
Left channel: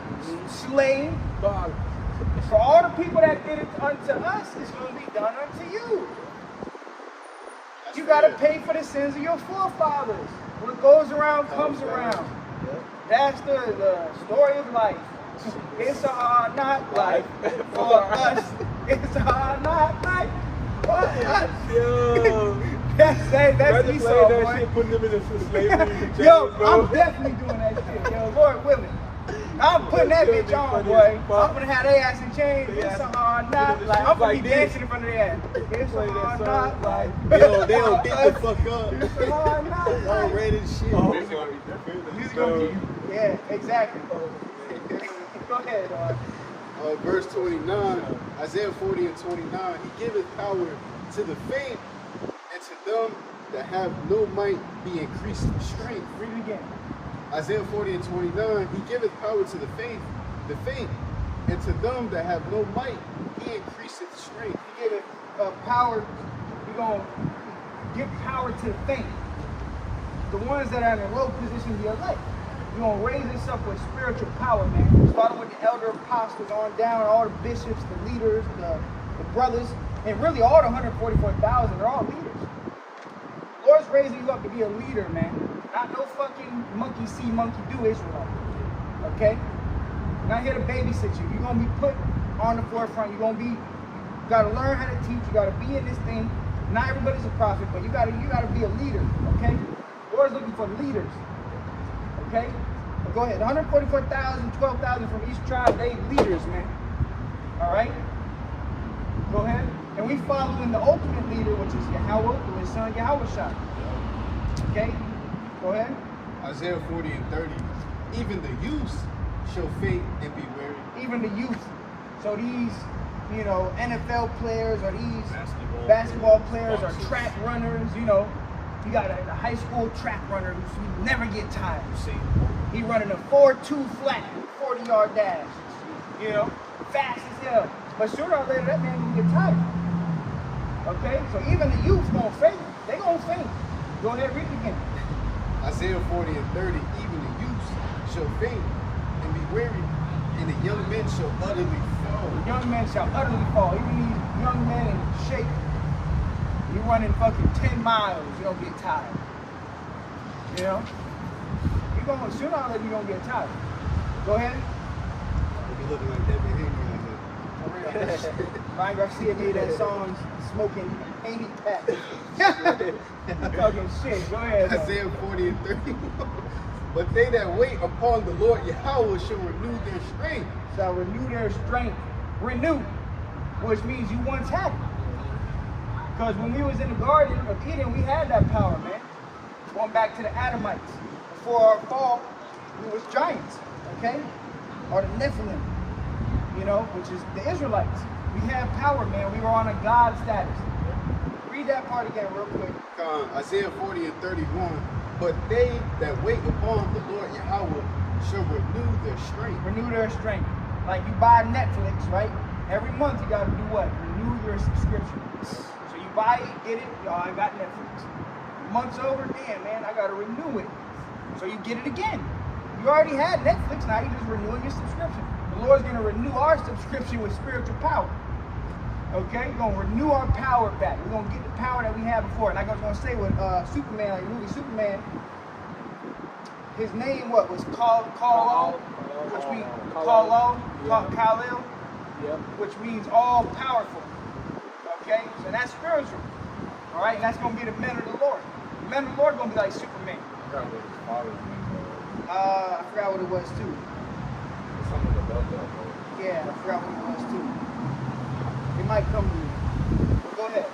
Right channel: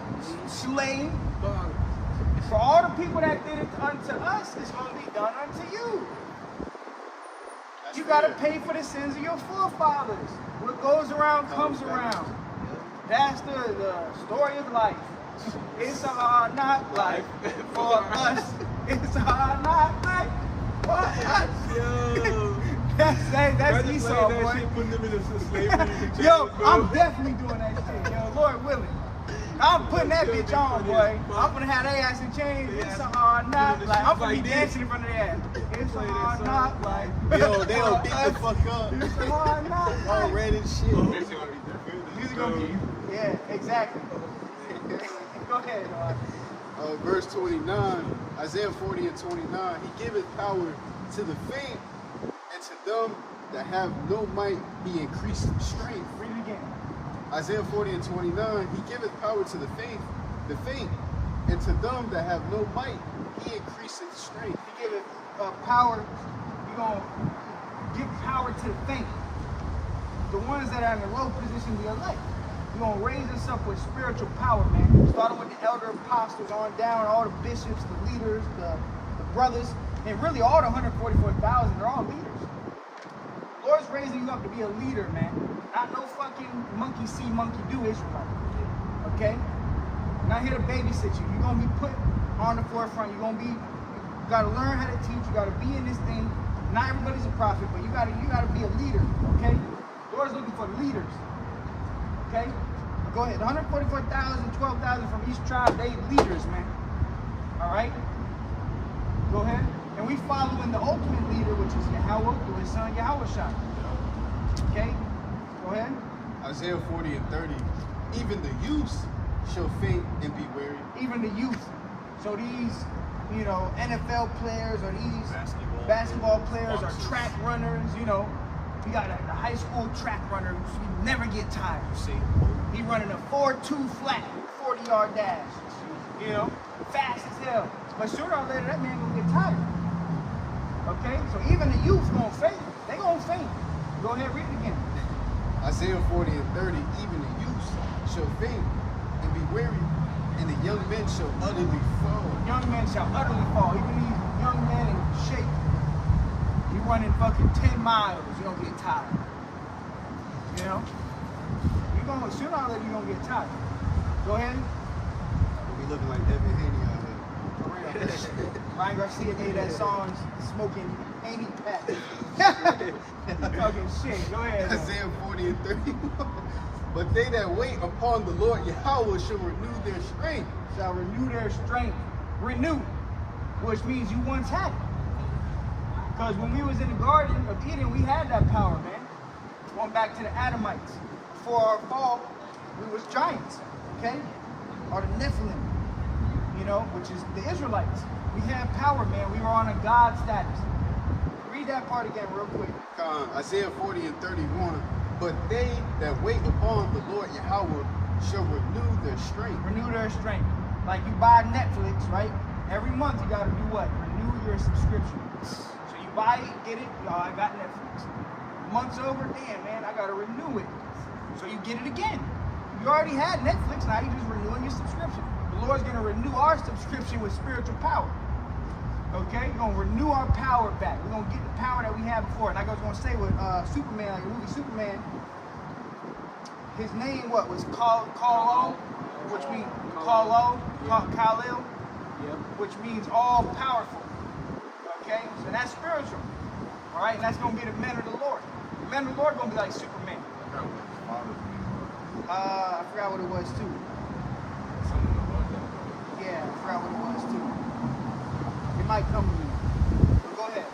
slaying. For all the people that did it unto us, it's going to be done unto you. That's You got to fair. pay for the sins of your forefathers. What goes around comes around. That's the story of life. It's a hard knock life for us. It's a hard knock life for us. Yo. That's Imagine Esau, playing that boy. shit, putting them in the slavery. Yo, I'm definitely doing that shit. Yo, Lord willing. I'm putting that That shit bitch on, funny boy. as fuck. I'm gonna have their ass in chains. They It's ass- a hard knock get in the life. I'm shoes gonna like be this. dancing in front of their ass. It's Play a that hard song. knock life. Yo, they don't get the fuck up. It's a hard knock All life. red as shit. This is gonna be different. Music gonna be, yeah, exactly. Go ahead, dog. Verse 29, Isaiah 40 and 29, he giveth power to the faint, and to them that have no might be increased strength. Read it again. Isaiah 40 and 29, he giveth power to the faint, and to them that have no might, he increaseth strength. He gave it power. He gonna give power to the faint. The ones that are in the low position, the elect. You're gonna raise us up with spiritual power, man. Starting with the elder apostles on down, all the bishops, the leaders, the brothers, and really all the 144,000, they're all leaders. The Lord's raising you up to be a leader, man. Not no fucking monkey see, monkey do Israelite. Okay? Not here to babysit you. You're gonna be put on the forefront. You gotta learn how to teach. You gotta be in this thing. Not everybody's a prophet, but you gotta be a leader. Okay? The Lord's looking for leaders. Okay? But go ahead. 144,000, 12,000 from each tribe, they leaders, man. All right? Go ahead. And we following the ultimate leader, which is Yahweh, through his son Yahweh Shai. Okay? Go ahead. Isaiah 40 and 30, even the youth shall faint and be weary. Even the youth. So these, NFL players or these basketball players or track runners, you got a high school track runner who never get tired. He running a 4.2 flat, 40-yard dash. Fast as hell. But sooner or later, that man gonna get tired. Okay? So even the youth gonna faint. They gonna faint. Go ahead, read it again. Isaiah 40 and 30, even the youth shall faint and be weary, and the young men shall utterly fall. The young men shall utterly fall. Even these young men in shape, You running fucking 10 miles, you don't get tired. You know? You're gonna, sooner or later, you're gonna get tired. Go ahead. We'll be looking like Debbie Haney out here. For real. Ryan Garcia made that song smoking 80 packs. Talking shit. Go ahead. Isaiah 40 and 31. But they that wait upon the Lord Yahweh shall renew their strength. Shall renew their strength. Renew, which means you once had it. Because when we was in the Garden of Eden, we had that power, man. Going back to the Adamites. Before our fall, we was giants, okay? Or the Nephilim, you know, which is the Israelites. We had power, man. We were on a God status. Read that part again real quick. Isaiah 40 and 31. But they that wait upon the Lord Yahweh shall renew their strength. Renew their strength. Like you buy Netflix, right? Every month you got to do what? Renew your subscription. So you buy it, get it, y'all, I got Netflix. Month's over, damn, man, I got to renew it. So you get it again. You already had Netflix, now you're just renewing your subscription. The Lord's going to renew our subscription with spiritual power. Okay? We're going to renew our power back. We're going to get the power that we had before. Like I was going to say with Superman, like the movie Superman, his name, what, was Kal-El, which means Kal-El, Yep. which means all powerful. Okay? So that's spiritual. All right? And that's going to be the men of the Lord. The men of the Lord are going to be like Superman. I forgot what his father's name was. I forgot what it was too. Something above that, though. Yeah, I forgot what it was too. It might come to me. But go ahead.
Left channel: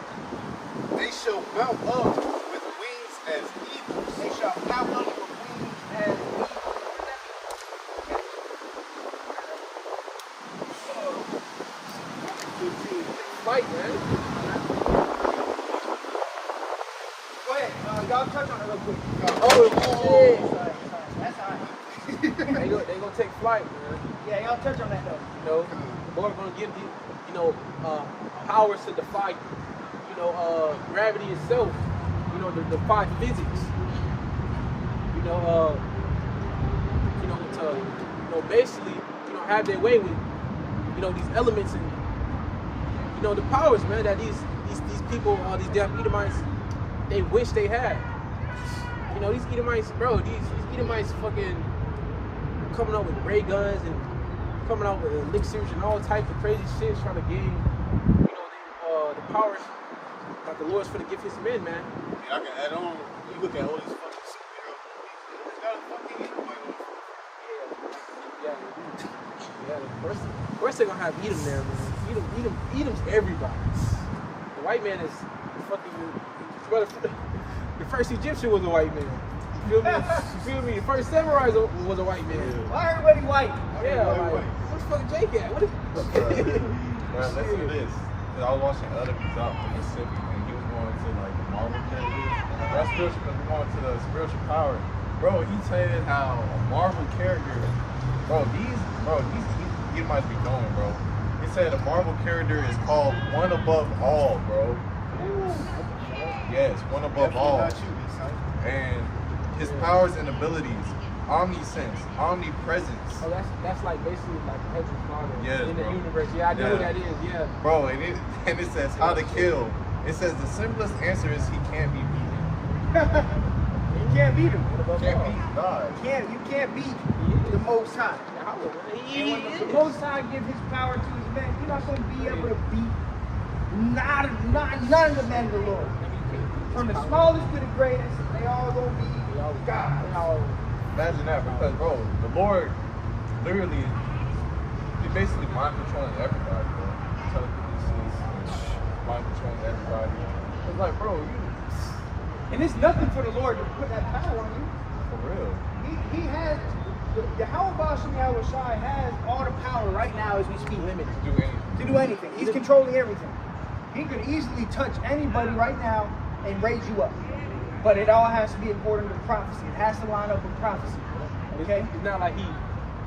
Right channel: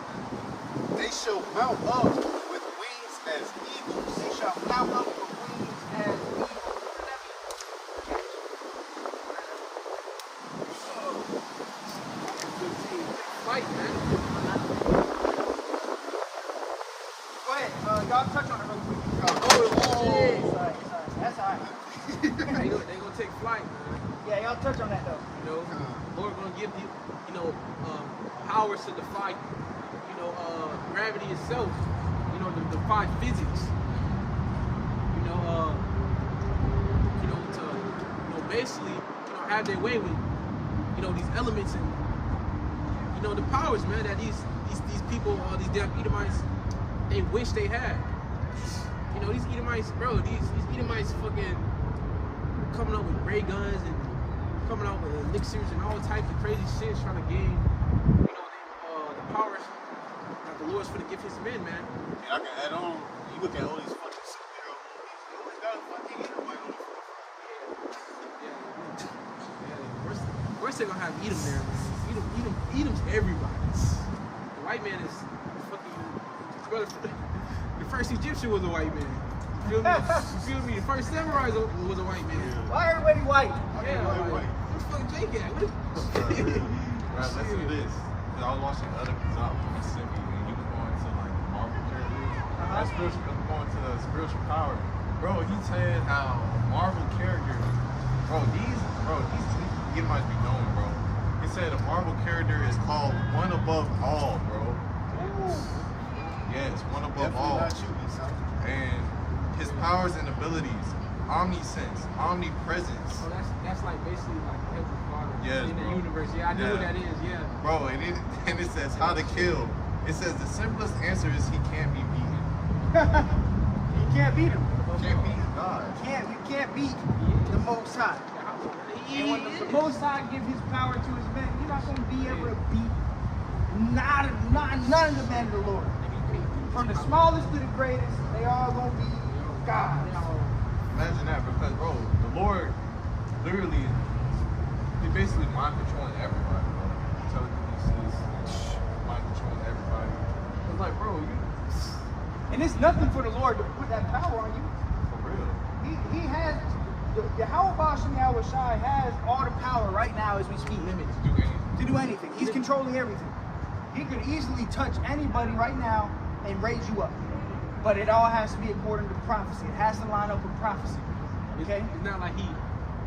They shall mount up with wings as eagles. They shall mount up with wings as eagles. What does that mean? Fight, man. Go ahead. Y'all touch on it real quick. Oh, Sorry. That's all right. they gonna take flight, man. Yeah, y'all touch on that though. You know, the Lord gonna give you, powers to defy, gravity itself. To defy physics. To basically, have their way with, these elements and, the powers, man, that these people, these damn Edomites, they wish they had. These Edomites, bro, these Edomites fucking coming up with ray guns and coming out with elixirs and all types of crazy shit, trying to gain, the powers that the Lord's for to give his men, man. And I can add on, you look at all these fucking superhero movies, they always got a fucking Edomite on the front. Yeah. Of course they're gonna have Edom there, man. Edom's everybody. The white man is fucking the first Egyptian was a white man. You feel me? The first samurai was a white man. Why everybody white? Yeah, like, where's fucking Jake at? Bro, listen to this. Cause I was watching other Kazak from Mississippi, and he was going to like the Marvel characters. That's spiritual because we're going to the spiritual power. Bro, he said how a Marvel character, these Edomites be knowing, bro. He said a Marvel character is called one above all, bro. Yes, one above all. And his powers and abilities, omniscience, omnipresence. Oh, that's like basically like the Heavenly Father in the bro. universe. Yeah, I know what that is. Yeah. Bro, and it says how to kill. It says the simplest answer is he can't be beaten. You can't beat him. Can't beat God. You can't beat the Most High. And when the Most High gives his power to his men, you're not going to be able to beat none of the men of the Lord. From the smallest to the greatest, they all going to be God. Imagine that, because bro, the Lord literally, he basically mind controlling everybody, bro. Telekinesis and mind controlling everybody. It's like, bro, And it's nothing for the Lord to put that power on you. for real. He has, Yahweh Basham Yahweh Shai has all the power right now as we speak. To do anything. He's controlling everything. He could easily touch anybody right now and raise you up. But it all has to be according to prophecy. It has to line up with prophecy. Okay? It's not like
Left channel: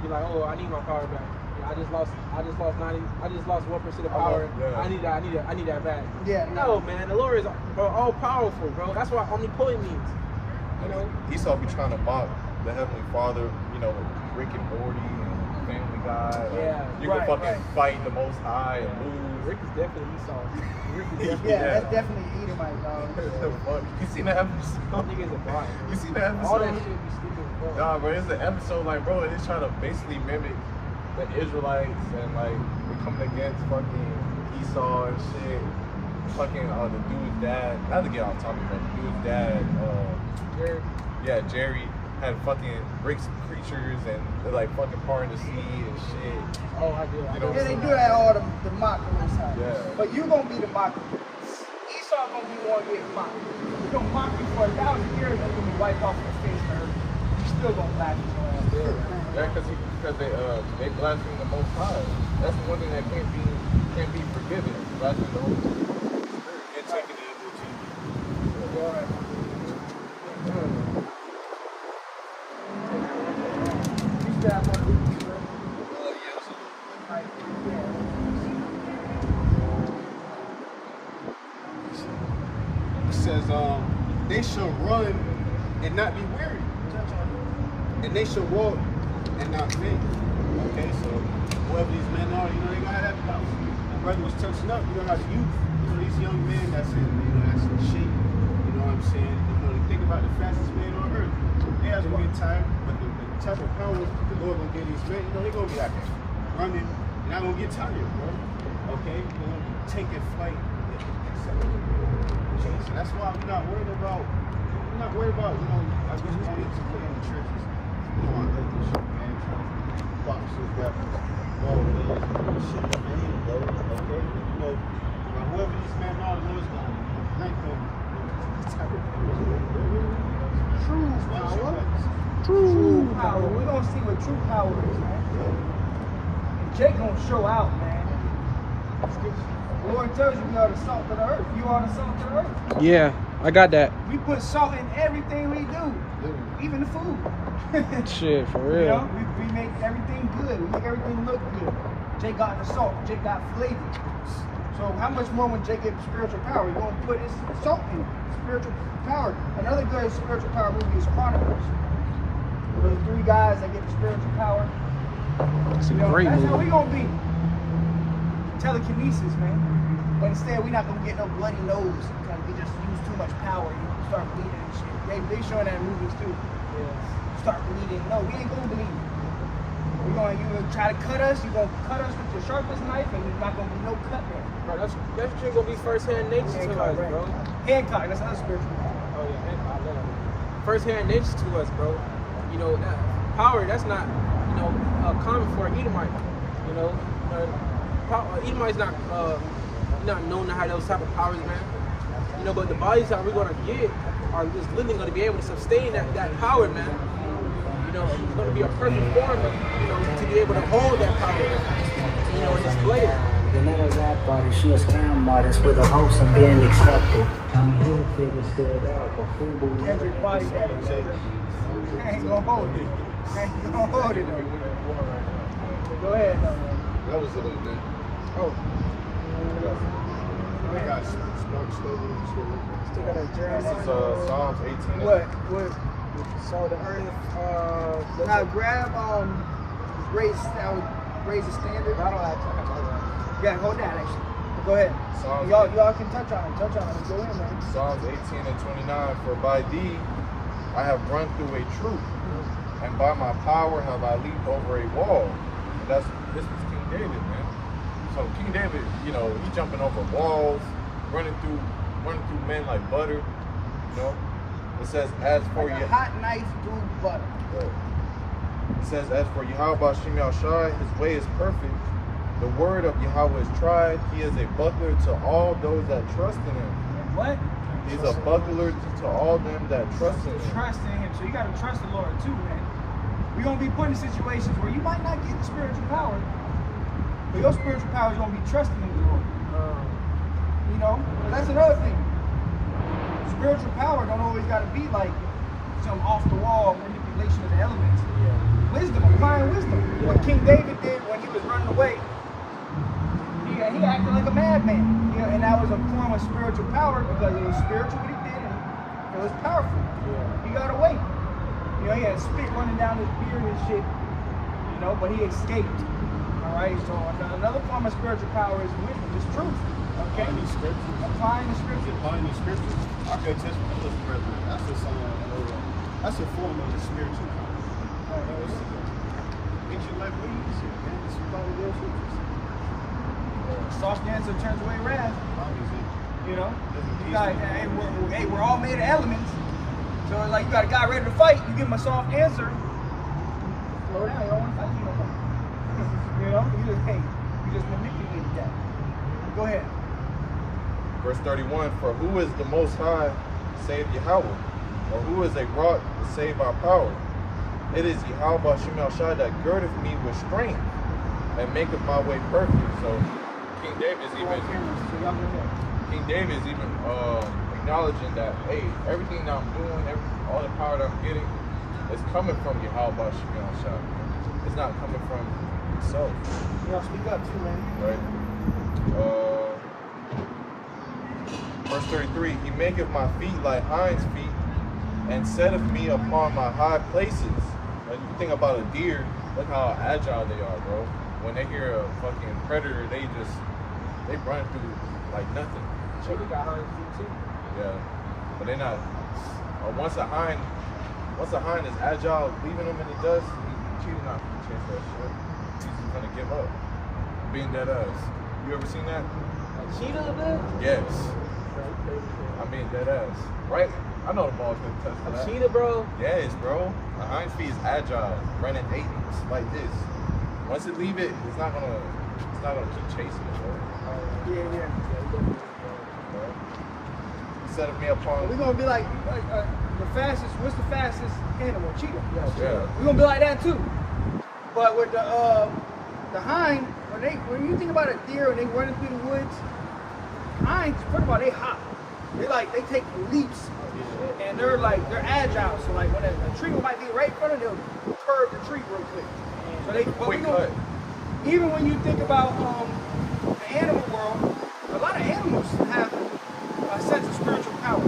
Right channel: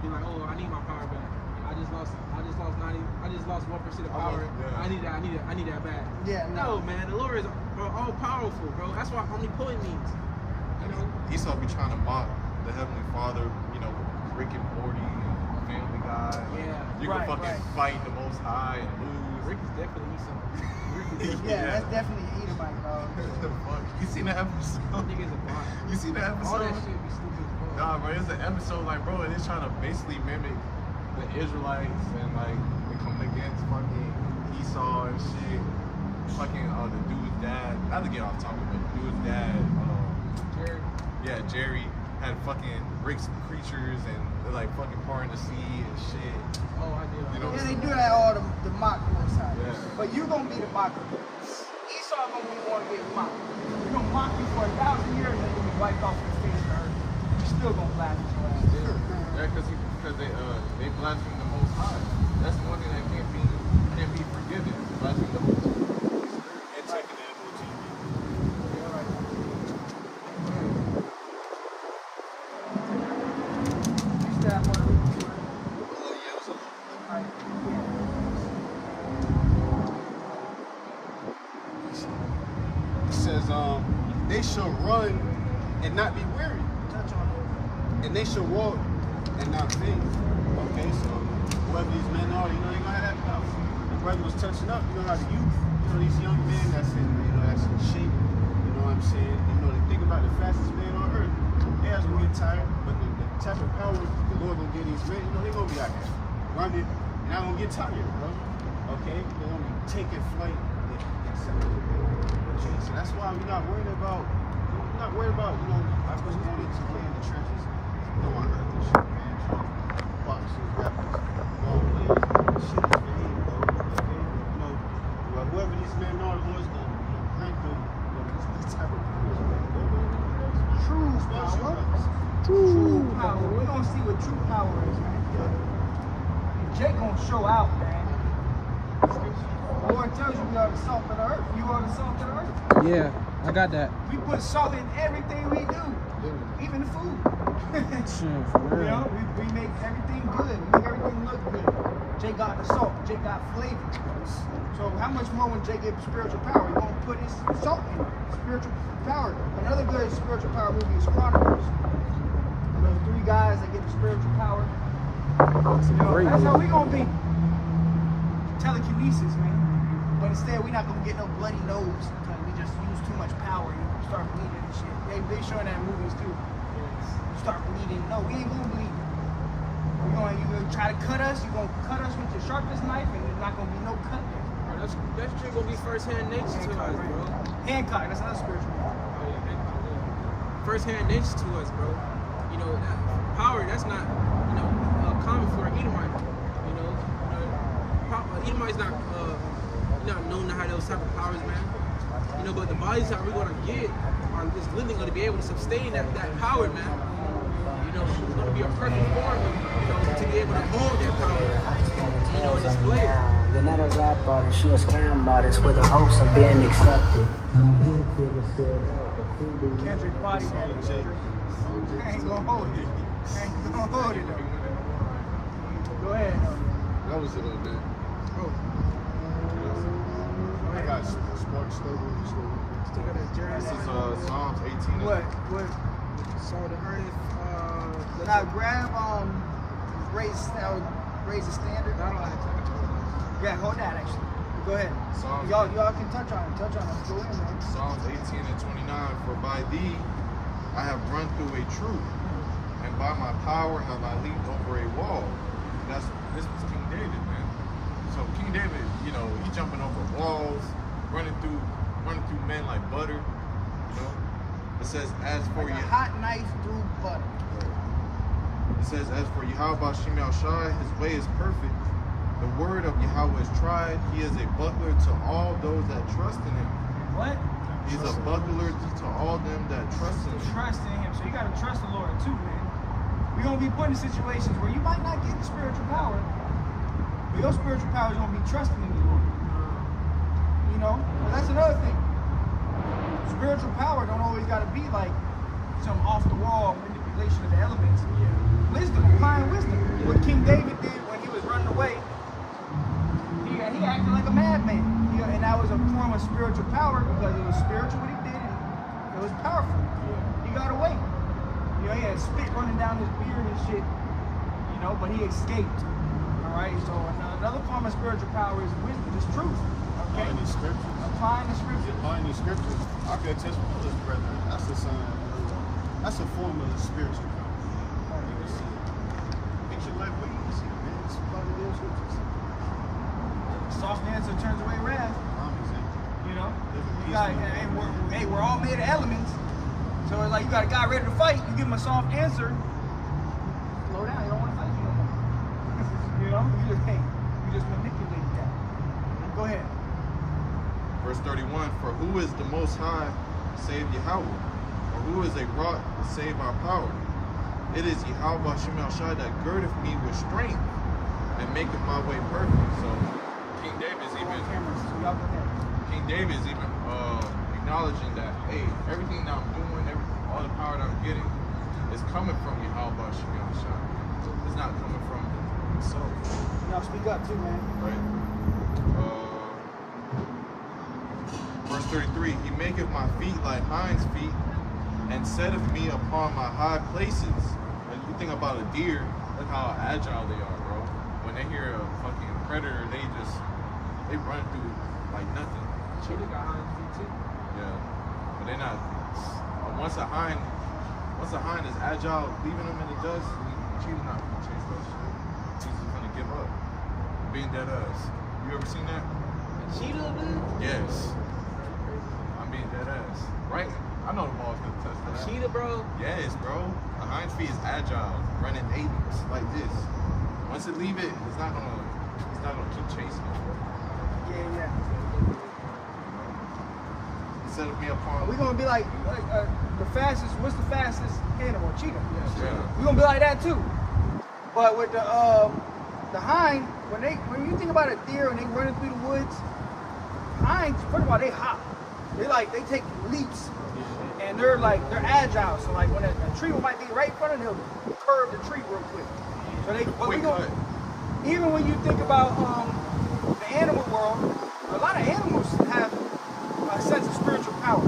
you're like, oh, I need my power back. I just lost 1% of power. Yeah. I need that back. Yeah. No, man, the Lord is all powerful, bro. That's what omnipotent means. Esau be trying to mock the Heavenly Father, with Rick and Morty and Family Guy. Like, Yeah. you Right, can fucking right. fight the Most High and lose. Rick is definitely Esau. Rick is definitely Yeah, that's definitely Edomite, dog. The fuck? You seen the episode? niggas a bot. You seen the episode? All that shit be stupid as fuck. Nah, bro, it's an episode like, bro, it's trying to basically mimic the Israelites and like they coming against fucking Esau and shit. Fucking the dude's dad, not to get off topic, but the dude's dad, Jerry. yeah, Jerry had fucking Rick's creatures and they're like fucking parting the sea and shit. Oh, I do. You know Yeah, they do that all to mock the Most High. Yeah. But you gonna be the mocker. Esau gonna be the one getting mocked. We're gonna mock you for 1,000 years and you're gonna be wiped off the face of the earth. You still gonna blast your ass. Yeah, because they blaspheme the Most High. That's the one thing that can't be forgiven. Blaspheme the Holy Spirit and taking the MOT. Yeah, right. You still have more to read too, right? Oh, yeah, it was a little bit. Alright, yeah. It says, they shall run and not be weary. Touch on it. And they shall walk and not faint. Okay, so whoever these men are, you know, they gonna have that power. My brother was touching up, you know how the youth, you know, these young men that's in, you know, that's in shape, you know what I'm saying? You know, they think about the fastest man on earth. They are gonna get tired, but the type of power the Lord gonna give these men, you know, they're gonna be out there running. You're not gonna get tired, bro. Okay? They're gonna be taking flight, etc. Okay, so that's why we're not worried about, you know, I was going into one of the churches, you know, on earth and shit, man. Boxers, rappers, ball players, shit is fame, bro. Okay? You know, well, whoever these men are, the Lord's gonna grant them this type of powers, man. True power. True power. We're gonna see what true power is, man. And Jake gonna show out, man. The Lord tells you we are the salt of the earth. You are the salt of the earth. Yeah, I got that. We put salt in everything we do, even the food. Shit, for real. You know, we make everything good. We make everything look good. Jake got the salt. Jake got flavor. So how much more when Jake gets spiritual power? You're gonna put his salt in it. Spiritual power. Another good spiritual power movie is Chronicles. Those 3 guys that get the spiritual power. You know, that's how we gonna be. Telekinesis, man. But instead, we're not gonna get no bloody nose because we just use too much power and you start bleeding and shit. They showing that in movies too. Start bleeding. No, we ain't gonna bleed. You gonna try to cut us. You gonna cut us with your sharpest knife, and there's not gonna be no cut there. Bro, that's shit gonna be first-hand nature to us, right. bro. Hancock, that's another spiritual. Oh yeah, first-hand nature to us, bro. You know, that power, that's not, you know, common for an Edomite. You know, Edomites not known to have those type of powers, man. You know, but the bodies that we're gonna get are just literally gonna be able to sustain that power, man. You know, it's gonna be a perfect form, you know, to be able to hold that power, you know, and display it. The never rap artist, she a scam artist with a hopes of being accepted. Kendrick body that. I ain't gonna hold it. I ain't gonna hold it We though. winning the war right now. Go ahead though. That was it, old man. Oh, I got Spark Stove. stick out that journey. This is Psalms 18. What? So the earth, Now grab raise the standard. Yeah, hold that actually. But go ahead. Psalms, Y'all can touch on it. Let's go in, man. Psalms 18 and 29. For by thee I have run through a troop, and by my power have I leaped over a wall. And this was King David, man. So King David, you know, he jumping over walls, running through men like butter. You know, it says as for Like you. a hot knife through butter. It says, as for Yahweh Shem Shai, his way is perfect. The word of Yahweh is tried. He is a buckler to all those that trust in him. And what? He's a buckler to all them that trust in him. Trust in him. So you gotta trust the Lord too, man. We're gonna be put in situations where you might not get the spiritual power, but your spiritual power is gonna be trusting in the Lord. You know? And that's another thing. Spiritual power don't always gotta be like some off the wall manipulation of the elements. Wisdom, applying wisdom. What King David did when he was running away, he acted like a madman. You know, and that was a form of spiritual power because it was spiritual what he did and it was powerful. He got away. You know, he had spit running down his beard and shit. you know, but he escaped. All right, so another form of spiritual power is wisdom, just truth. Okay, Applying these scriptures. Applying the scriptures. Applying these scriptures. I can attest my other brethren. That's a sign of that's a form of the spiritual power. Right, there we go. Makes your life way easier, man. Just apply the damn scriptures. Soft answer turns away wrath. Obviously. You know, Doesn't you got, hey, we're all made of elements. So it's like you got a guy ready to fight. You give him a soft answer. Slow down. You don't want to fight you no more. You know, you just manipulated that. Go ahead. Verse 31, for who is the Most High save Yahweh? Or who is a rock to save our power? It is Yahweh Ba'Shem El Shai that girdeth me with strength and maketh my way perfect. So King David's even acknowledging that, hey, everything that I'm doing, all the power that I'm getting is coming from Yahweh Ba'Shem El Shai. It's not coming from himself. You know, speak up too, man. Right? Verse 33, he maketh my feet like hinds feet, and setteth me upon my high places. When you think about a deer, look how agile they are, bro. When they hear a fucking predator, they run through like nothing. Cheetah got hind feet too. Yeah, but they're not. Once a hind is agile, leaving them in the dust, cheetah's not gonna chase that shit. He's just gonna give up. Being dead ass. You ever seen that? A cheetah, man? Yes. I'm being dead ass. Right? I know the ball's gonna touch for that. A cheetah, bro? Yes, bro. A hind feet is agile, running 80s like this. Once it leave it, it's not gonna keep chasing it, bro. Yeah. Bro. He set me upon. We're gonna be like the fastest. What's the fastest animal? Cheetah. Yeah. We're gonna be like that too. But with the hind, when you think about a deer and they running through the woods, hinds, first of all, they hop. They take leaps, and they're agile. So like when a tree might be right in front of them, they'll curve the tree real quick. So they Quick cut. Even when you think about the animal world, a lot of animals have a sense of spiritual power.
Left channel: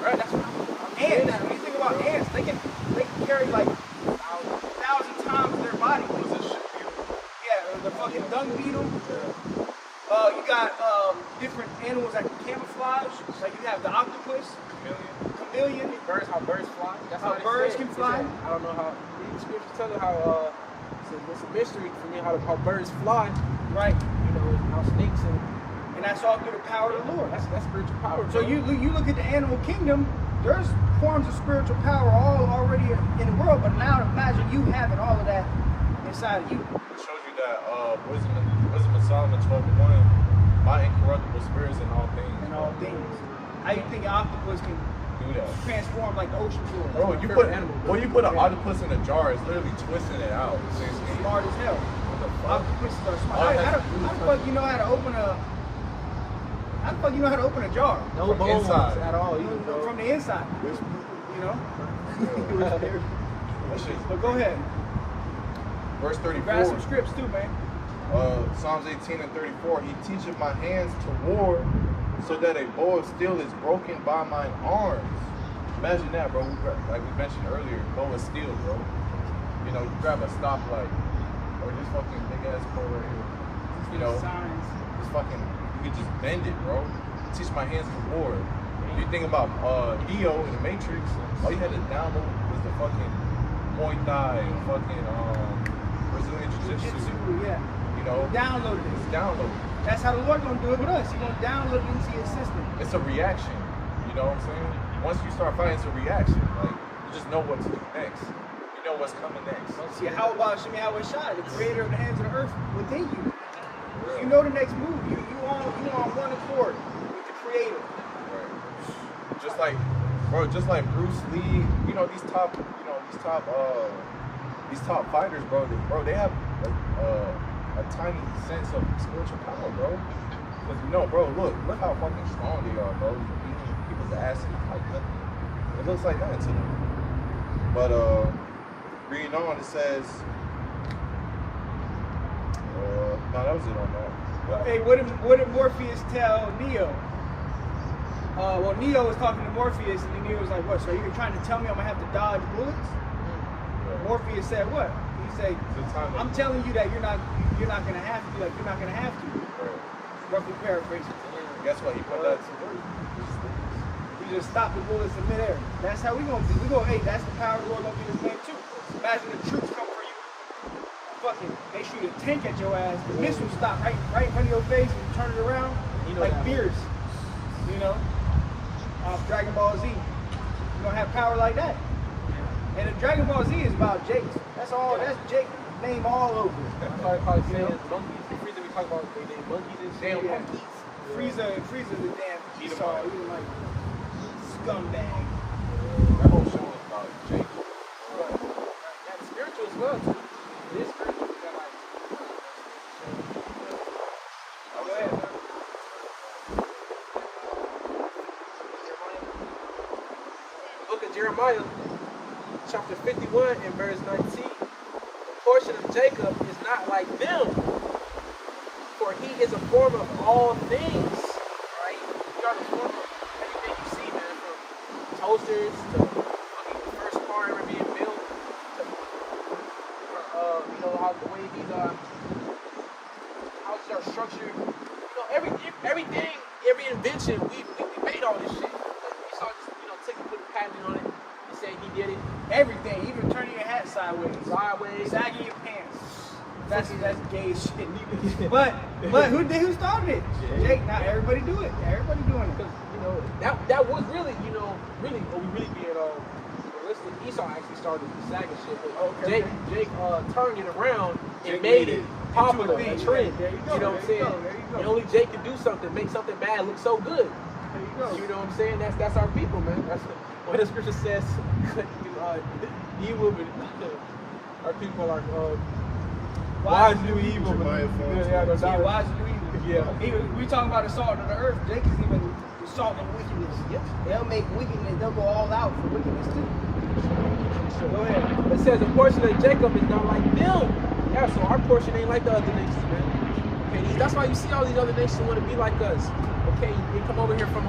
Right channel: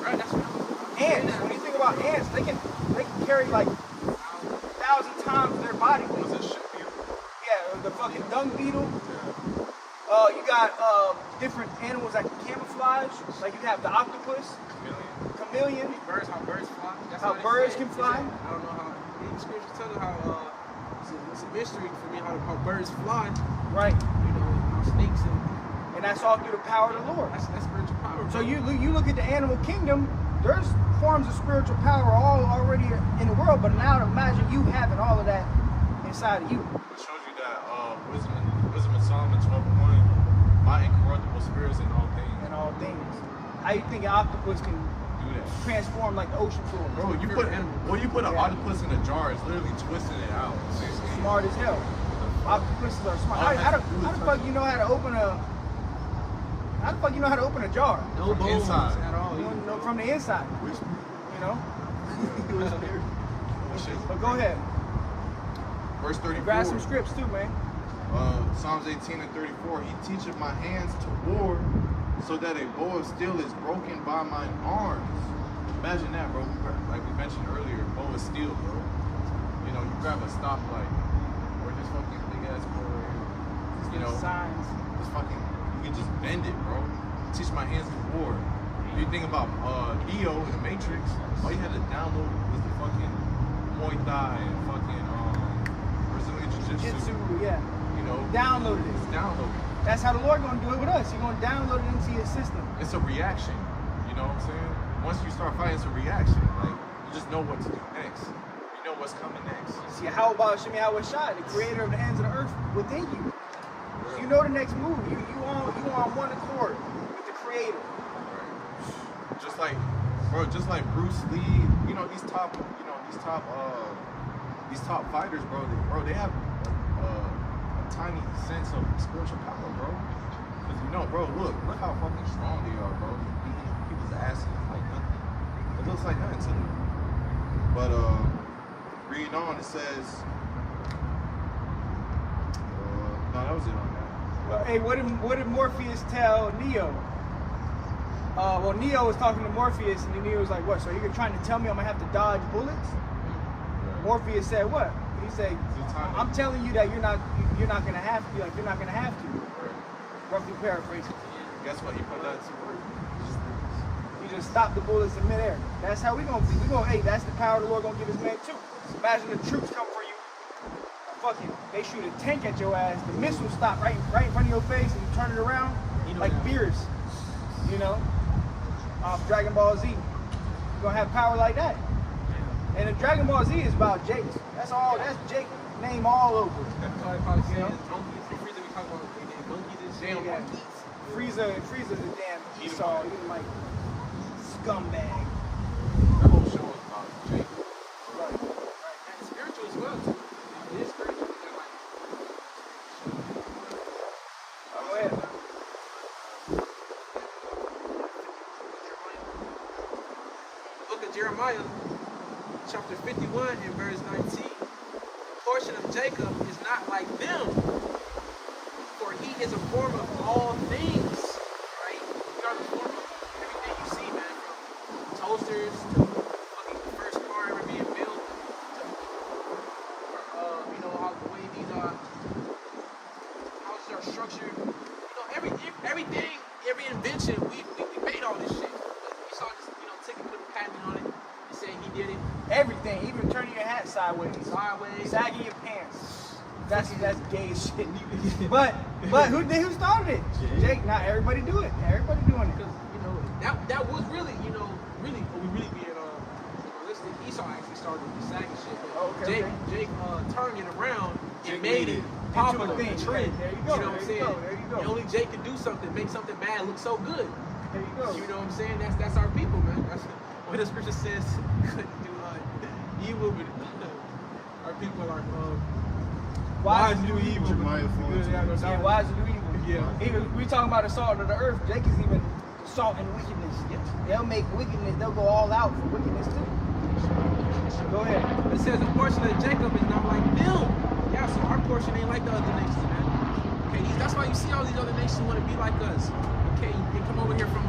Right? That's what I'm ants. When you think about ants, they can carry like 1,000 times their body. What was it? Shit beetle? Yeah, the fucking dung beetle. Yeah. You got different animals that can camouflage. Like you have the octopus, chameleon. How birds fly. That's How they birds said. can He fly. said, I don't know how. The scriptures tell you how. It's a mystery for me how birds fly. Right. You know how snakes and that's all through the power of the Lord. that's spiritual power. So bro. you look at the animal kingdom. There's forms of spiritual power all already in the world, but now imagine you having all of that inside of you. It shows you that wisdom of Solomon 12:1, my incorruptible spirits in all things. And all things. How you think an octopus can Do that. transform like the ocean floor? Bro, you put an octopus in a jar, it's literally twisting it out. Smart as hell. Octopuses are smart. All it How has to do the is fuck touch you know how to open a? How the fuck you know how to open a jar? no from bones inside. at all. You know, from the inside. You know. That shit's But go ahead. Verse Grab 34. some scripts too, man. Psalms 18:34. He teacheth my hands to war, so that a bow of steel is broken by mine arms. Imagine that, bro. Like we mentioned earlier, bow of steel, bro. You know, you grab a stoplight or just fucking big ass pole right here. You know, Signs. just fucking, you can just bend it, bro. Teach my hands to war. If you think about Neo in the Matrix, all you had to download was the fucking Muay Thai and fucking Brazilian Jiu-Jitsu. Jiu-Jitsu, yeah. You know, Downloaded it's it. downloaded. That's how the Lord gonna do it with us. He's gonna download it into your system. It's a reaction. You know what I'm saying? Once you start fighting, it's a reaction. Like, you just know what to do next. You know what's coming next. See, how about Shemi Shai, the creator of the hands of the earth within you? For real. You know the next move. You on one accord with the creator. Right. Just like Bruce Lee, you know, these top fighters, bro, they have a tiny sense of spiritual power, bro. Because you know, bro, look how fucking strong they are, bro. Beating people's asses like nothing. It looks like nothing to them. But reading on, it says, no, that was it on that. Hey, what did Morpheus tell Neo? Well, Neo was talking to Morpheus, and Neo was like, "What? So you're trying to tell me I'm gonna have to dodge bullets?" Yeah. Morpheus said, "What?" He say, It's a time to I'm telling you that you're not gonna have to. Like you're not gonna have to. Right. Roughly paraphrase. Guess what? He put that to work. You just stop the bullets in midair. That's how we gonna do. We gonna, hey, that's the power the Lord gonna give His man too. Imagine the troops come for you. Fuck it. They shoot a tank at your ass. The missile stop right in front of your face. Turn it around. You know like that. beers. You know, off Dragon Ball Z. You gonna have power like that. And if Dragon Ball Z is about Jakes, that's all. That's Jake name all over it. That's why they probably say it's monkeys. The reason we talk about they monkeys and shit. Damn Yeah. monkeys. Frieza's a damn Edomite. Edomite scumbag. That whole show is about Jake. And it's spiritual as well too. It is spiritual. That like. Go ahead, man. Book of Jeremiah, chapter 51 and verse 19. The portion of Jacob is not like them, for he is a form of all things. Right? You are the form of everything you see, man, from toasters to fucking the first car ever being built to you know how the way these houses are structured. You know, everything, every invention, we made all this shit. Like, we saw this, you know, Ticket put a patent on it and saying he did it. Everything, even turning your hat sideways, Sideways. sagging your pants. That's gay shit. But who started it? Jake. Not everybody do it. Everybody doing it. Because, you know, that was really, you know, really, we really being realistic. Esau actually started the sagging shit. But Okay. Jake turned it around and Jake made made it it popular, into a a thing. trend. There you go, You know what I'm there you saying? go, there you go. And only Jake can do something, make something bad look so good. There you go. You know what I'm saying? That's our people, man. That's what the scripture says. Couldn't do evil, but our people are wise to do evil, but Jeremiah good. Yeah, no Yeah, doubt. wise to do evil. Yeah. Even we talking about the salt of the earth. Jake is even the salt and wickedness. Yep. They'll make wickedness. They'll go all out for wickedness too. Go ahead. But it says the portion of Jacob is not like them. Yeah, so our portion ain't like the other nations, man. Okay, that's why you see all these other nations want to be like us. Okay, they come over here from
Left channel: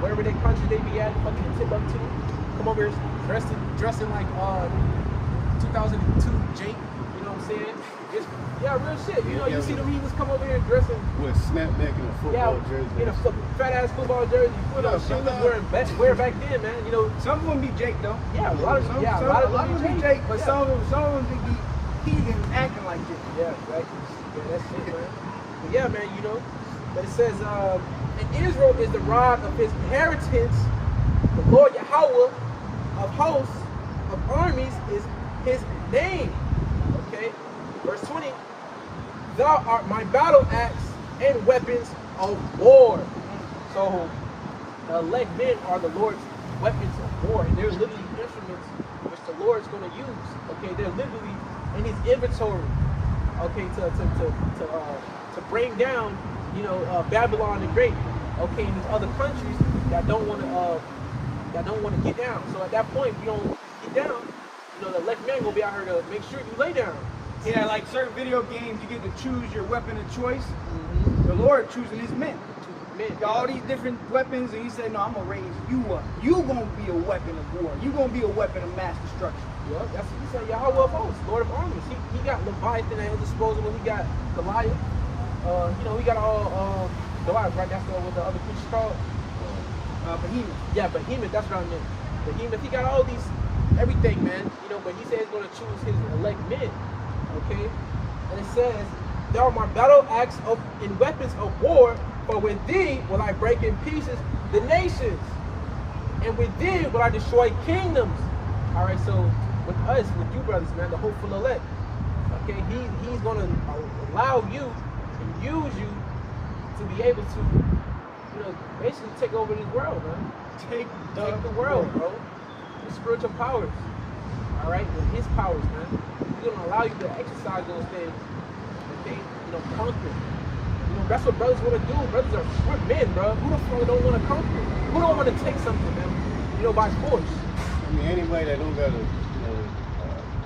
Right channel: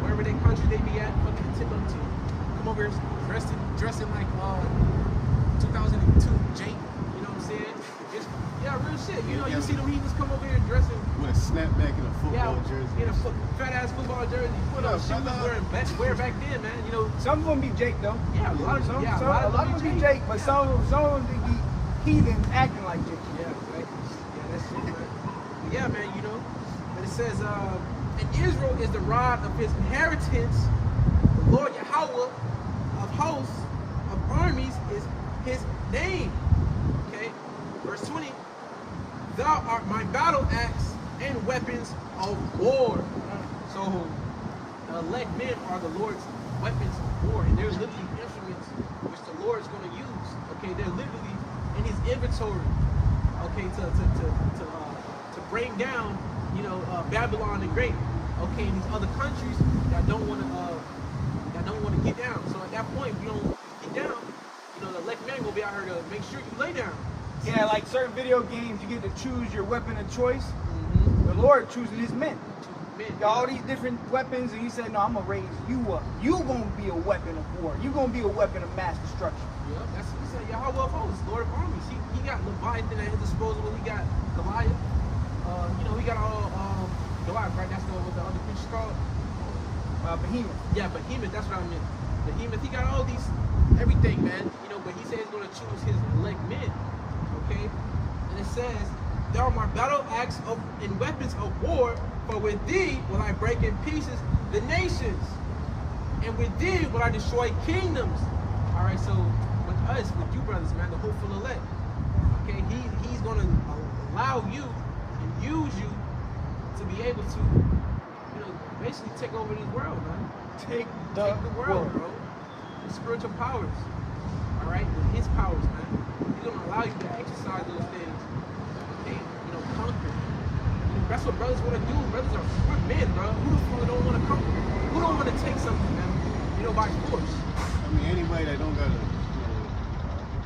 wherever their country they be at, fucking Timbuktu. Come over here dressing like 2002 Jake. You know what I'm saying? Just yeah, real shit. You know, you see them heathens come over here dressing. With a snapback and a football jersey. In a fat ass football jersey. You know, up, shit we was brother? wearing back then, man. You know, Some of them be Jake though. yeah, a lot of them be Jake, but yeah. some of them be heathens acting like Jake. Yeah, exactly. Yeah, that's it, man. But yeah, man, you know. But it says, and Israel is the rod of his inheritance. The Lord Yahweh of hosts, of armies is his name. Okay? Verse 20. Thou art my battle axe and weapons of war. So the elect men are the Lord's weapons of war, and they're literally instruments which the Lord is going to use. Okay, they're literally in His inventory. Okay, to bring down, you know, Babylon the Great. Okay, and these other countries that don't want to get down. So at that point, we don't get down. You know, the elect men gonna be out here to make sure you lay down. Yeah, like certain video games, you get to choose your weapon of choice. Mm-hmm. The Lord choosing His men. Men, All these different weapons, and He said, "No, I'm gonna raise you up. You gonna be a weapon of war. You gonna be a weapon of mass destruction." Yep, that's he said Yahweh of hosts, Lord of armies. He got Leviathan at his disposal. He got Goliath. You know, he got all Goliath, right? That's what the other creatures called. Behemoth. Yeah, Behemoth. That's what I meant. Behemoth. He got all these, everything, man. You know, but he said he's going to choose his elect men. Okay, and it says, "Thou art my battle axe and weapons of war. For with thee will I break in pieces the nations, and with thee will I destroy kingdoms." All right, so with us, with you brothers, man, the hopeful elect, okay, he's going to allow you and use you to be able to, you know, basically take over this world, man. Take the world, bro. The spiritual powers, all right, with His powers, man. He's going to allow you to exercise those things, okay, you know, conquer. You know, that's what brothers want to do. We're men, bro. Who the fuck don't want to conquer? Who don't want to take something, man? You know, by force. I mean, anybody that don't got a, you know,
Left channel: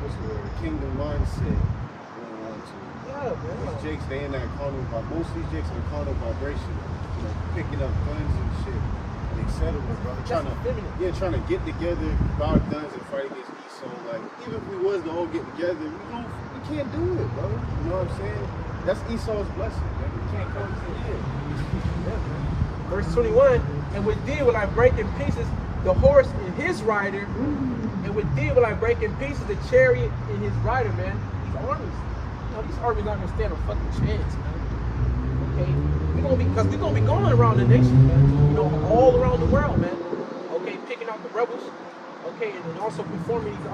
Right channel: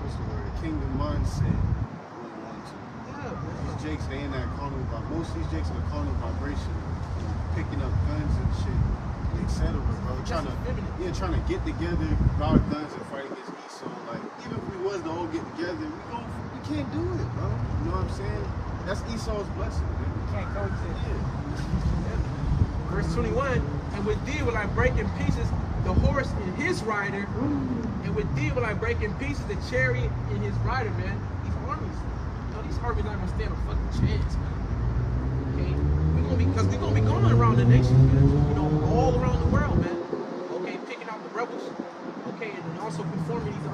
what's the word, kingdom mindset wouldn't want to. Yeah, man. These jakes, they in that carnal, most of these jakes in the carnal vibration, you know, picking up guns and shit, and etc. brother. That's feminine. Trying to get together, buy our guns and fight against Esau. Like, even if we was to all get together, we can't do it, bro. You know what I'm saying? That's Esau's blessing, man. You can't come here. Yeah, man. Verse 21, and with thee will I break in pieces the horse and his rider, and with thee will I break in pieces the chariot and his rider, man. These armies, these armies not gonna stand a fucking chance, man. Okay, because we're gonna be going around the nations, man. All around the world, man. Okay, picking out the rebels. Okay, and then also performing these,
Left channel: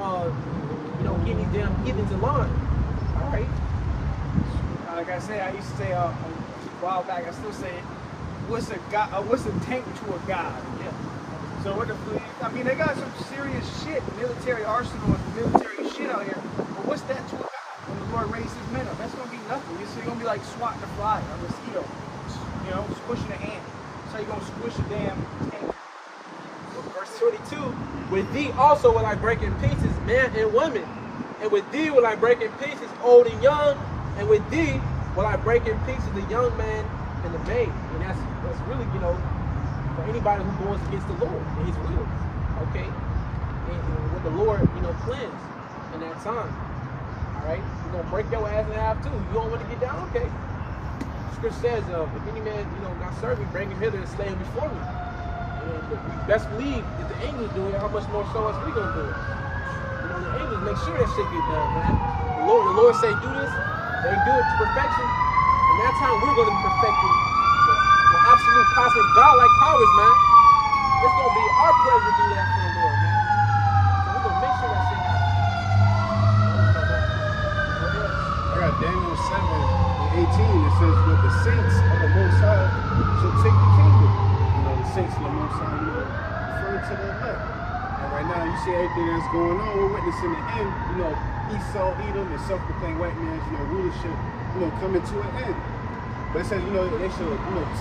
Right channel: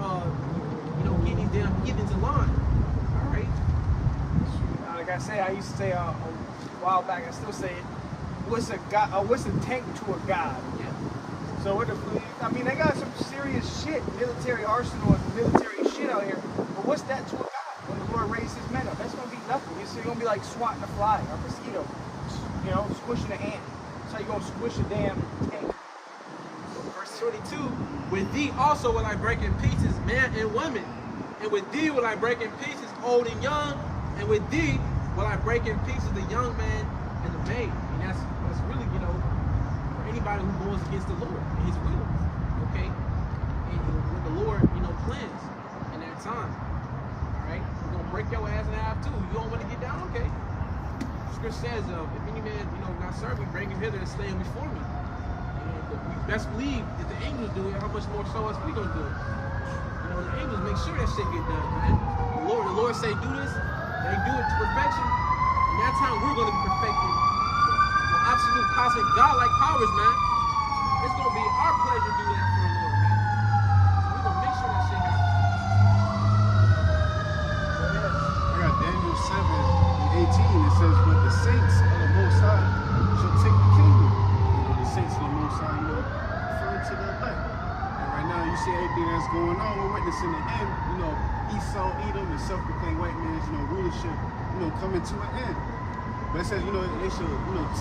getting these damn heathens in line. All right. Like I say, I used to say a while back. I still say, what's a god? What's a tank to a god? Yeah. So they got some serious shit, military arsenal and military shit out here. But what's that to a god? When the Lord raised his men up, that's gonna be nothing. You're gonna be like swatting a fly, a mosquito, squishing an ant. So you're gonna squish a damn tank. Verse 22, with thee also will I break in pieces man and woman, and with thee will I break in pieces old and young, and with thee will I break in pieces the young man and the maid. And that's really, for anybody who goes against the Lord and his will, okay? And what the Lord, plans in that time, all right? You're going to break your ass in half too. You don't want to get down, okay? Scripture says, if any man, not serving, bring him hither and slay him before me. And we best believe if the angels do it, how much more so us we going to do it? The angels make sure that shit get done, man. The Lord say do this, they do it to perfection, and that time we're going to be perfected. Absolute cosmic godlike powers, man. It's gonna be our pleasure to do that for the Lord, man. So we're gonna make sure that shit happens. I got Daniel 7:18. It says, but the saints of the Most High shall take the kingdom. The saints of the Most High, referring to the elect. And right now, you see everything that's going on. We're witnessing the end. Esau, Edom, the self-proclaimed white man's, rulership, coming to an end. But it says, they should,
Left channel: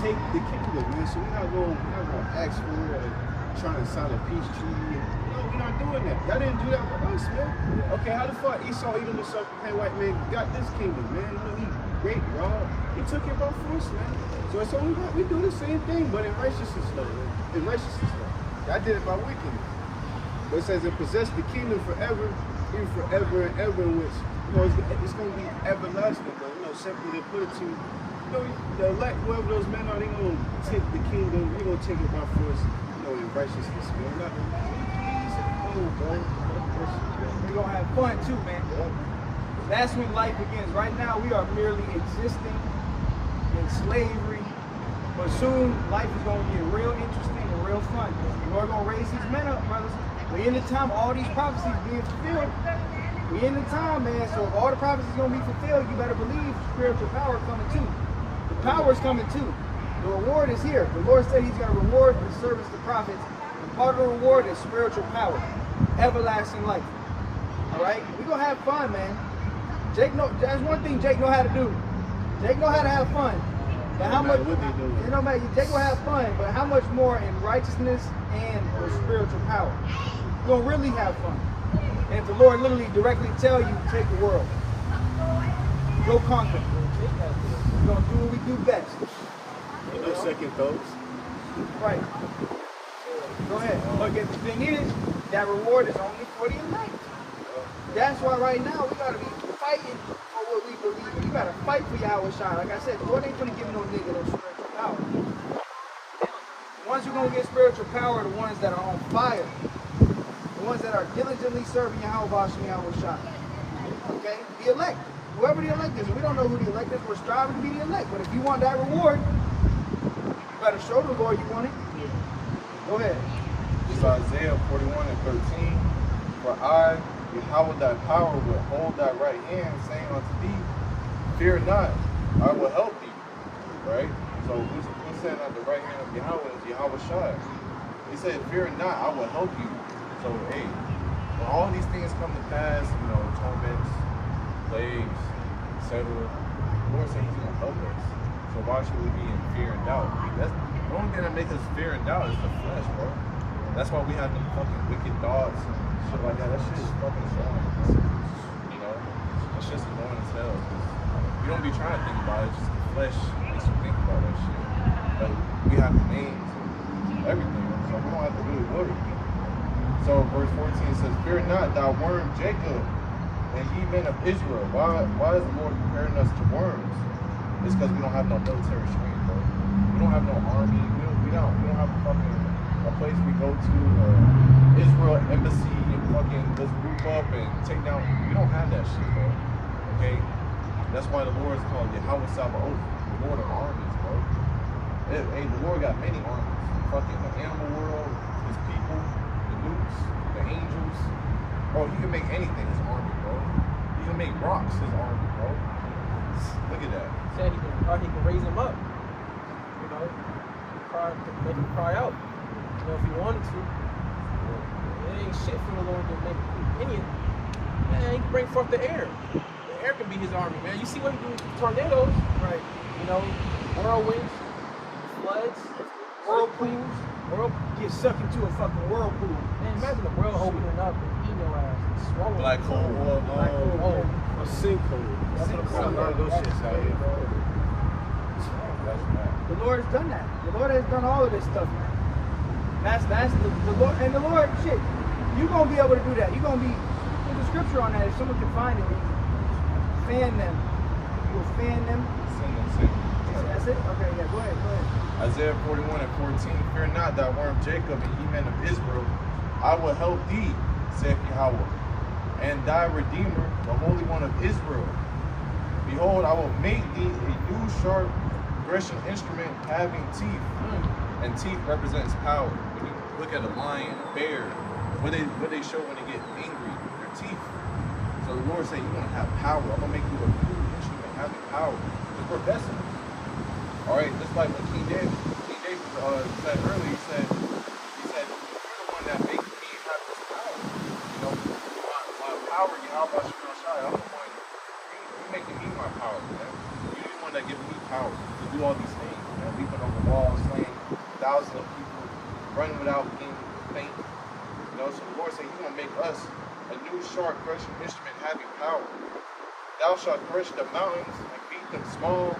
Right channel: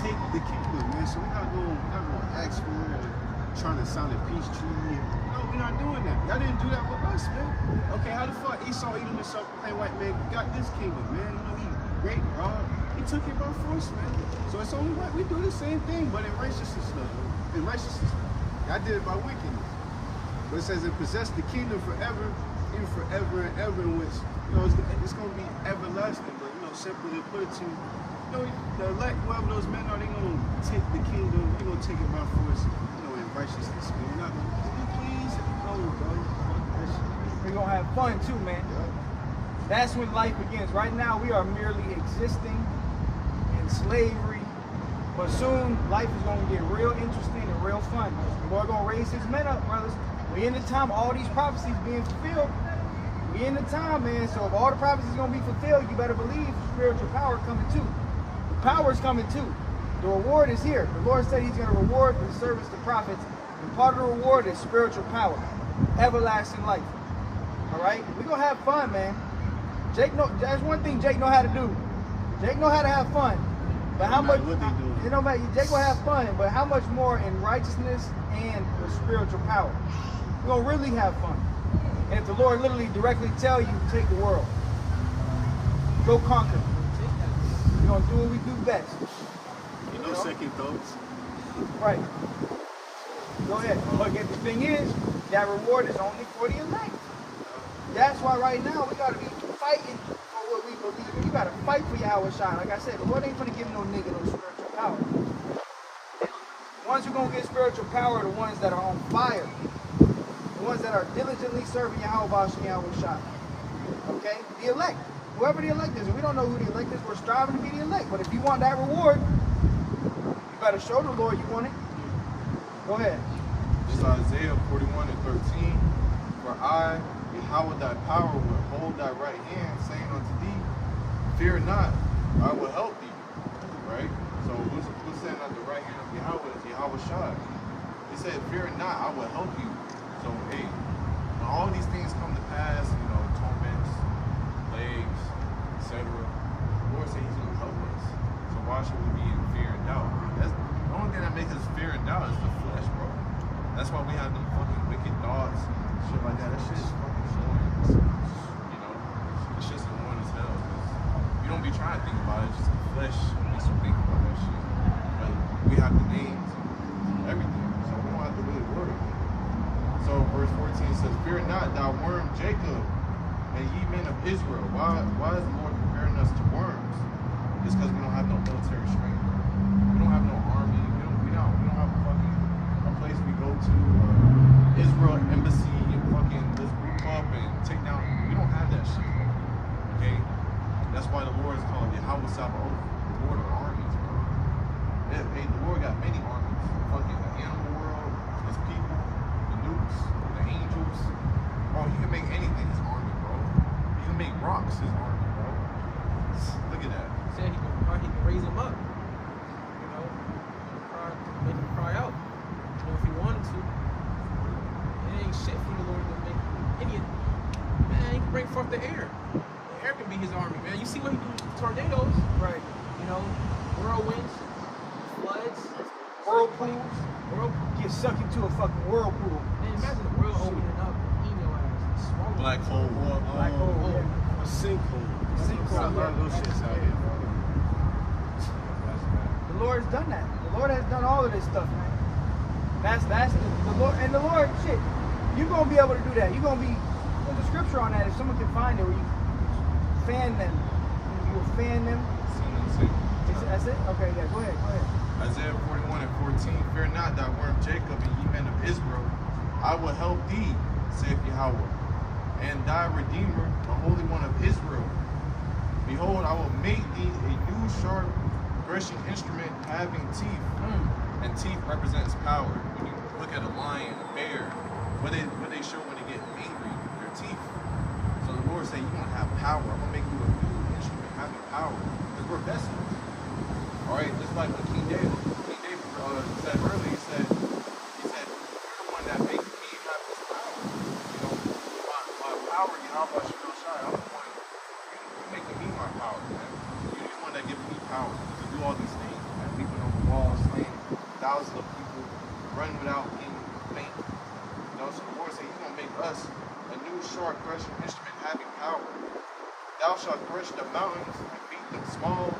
take the kingdom, man. So we're not going to ask for it or trying to sign a peace treaty. No, we're not doing that. Y'all didn't do that with us, man. Okay, how the fuck Esau, Edom, the self-proclaimed white man, got this kingdom, man? He great, Rob. He took it by force, man. So it's only right. We do the same thing, but in righteousness, though. In righteousness, though. Y'all did it by wickedness. But it says, it possessed the kingdom forever, even forever and ever, in which, it's going to be everlasting. But, simply to put it to you, the elect, whoever those men are, they're going to take the kingdom, they're going to take it by force, in righteousness, man. We're not going to no, bro. We're going to have fun too, man. Yeah. That's when life begins. Right now, we are merely existing in slavery. But soon, life is going to get real interesting and real fun. The Lord going to raise his men up, brothers. We in the time, all these prophecies being fulfilled. We in the time, man. So if all the prophecies going to be fulfilled, you better believe spiritual power coming too. Power is coming too. The reward is here. The Lord said he's going to reward the service to prophets. And part of the reward is spiritual power. Everlasting life. Alright? We're going to have fun, man. That's one thing Jake know how to do. Jake know how to have fun. But how much, what they do. Jake will have fun, but how much more in righteousness and spiritual power? You're going to really have fun. And if the Lord literally directly tell you, take the world. Go conquer. We're going to do what we do best. No second thoughts. Right. Go ahead. But the thing is, that reward is only for the elect. That's why right now we got to be fighting for what we believe. We got to fight for Yahweh Shai. Like I said, the Lord ain't going to give no nigga no spiritual power. The ones who going to get spiritual power are the ones that are on fire. The ones that are diligently serving Yahweh Shai. Okay? The elect. Whoever the elect is, and we don't know who the elect is, we're striving to be the elect. But if you want that reward, you better show the Lord you want it. Go ahead. This is Isaiah 41:13. For I, Yahweh thy power, will hold thy right hand, saying unto thee, fear not, I will help thee. Right? So who's saying at the right hand of Yahweh is Yahweh Shai. He said, fear not, I will help you. So hey, when all these things come to pass, torments, plagues, etc., the Lord said he's going to help us. So why should we be in fear and doubt? That's the only thing that makes us fear and doubt is the flesh, bro. That's why we have them fucking wicked thoughts and shit like that. That shit is fucking annoying, bro. That shit's annoying as hell, because you don't be trying to think about it, just the flesh makes you think about that shit. But we have the names and everything. so we don't have to really worry. So verse 14 says, "Fear not, thou worm Jacob, and ye men of Israel." Why is the Lord preparing us to worms? It's because we don't have no military strength, bro. We don't have no army. We don't have a place we go to, Israel embassy, and fucking let's group up and take down. We don't have that shit, bro. Okay, that's why the Lord is called Yahweh Sabaoth, the Lord of armies, bro. Hey, the Lord got many armies. Fucking the animal world, his people, the newts, the angels. Bro, he can make anything his army, bro. He can make rocks his army, bro. Look at that. Said he can raise him up. You know, make him cry out. You know, if he wanted to. It ain't shit for the Lord to make any. Man, he can bring forth the air. The air can be his army, man. You see what he do with tornadoes, Right. you know, whirlwinds, floods, whirlpools. Get sucked into a fucking whirlpool. Man, imagine the world opening up and eating your ass and swallowing Black you. hole. Oh, A sinkhole. That's what I'm Got a lot of those saying. shits out here, bro. That's bad. The Lord's done that. The Lord has done all of this stuff, man. That's the Lord, and the Lord, shit, you're gonna be able to do that. You're gonna be, put the scripture on that. If someone can find it, when you fan them, you'll fan them. Send them same. That's it. Okay, yeah, go ahead. Isaiah 41 and 14, "Fear not, thou worm Jacob, and ye men of Israel. I will help thee, saith Yahweh, and thy Redeemer, the Holy One of Israel. Behold, I will make thee a new sharp threshing instrument having teeth." And teeth represents power. When you look at a lion, a bear, what they show when they get angry, their teeth. So the Lord said, "You want to have power. I'm gonna make you a new instrument having power, because we're vessels." All right, just like when King David said earlier, he said, "You're the one that makes me have this power. You know, my power, Yahweh Shai. I'm the one. You're making me my power, man. You're the one that gives me power to do all these things, man. Leaping over walls, slaying thousands of people, running without getting faint. You know, so the Lord said, "You're gonna make us a new sharp threshing instrument having power. Thou shalt thresh the mountains and beat them small,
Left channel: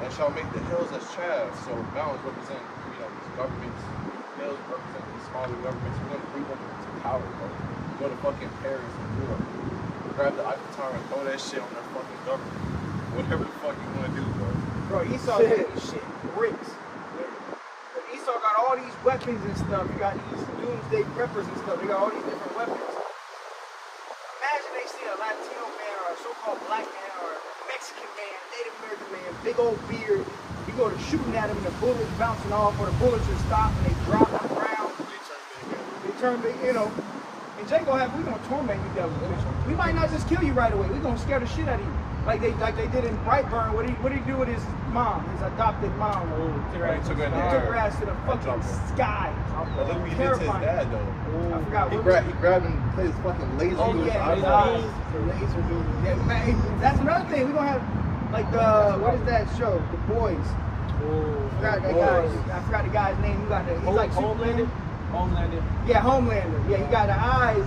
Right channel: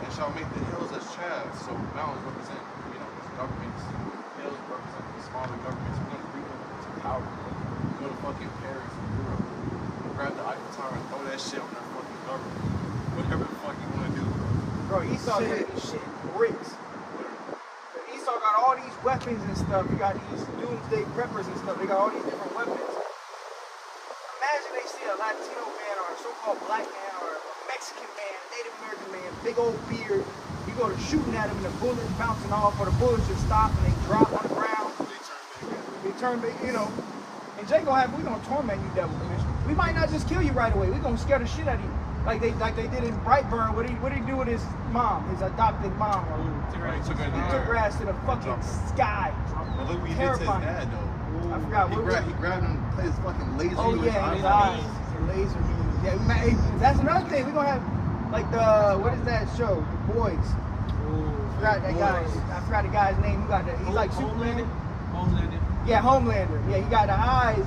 and shall make the hills as chaff." So mountains represent, these governments. Hills represent these smaller governments. We're gonna bring them to power, bro. Go to fucking Paris and Europe. Grab the Eiffel Tower and throw that shit on their fucking government. Whatever the fuck you wanna do, bro. Bro, Esau did this shit bricks. Esau got all these weapons and stuff. He got these doomsday preppers and stuff. They got all these different weapons. Imagine they see a Latino man or a so-called black man or a Mexican man, Native American man, big old beard. You go to shooting at him and the bullets bouncing off, or the bullets just stop and they drop on the ground. They turn back, And Jay gonna have, we gonna torment you, devil. We might not just kill you right away. We gonna scare the shit out of you. Like they did in Brightburn. What did he do with his mom, his adopted mom? Took her in the Took air. her ass to the fucking dropped her. sky. But look what he did to his dad, though. I forgot He what grabbed him, played his fucking laser Oh to his yeah, his eyeball. eyes. Laser beam. Yeah, man, that's another thing. We're gonna have like the what is that show? The Boys. I forgot that guy. I forgot the guy's name. He's like Superman. Homelander. Yeah, Homelander. Yeah, he got the eyes.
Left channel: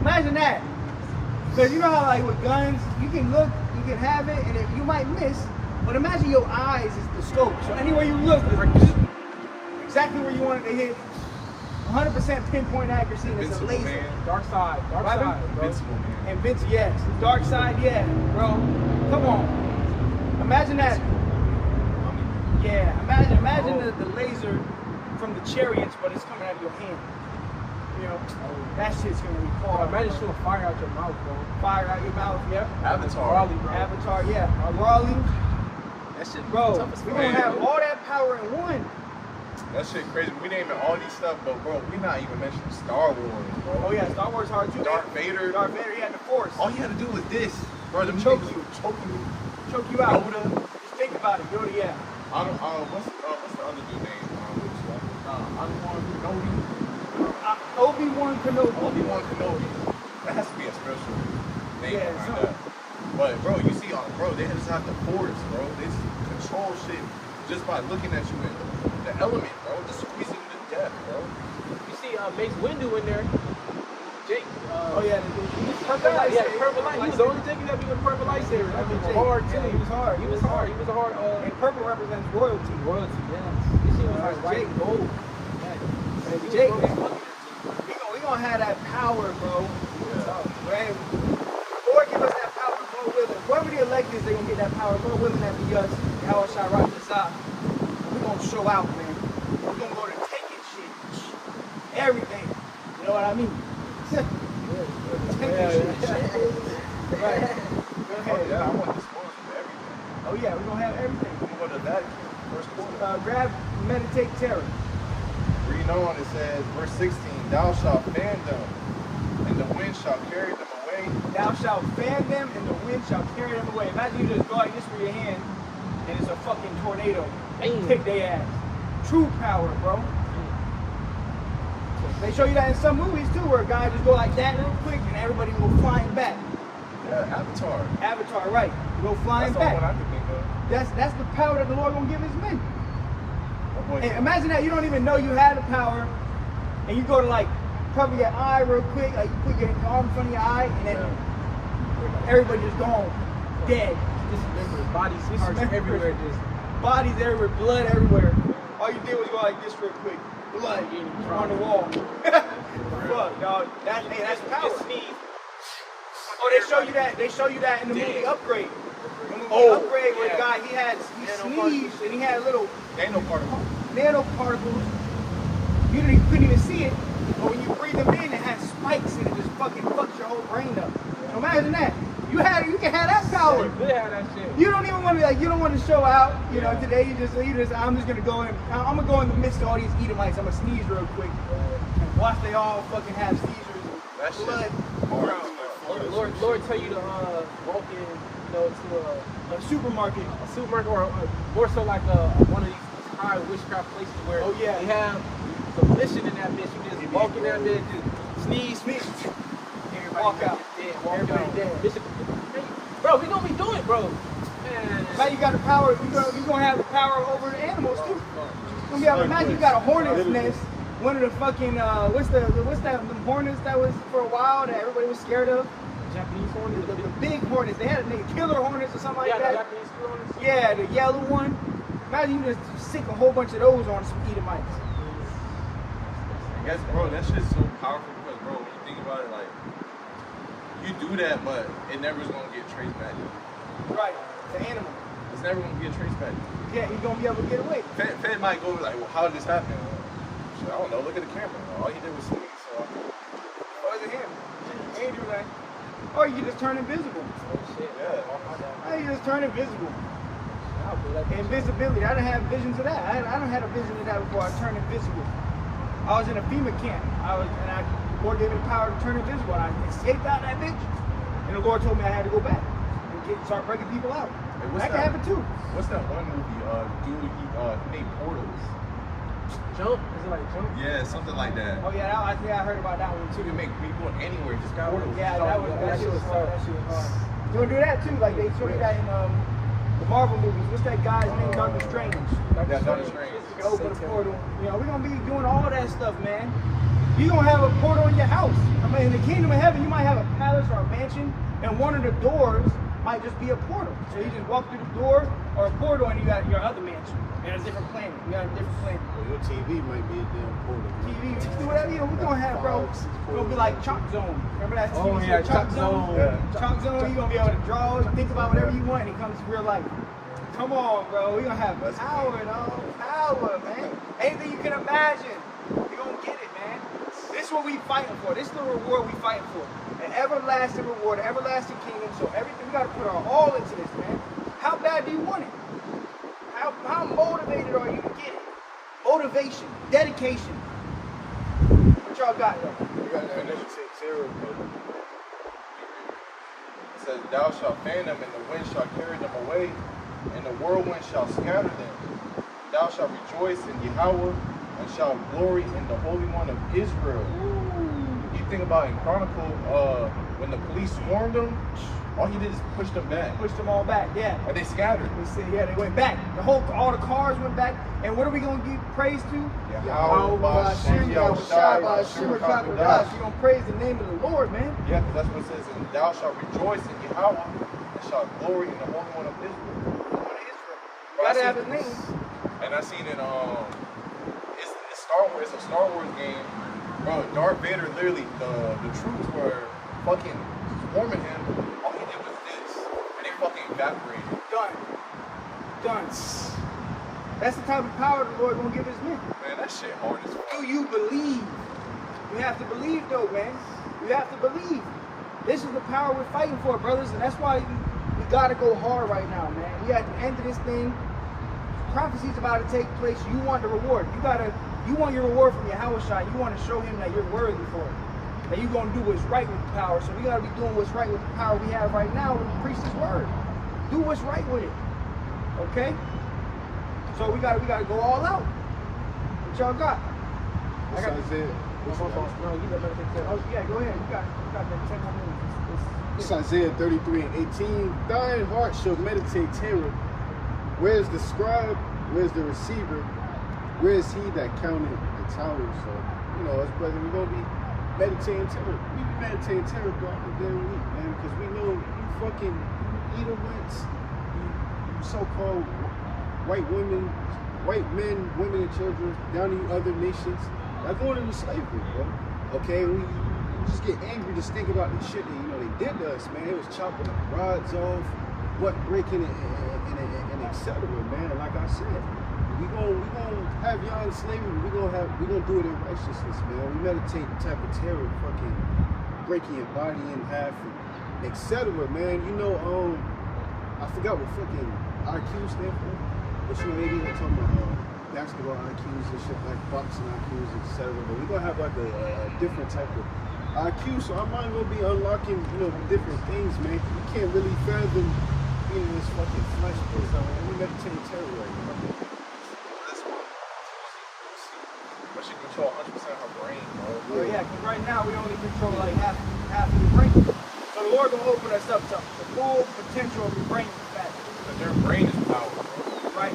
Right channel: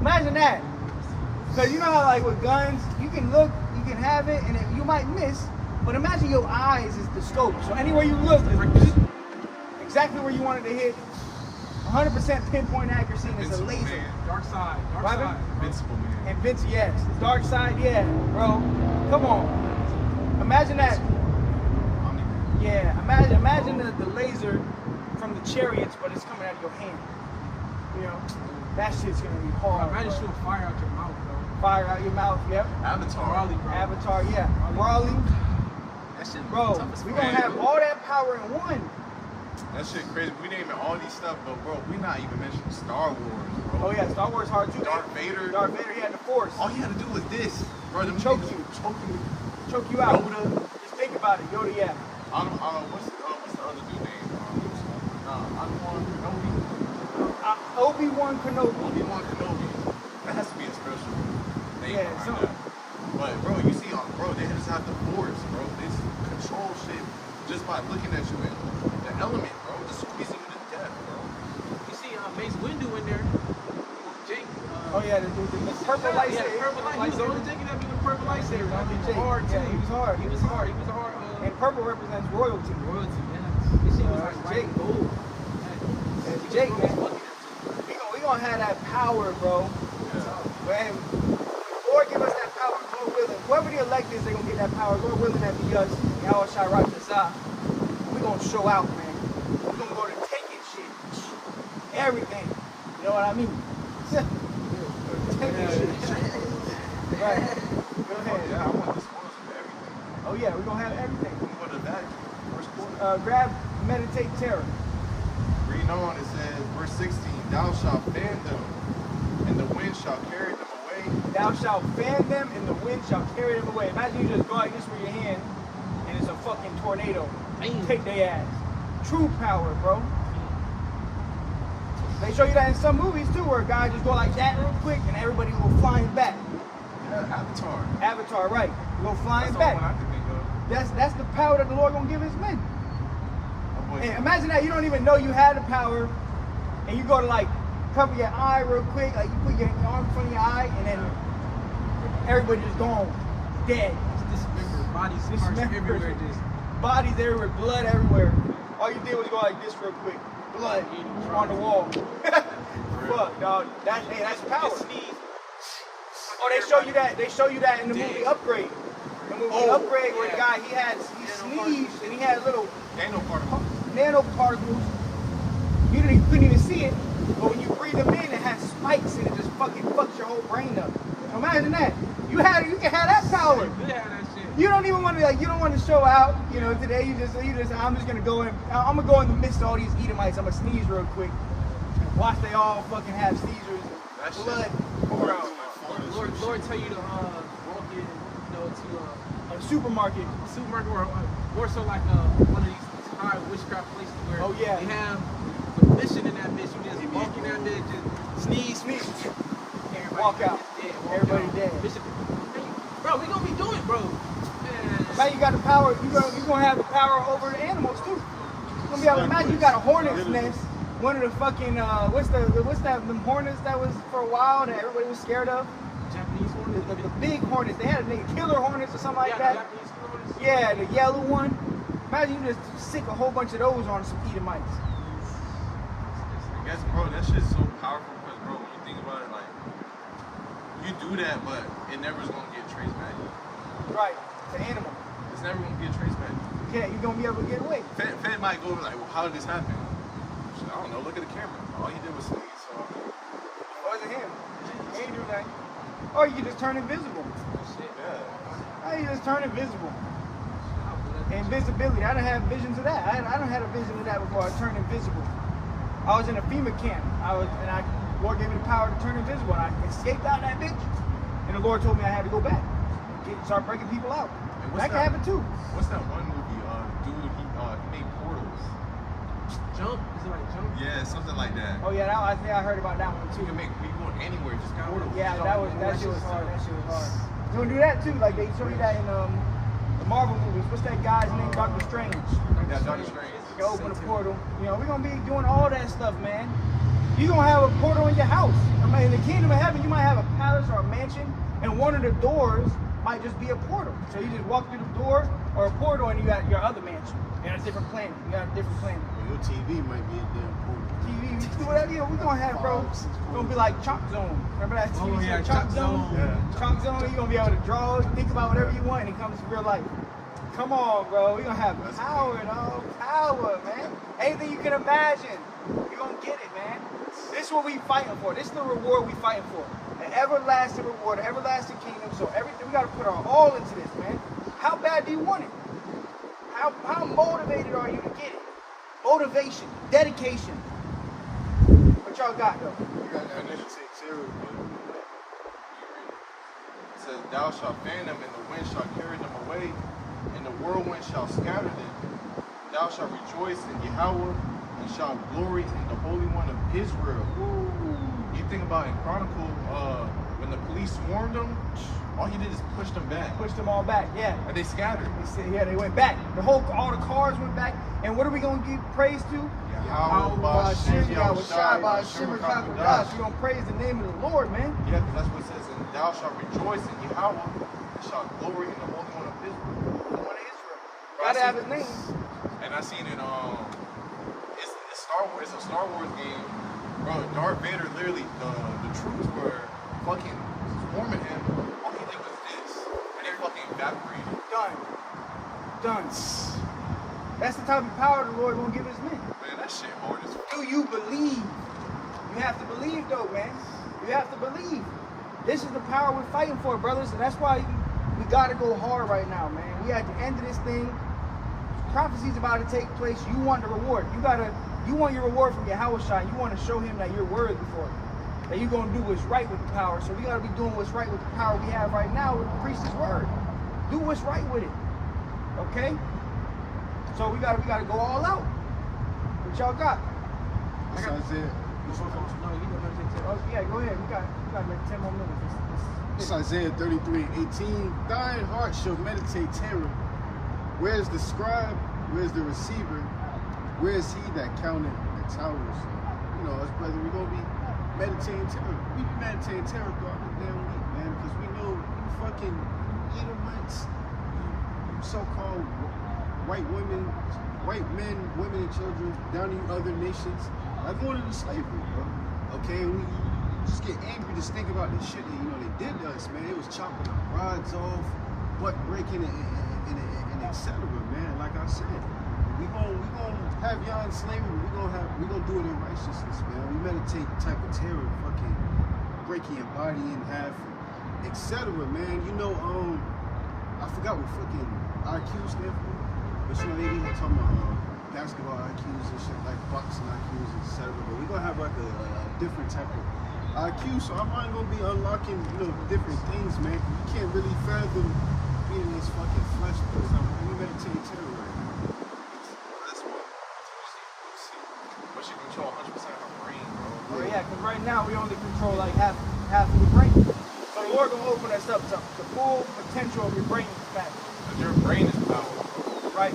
Imagine that. Because you know how like with guns, you can look, you can have it, and you might miss. But imagine your eyes is the scope. So anywhere you look, it's exactly where you want it to hit. 100% pinpoint accuracy. And it's a Invincible, laser. man. Dark side, bro. Invincible, man. And yes. Dark side, yeah, bro. Come on. Imagine that. Yeah, imagine the laser from the chariots, but it's coming out of your hand. That shit's gonna be hard. Bro, imagine shooting fire out your mouth, bro. Fire out your mouth, yep. Avatar. Raleigh, bro. Avatar, yeah. Raleigh. That shit, Bro, tough as we're fuck. gonna have all that power in one. That shit crazy. We naming all these stuff, but bro, we not even mentioning Star Wars, bro. Oh yeah, Star Wars hard too. Darth Vader. Darth Vader, he had the Force. All he had to do was this, bro. Them Choke niggas you. was choking you. Choke you out. Yoda. Just think about it, Yoda, yeah. I don't. What's the other dude name? Obi-Wan Kenobi. Obi-Wan Kenobi. Obi-Wan Kenobi. That has to be a special name Yeah, behind so- that. But bro, you see, bro, they just have the Force, bro. They just control shit just by looking at you with the element, bro. Just squeezing you to death, bro. You see Mace Windu in there. Jake. Oh yeah, the purple Yeah, he had a lightsaber. purple light. He was the only thing that be with a purple lightsaber. That was hard too. Yeah, he was hard. He was hard. He was a hard. And purple represents royalty. Royalty, yeah. This shit was like white and gold. Yeah. Jake, we gonna have that power, bro. Yeah. So, man, Lord give us that power, Lord willing. Whoever the elect is, they gonna get that power. Lord willing, that be us. Y'all shall rock this out. We gonna show out, man. We gonna go to taking shit, everything. You know what I mean? Right. Oh yeah, I want the spoils of everything. Oh yeah, we gonna have everything. I'm gonna go to the Vatican, first quarter. Grab, meditate, terror. Reading on, it says, verse 16, thou shalt fan them, and the wind shall carry them away. Thou shalt fan them, and the wind shall carry them away. Imagine you just go out and just with your hand, and it's a fucking tornado. Take their ass. True power, bro. They show you that in some movies too, where a guy just go like that real quick, and everybody go flying back. Yeah, Avatar. Avatar, right? Go flying That's the only one back. I can think of. That's the power that the Lord gonna give His men. That boy, And imagine that you don't even know you had the power, and you go to like cover your eye real quick, like you put your arm in front of your eye, and then everybody just gone dead. Dismembered, bodies parts everywhere, just Bodies everywhere, blood everywhere. All you did was go like this real quick. Blood on the wall. Fuck, dog. That's power. Oh, they show you that. They show you that in the movie Upgrade. The movie Upgrade, where the guy he sneezed and he had little nanoparticles. nanoparticles. You couldn't even see it, but when you breathe them in, it has spikes and it just fucking fucks your whole brain up. So imagine that. You can have that power. you could have that shit. You don't even want to, you don't want to show out, you know, today you just, I'm just gonna go in, I'm gonna go in the midst of all these Edomites, I'm gonna sneeze real quick. Watch they all fucking have seizures That and shit's blood. hard. Lord tell you to walk in, to A supermarket. a supermarket or more so like one of these high witchcraft places where Oh, yeah. they have some mission in that bitch. You just walk in that bitch, just sneeze. Everybody Walk out. Dead, walk Everybody out. dead. Bitch, hey, bro, we gonna be doing, bro. Man. Man, you got the power, you gonna have the power over the animals too. You're gonna be able to imagine you got a hornet's nest. One of the fucking, what's that, them hornets that was for a while that everybody was scared of? Japanese hornets, The big hornets, they had a name, killer hornets or something like yeah, the that. Japanese hornets. Yeah, the yellow one. Imagine you just sick a whole bunch of those on some Edomites. I guess, bro, that shit's so powerful because, bro, when you think about it, like, you do that, but it never is gonna get traced back. Right, the animal. It's never gonna get traced back. Yeah, you're gonna be able to get away. Fed might go like, well, how did this happen? Shit, I don't know. Look at the camera. All he did was sneeze. So It wasn't him. He ain't do that. Or you just turn invisible. yeah. Or you just turn invisible. Invisibility. I didn't have visions of that. I don't have a vision of that before. I turned invisible. I was in a FEMA camp. The Lord gave me the power to turn invisible. And I escaped out of that bitch. And the Lord told me I had to go back and start breaking people out. Hey, what's That can happen too. What's that one movie? Dude, he made portals. Jump? Is it like jump? Yeah, something like that. Oh yeah, I heard about that one too. You can make me go anywhere, just portals. Yeah, that shit was tough. That shit was hard. You wanna do that too? Like they showed that in the Marvel movies. What's that guy's name? Doctor Strange. Yeah, Doctor Strange. You can open a portal. You know, we're gonna be doing all that stuff, man. You gonna have a portal in your house. I mean, in the kingdom of heaven, you might have a palace or a mansion, and one of the doors might just be a portal. So you just walk through the door or a portal, and you got your other mansion in a different planet. You got a different planet. Well, your TV might be a damn portal. TV, we can do whatever we're gonna have, bro. We're gonna be like Chalk Zone. Remember that? Oh, TV yeah, show, Chalk Zone. Yeah. Chalk Zone, you're gonna be able to draw, think about whatever you want, and it comes to real life. Come on, bro. We're gonna have power, dog. Power, man. Anything you can imagine, we're gonna get it, man. This is what we fighting for. This is the reward we fighting for. An everlasting reward, an everlasting kingdom. So everything, we gotta put our all into this, man. How bad do you want it? How motivated are you to get it? Motivation, dedication. What y'all got, though? You got that meditate terror. It says, thou shalt fan them, and the wind shall carry them away, and the whirlwind shall scatter them. Thou shalt rejoice in Yahweh, and shalt glory in the Holy One of Israel. You think about in Chronicle, when the police swarmed them, all he did is push them back. Pushed them all back, yeah. And they scattered. They said, yeah, they went back. All the cars went back. And what are we gonna give praise to? Yahweh, Bashem, Yahushai, Bashem, Kakodash. You're gonna praise the name of the Lord, man. Yeah, because that's what it says, and thou shalt rejoice in Yahweh, and shalt glory in the Holy One of Israel. You gotta have his name. And I seen it, it's Star Wars. It's a Star Wars game, bro. Darth Vader literally the troops were fucking swarming him. All he did was this, and they fucking evaporated. Done. That's the type of power the Lord gonna give his men. Man, that shit hard as fuck. Do you believe? You have to believe though, man. You have to believe. This is the power we're fighting for, brothers, and that's why we gotta go hard right now, man. We at the end of this thing. Prophecy's about to take place. You want the reward. You want your reward from Yahweh Shai. You want to show him that you're worthy for it. That you're gonna do what's right with the power. So we gotta be doing what's right with the power we have right now with the priest's word. Do what's right with it. Okay? So we gotta go all out. What y'all got? What's Isaiah? No, you never take care. Oh yeah, go ahead. You got that 10 more minutes. It's Isaiah 33 and 18. Thine heart shall meditate terror. Where's the scribe? Where's the receiver? Where's he that counted the towers? So, you know, us brother, we're gonna be meditating terror. We be meditating terror throughout the damn week, man, because we know you fucking Edomites, you so-called white women, white men, women and children down in other nations, are going into slavery, bro. Okay, we just get angry just think about the shit that, you know, they did to us, man. It was chopping our rods off, butt breaking and etc., man. Like I said, we gonna have y'all in slavery. We gonna do it in righteousness, man. We meditate the type of terror, fucking breaking your body in half, and etc., man. You know, I forgot what fucking IQ stand for, but she maybe talking about basketball IQs and shit, like boxing IQs, etc. But we're gonna have like a different type of IQ, so our mind gonna be unlocking, you know, different things, man. You can't really fathom being in this fucking flesh, but we meditating terror right now. That's why. But she control 100% of her brain, bro. Yeah, 'cause right now we only control like half of the brain. So the Lord gonna open us up to the full potential of your brain back. Because your brain is power, bro. Right?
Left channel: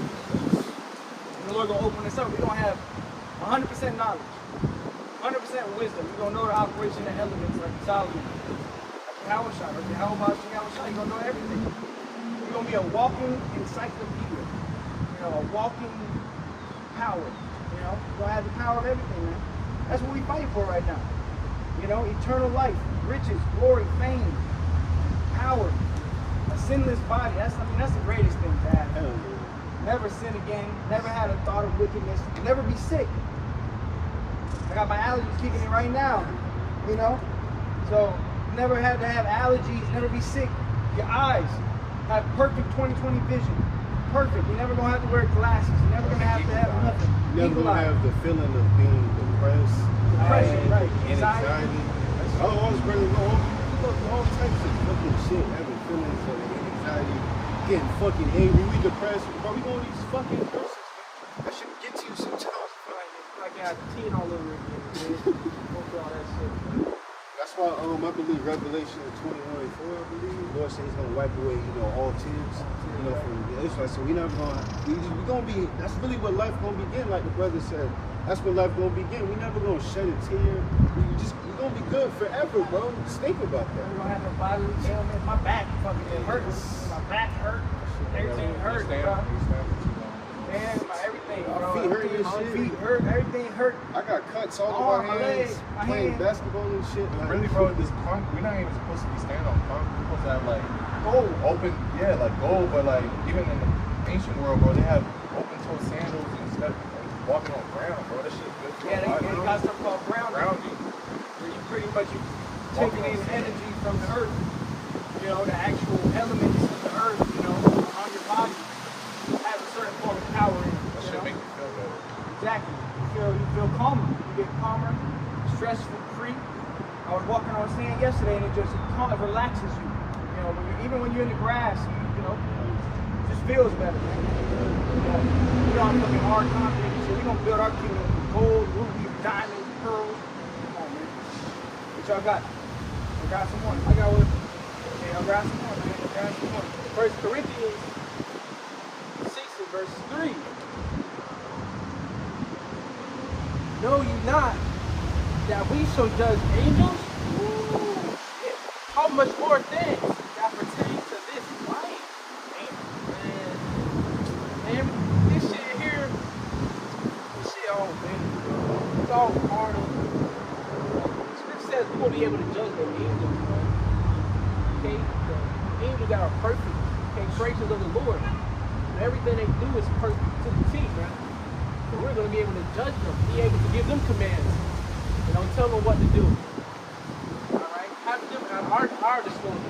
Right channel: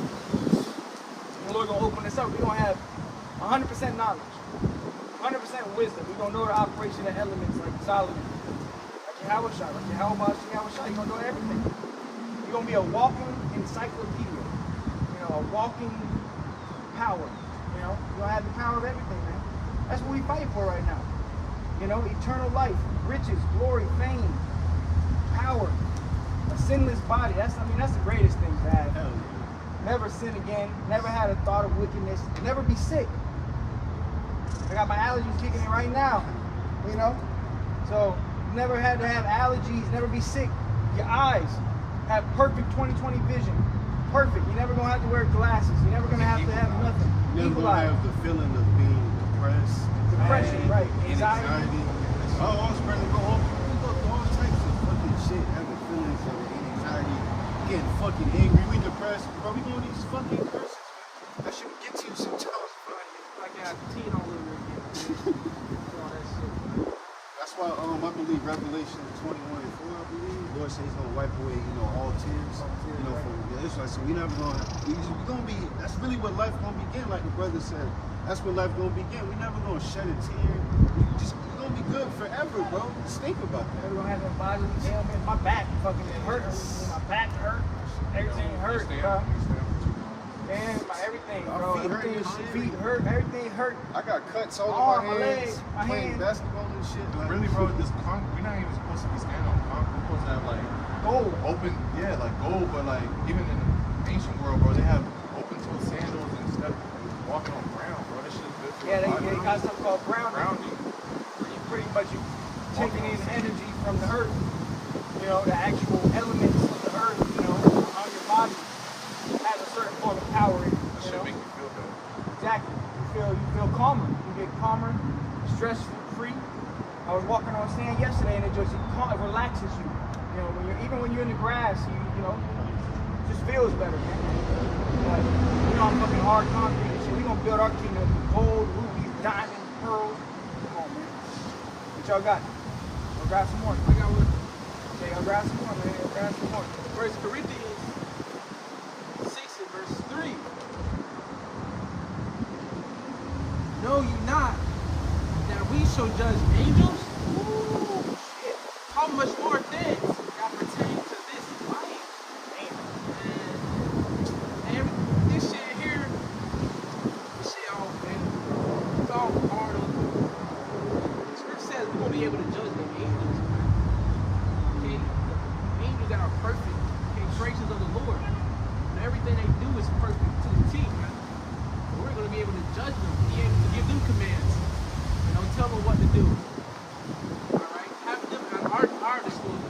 The Lord gonna open us up. We gonna have 100% knowledge, 100% wisdom. We gonna know the operation of elements like Solomon, like Yahweh Shai, like Yahweh Shai. You gonna know everything. You're gonna be a walking encyclopedia. You know, a walking power. You know, you're gonna have the power of everything, man. That's what we fight for right now. You know, eternal life, riches, glory, fame, power, a sinless body. That's the greatest thing to have. Hell yeah. Never sin again, never had a thought of wickedness, never be sick. I got my allergies kicking in right now, you know? So, never had to have allergies, never be sick. Your eyes have perfect 20/20 vision. Perfect. You're never gonna have to wear glasses. You're never gonna have to have nothing. Never gonna have the feeling of being depressed, Right. and anxiety. Oh, it's ready to go all types of fucking shit, having feelings of anxiety, getting fucking angry, we depressed. Why we going these fucking curses, man? That should get to you sometimes, bro. Like I got teen all over again, man. Go through all that shit, man. That's why I believe Revelation 21:4, I believe, Lord says he's gonna wipe away, you know, all tears, you know, from the Israelites. So we never gonna that's really what life gonna begin, like the brother said. That's when life gonna begin. We never gonna shed a tear. We're gonna be good forever, bro. Just think about that. Never gonna have no bodily ailment. My back fucking hurts. My back hurt. Everything hurt, bro. Man, everything. Our feet hurt and My shit. feet hurt. Everything hurt. I got cuts all Arm, over my leg, hands, my playing hand. basketball and shit. Like, Really, bro, this we're not even supposed to be standing on concrete. We're supposed to have like Gold. open, yeah, like gold, but like even in the ancient world, bro, they have open toe sandals and stuff and walking on ground, bro. That shit's good for Yeah, the body. they got something called grounding. Grounding. Where you pretty much Walking taking on the sand. energy from the earth. You know, the actual elements of the earth, you know, on your body has a certain form of power in it. That you shit know? make you feel better. Exactly. You feel calmer. You get calmer, stress-free. I was walking on sand yesterday and it just relaxes you. You know, even when you're in the grass, you know, it just feels better, man. You know, I'm fucking hard concrete, so we're gonna build our kingdom with gold, rubies, diamonds, pearls. Come on, man. What y'all got? I got some more. I got one. Yeah, I got some more, man. I got some more. 1 Corinthians 6 and verse 3. Know you not that we shall judge angels? How much more things that pertain to this life? Man, this shit here, shit on, man. all carnal. The scripture says we're gonna be able to judge the angels, man. Okay, the angels that are perfect, okay, creations of the Lord. And everything they do is perfect to the T, man. But we're gonna be able to judge them, be able to give them commands, tell them what to do. All right, having them at our disposal.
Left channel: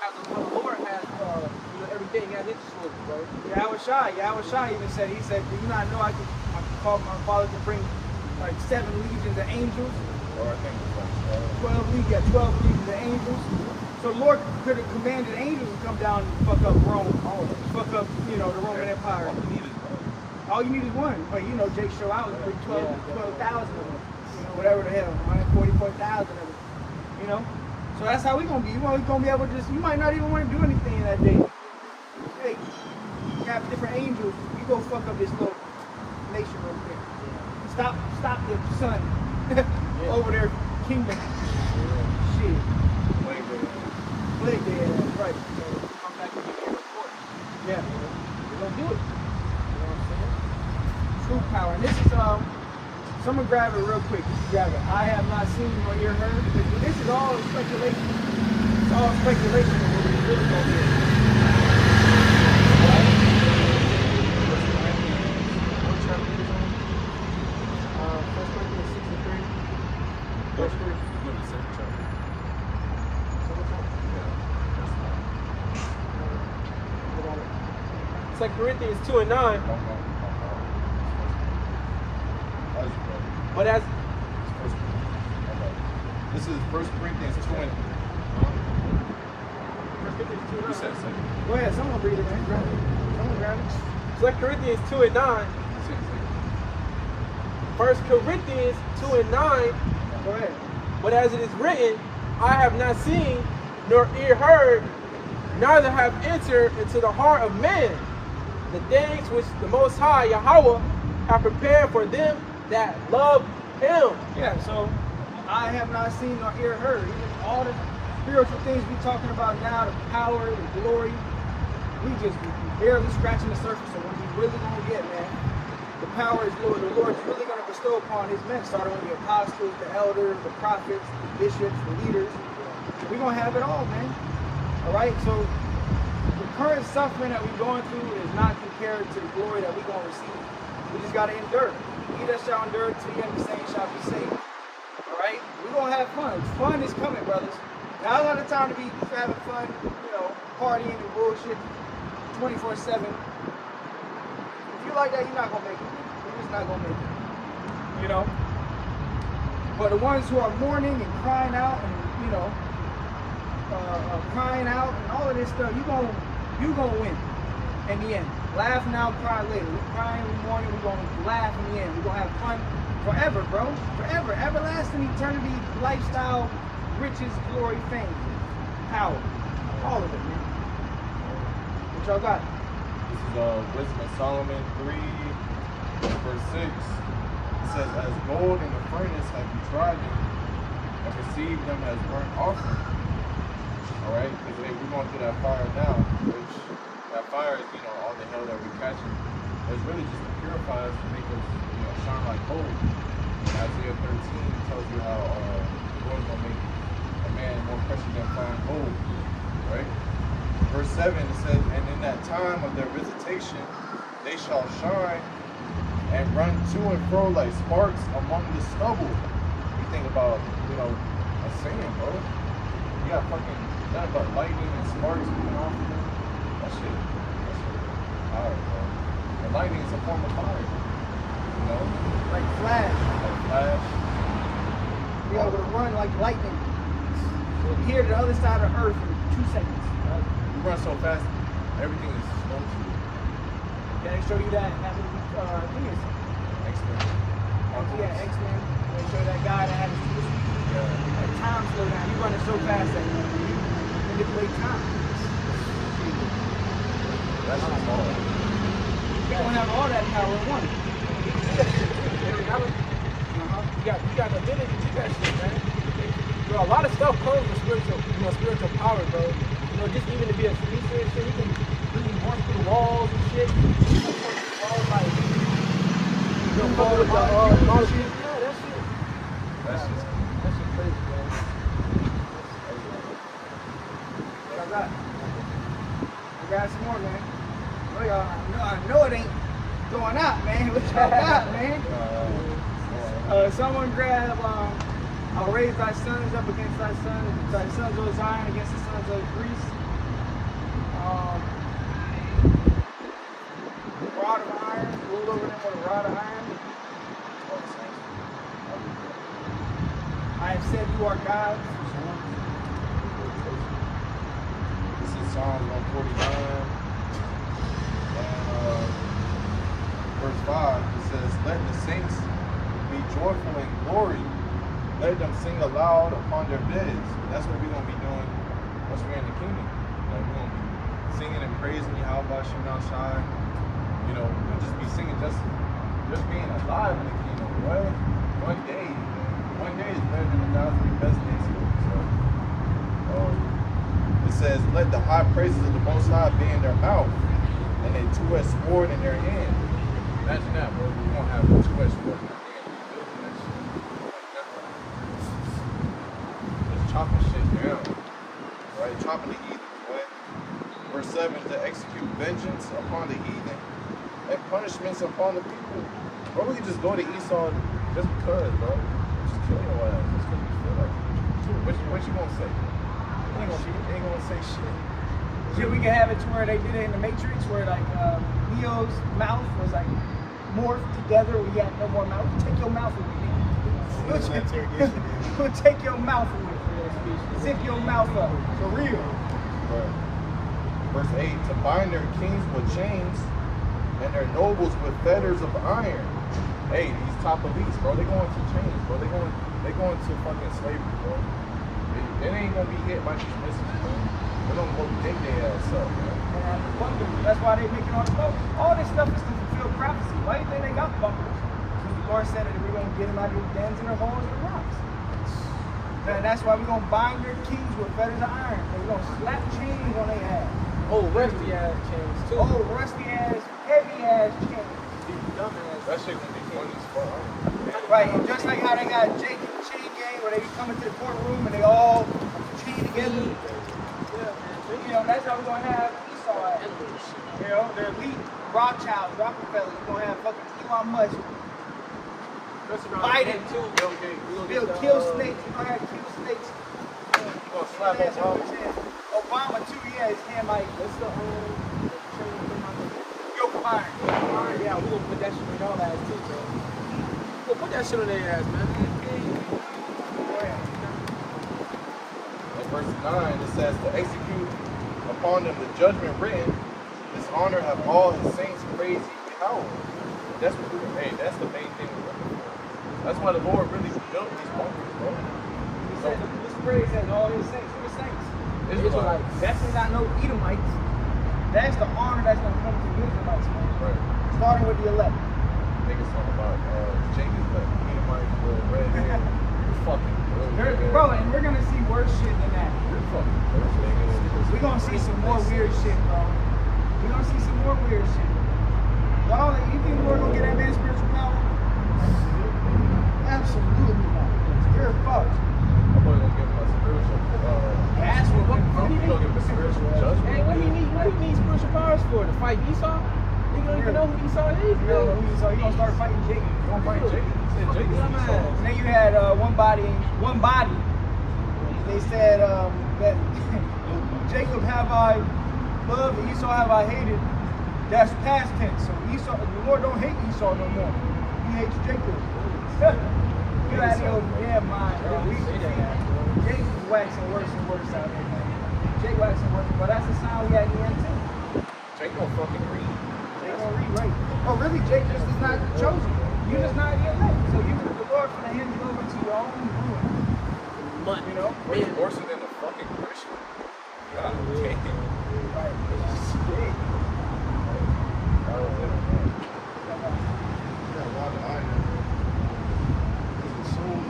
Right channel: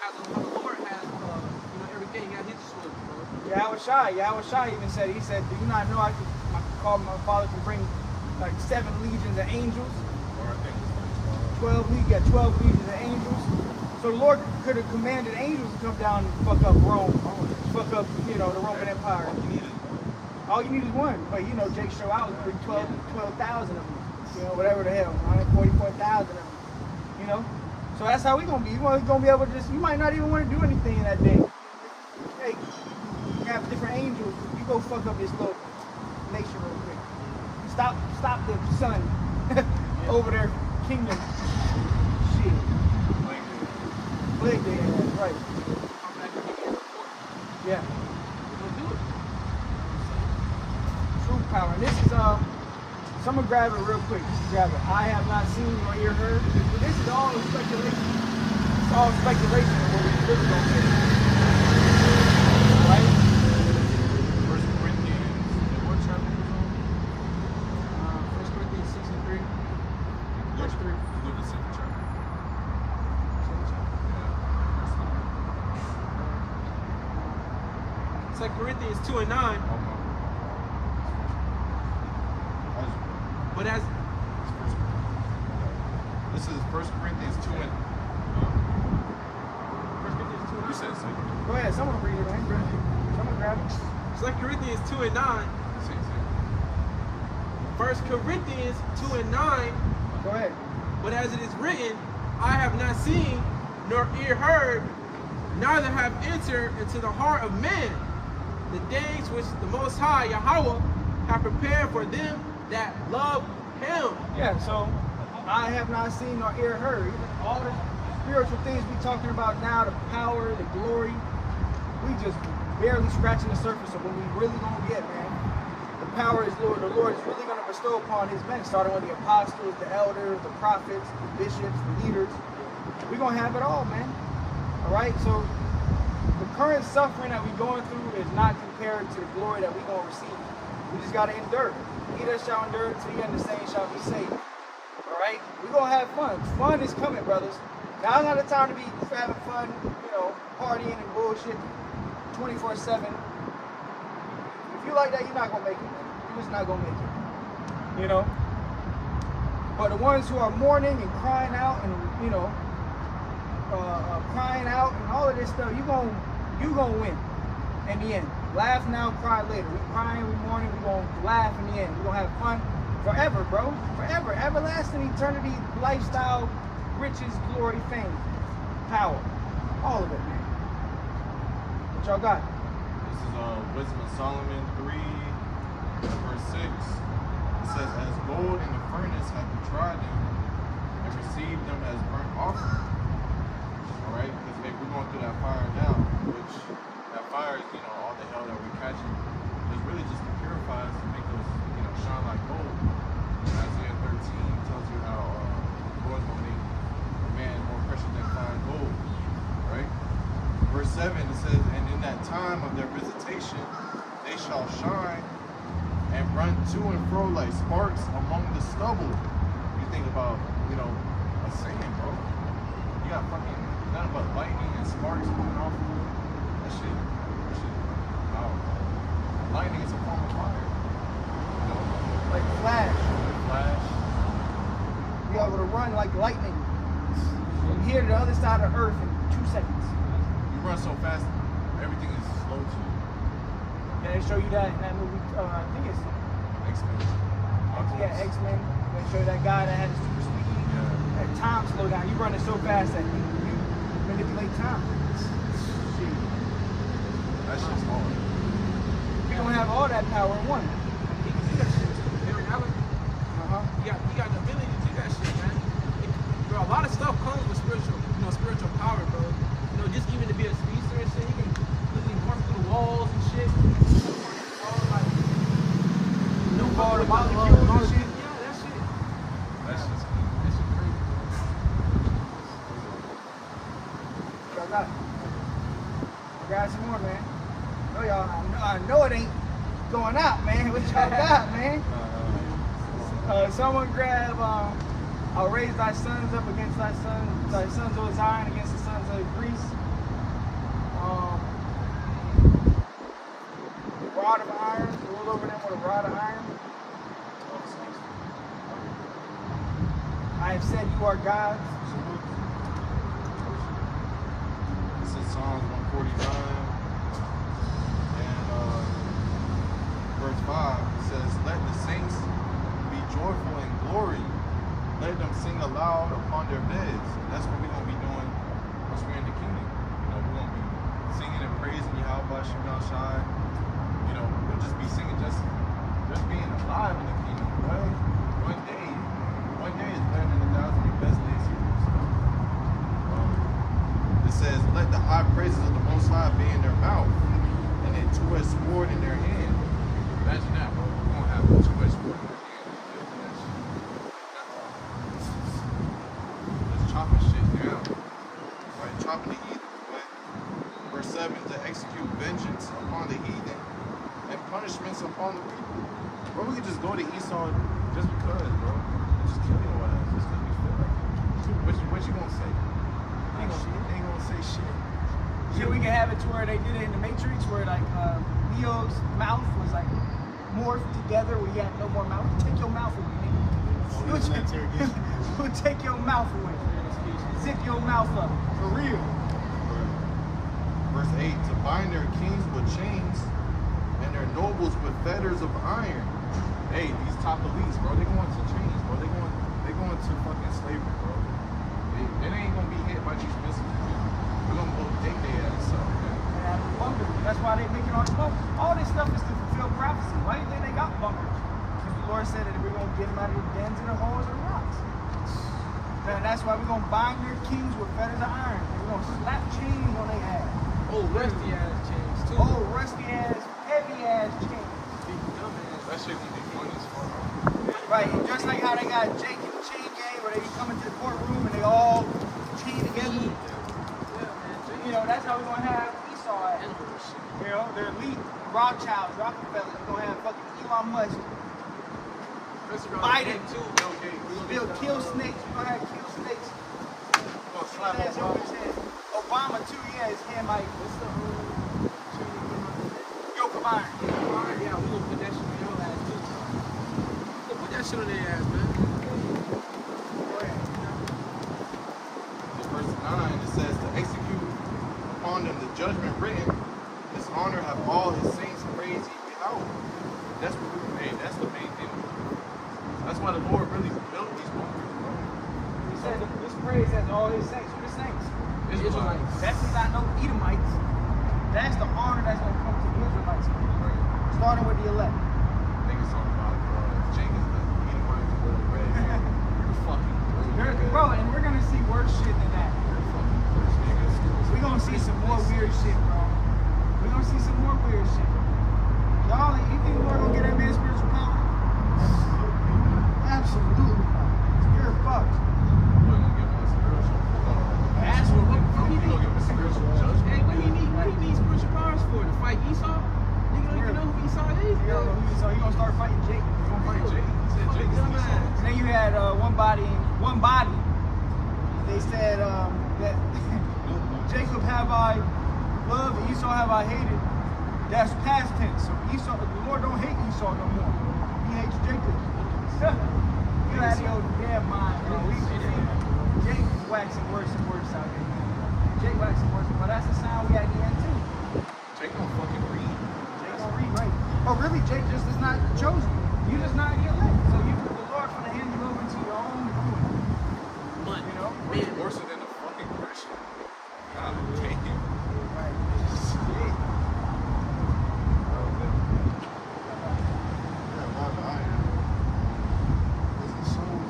How the Lord has, everything at His disposal, bro. Yahweh Shai even said, he said, do you not know I could call my father to bring like 7 legions of angels? Or I think it was like 12 legions of angels. So the Lord could have commanded angels to come down and fuck up Rome, fuck up, the Roman Empire. All you need is one. But Jake show out and bring 12,000 of them. Whatever the hell, 144,000 of them. So that's how we're gonna be. We're gonna be able to you might not even want to do anything in that day. Hey, you have different angels. You go fuck up this little nation real quick. Stop the sun over their kingdom. Shit. Plague day, that's right. Come back and give me a report. Yeah. Don't do it. You know what I'm saying? True power. And this is someone grab it real quick. Grab it. I have not seen or ear heard. This is all speculation. It's all speculation. First Corinthians, what chapter is on? 1 Corinthians 6 and 3. Verse 3. Go to the second chapter. Second chapter. Yeah. First one. 2 Corinthians 2 and 9. But as this is 1 Corinthians 2 and 2 you said second. Go ahead, someone read it, man. Grab it. Someone grab it. 2 Corinthians 2 and 9. You said second. 1 Corinthians 2 and 9. Go ahead. But as it is written, I have not seen nor ear heard, neither have entered into the heart of man the things which the Most High Yahweh have prepared for them that love Him. Yeah, so I have not seen nor ear heard. All the spiritual things we talking about now, the power, the glory, we just barely scratching the surface of what we really gonna get, man. The power is Lord. The Lord is really gonna bestow upon His men, starting with the apostles, the elders, the prophets, the bishops, the leaders. We're gonna have it all, man. All right, so the current suffering that we're going through is not compared to the glory that we're gonna receive. We just gotta endure. He that shall endure to the end, the same shall be saved. Alright? We're gonna have fun. Fun is coming, brothers. Now, a lot of time to be just having fun, partying and bullshit 24/7. If you like that, you're not gonna make it. You're just not gonna make it. But the ones who are mourning and crying out and, crying out and all of this stuff, you gonna win in the end. Laugh now, cry later. We're crying in the morning, we're going to laugh in the end. We're going to have fun forever, bro. Forever. Everlasting eternity, lifestyle, riches, glory, fame, power. All of it, man. What y'all got? This is Wisdom of Solomon 3, verse 6. It says, as gold in the furnace have you tried them and received them as burnt offering. Alright? Because we're going through that fire now, which that fire is, all the hell that we're catching. But it's really just to purify us to make us, shine like gold. And Isaiah 13 tells you how the Lord's going to make a man more precious than fine gold. Right? Verse 7, it says, and in that time of their visitation, they shall shine and run to and fro like sparks among the stubble. You think about, a saying, bro. You got fucking nothing but lightning and sparks coming off of you. That shit is power, bro. And lightning is a form of fire. Like flash. Like flash. Be able to run like lightning. Here to the other side of earth in 2 seconds. You run so fast, everything is slow to you. Can I show you that in that movie? I think it's X-Men. yeah, X-Men. They show that guy that had the super speed. Yeah. That time slow down. You running so fast that you manipulate time. That shit's hard. You don't have all that power in one. He can do that shit too. Henry Allen. You got the ability to do that shit, man. Bro, a lot of stuff comes with spiritual power, bro. Just even to be a speedster and shit, he can literally march through the walls and shit. Fucking with the molecule. Yeah, That's just That shit crazy, bro. Y'all got it. Grab some more, man. Oh, y'all, I know it ain't going out, man. What y'all got, man? Someone grab, I'll raise thy sons up against thy sons of Zion against the sons of Greece. Rod of iron, ruled over them with a rod of iron. I have said you are gods. This is Psalms 149 and verse 5. It says, "Let the saints be joyful in glory. Let them sing aloud upon their beds." And that's what we're gonna be doing once we're in the kingdom. You know, we're gonna be singing and praising Yahweh Shem Shai. You know, we'll just be singing, just being alive in the kingdom. Boy, one day is better than 1,000 your best days here. So, it says, "Let the high praises of the Most High be in their mouth, and a two-edged sword in their hand." Imagine that, bro. We're gonna have a two-edged sword in their hand, building that shit like nothing. Just chopping shit down, right? Chopping the heathen, boy. Verse 7, "To execute vengeance upon the heathen and punishments upon the people." Bro, we can just go to Esau just because, bro. And just kill your ass just because we feel like it. What you gonna say? Ain't gonna say shit. Yeah, we can have it to where they did it in the Matrix, where like Neo's mouth was like morphed together, where you had no more mouth. We can take your mouth away, nigga. We'll take your mouth away. Zip your mouth up, for real. Right. Verse 8, "To bind their kings with chains and their nobles with fetters of iron." Hey, these top elites, bro, they going to chains, bro. They going to fucking slavery, bro. They ain't gonna be hit by these missiles, man. We're gonna go dig their ass up, man. And at the bunkers, that's why they making all this bunkers. All this stuff is to fulfill prophecy. Why do you think they got bunkers? Because the Lord said that we're gonna get them out of the dens and the holes and the rocks. And that's why we're gonna bind their kings with fetters of iron. And we're gonna slap chains on their ass. Oh, rusty ass chains too. Oh, rusty ass, heavy ass chains. Dumb ass. That shit gonna be fun as fuck. Right, just like how they got Jake and the chain gang, where they come into the courtroom and they all chain together. Yeah, man. You know, that's how we're gonna have Esau at. You know, the elite Rothschilds, Rockefellers. We're gonna have fucking Elon Musk. Biden too. Bill Gates. We'll kill snakes. We're gonna have kill snakes. We're gonna slap Obama. Obama too. Yeah, his hand might. What's the chain you put on the Yoke of iron. Alright, yeah, we gonna put that shit on y'all ass too, bro. We gonna put that shit on their ass, man. Go ahead. In verse 9, it says, "To execute upon them the judgment written, this honor have all his saints praise Yahweh." That's what we're doing. Hey, that's the main thing we're looking for. That's why the Lord really built these bunkers, bro. He said, this praise has all his saints. Who the saints? Israelites. That's not no Edomites. That's the honor that's gonna come to the Israelites, man. Right. Starting with the elect. Niggas talking about Jake is the Edomites with red hair. You're fucking through, nigga. Bro, and we're gonna see worse shit than that. You're fucking through, nigga. We're gonna see some more weird shit, bro. We're gonna see some more weird shit. Y'all, like, you think the Lord gonna get that man spiritual power? Absolutely not. You're fucked. I'm probably gonna give him a spiritual, That's what you gonna give him a spiritual judgment. Hey, what do you need spiritual powers for? To fight Esau? You don't even know who Esau is, You don't know who Esau. You gonna start fighting Jake. You gonna fight Jake? He said Jake is Esau. And then you had one body. They said that Jacob have I loved and Esau have I hated. That's past tense. So Esau, the Lord don't hate Esau no more. He hates Jacob. Get out of your damn mind, bro. Jake is waxing worse and worse out here, man. Jake waxing worse, but that's the sign we had in the end too. Jake don't fucking read. Jake don't read right. Oh, really? Jake just is not chosen. You're just not the elect. So the Lord's gonna hand you over to your own ruin. You know? Way worse than a fucking Christian. God damn. Right. Shit. I don't know. Yeah, a lot of iron. There's a song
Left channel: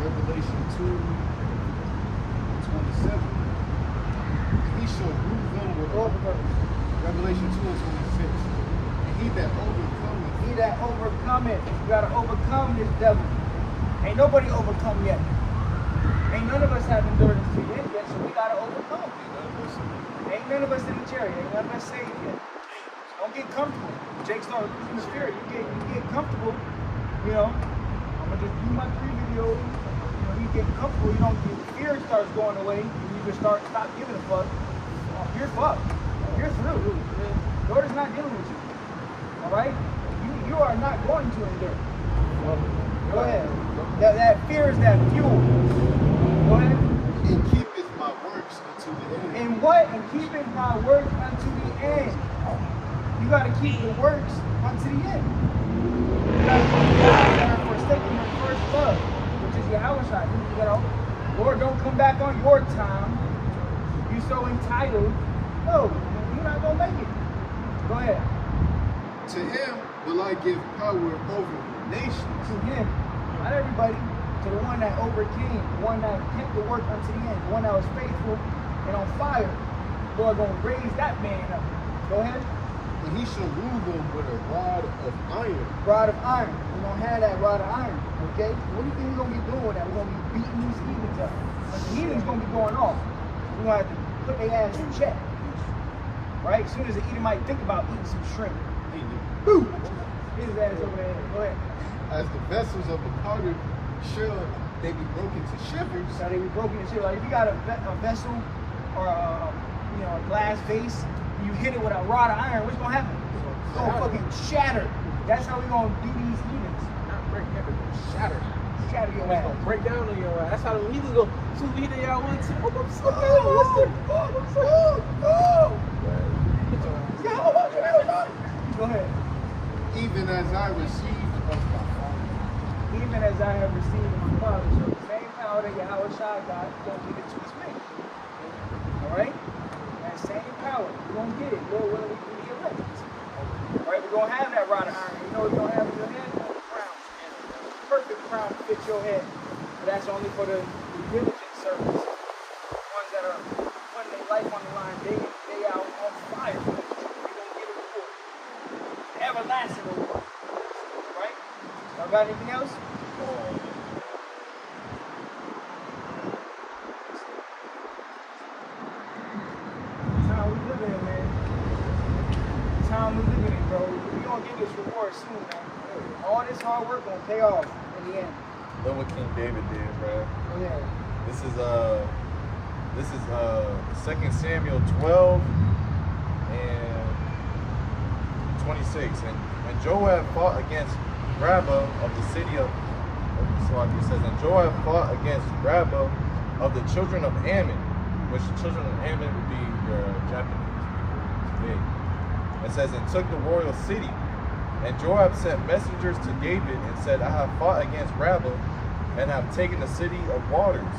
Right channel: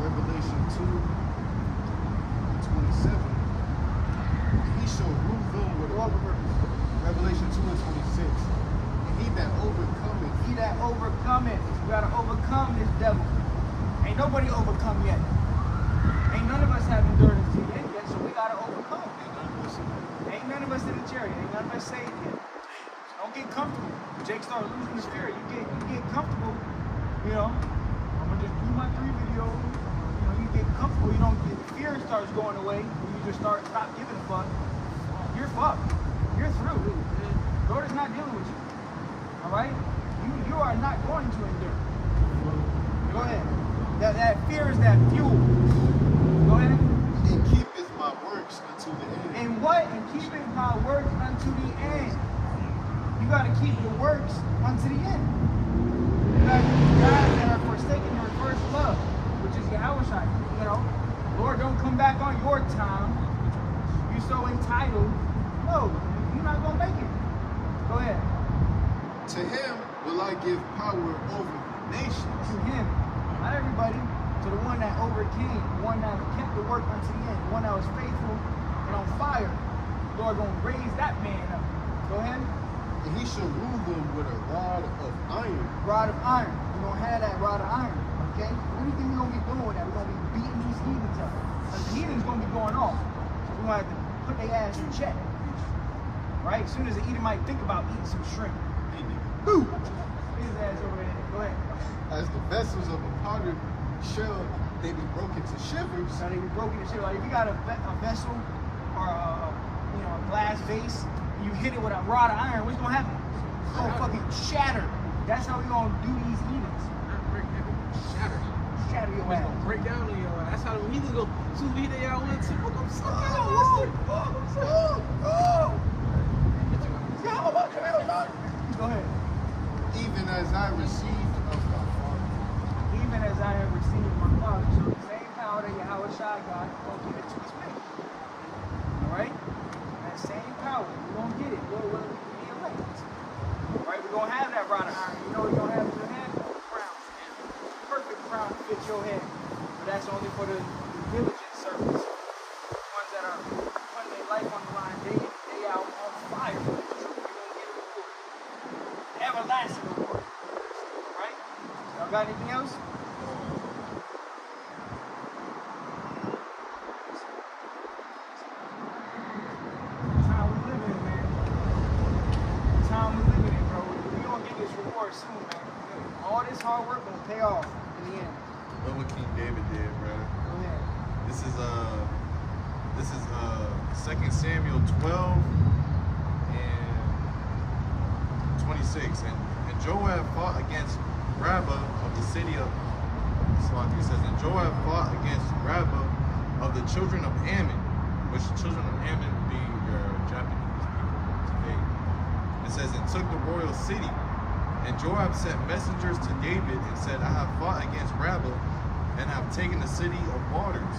Revelation 2:27. He shall rule them with all the Revelation 2:26. And He that overcometh. He that overcometh. You gotta overcome this devil. Ain't nobody overcome yet. Ain't none of us have endurance to the end yet, so we gotta overcome. Ain't none of us in the chariot. Ain't none of us saved yet. Don't get comfortable. Jake started losing the spirit. You get comfortable. You know, I'm gonna just do my 3 videos. You know, you get comfortable. You don't get the fear starts going away, and you just stop giving a fuck. You're fucked. You're through. Lord is not dealing with you. All right? You are not going to endure. Go ahead. That fear is that fuel. Go ahead. And keepeth my works unto the end. And what? And keepeth my works unto the end. You got to keep the works unto the end. You got to keep guys that are forsaking their first love, which is Yahweh. You know, Lord, don't come back on your time. You so entitled. No, you're not going to make it. Go ahead. To him will I give power over the nations. To him, not everybody, to the one that overcame, the one that kept the work unto the end, the one that was faithful and on fire. Lord gonna raise that man up. Go ahead. And he shall rule them with a rod of iron. Rod of iron. We're gonna have that rod of iron. Okay? What do you think we're gonna be doing with that? We're gonna be beating these heathens up. Because the heathens gonna be going off. So we're gonna have to put their ass in check. Right? As soon as the Edomite think about eating some shrimp. Boo! Hit his ass over there. Go ahead. As the vessels of a potter shall they be broken to shivers. So they be broken into shit. Like if you got a vessel or a glass vase, and you hit it with a rod of iron, what's gonna happen? It's gonna fucking shatter. That's how we gonna do these heathens. Not break everything. Shatter. Shatter your It's ass. gonna break down on your ass. That's how the heathens go. Shoot me there, y'all want to smoke. I'm so good. Get your ass. Go ahead. Even as I received of my Father. Even as I have received of my Father. So the same power that Yahweh Shai got, he's gonna give it to his men. Alright? That same power. We're gonna get it. Lord willing, we can be elect. Alright, we're gonna have that rod of iron. You know what you're gonna have in your head? A crown. Perfect crown to fit your head. But that's only for the diligent servants. Ones that are putting their life on the line day in, day out on fire for it. You're gonna get a reward. The everlasting reward. Alright? Y'all got anything else? The time we living in, man. The time we living in, bro. We gonna get this reward soon, man. All this hard work gonna pay off in the end. Look what King David did, bruh. Go ahead. This is 2 Samuel 12 and 26. And Joab fought against Rabbah of the city of it says, and Joab fought against Rabbah of the children of Ammon, which the children of Ammon would be your Japanese people today. It says, and took the royal city. And Joab sent messengers to David and said, I have fought against Rabbah and have taken the city of waters.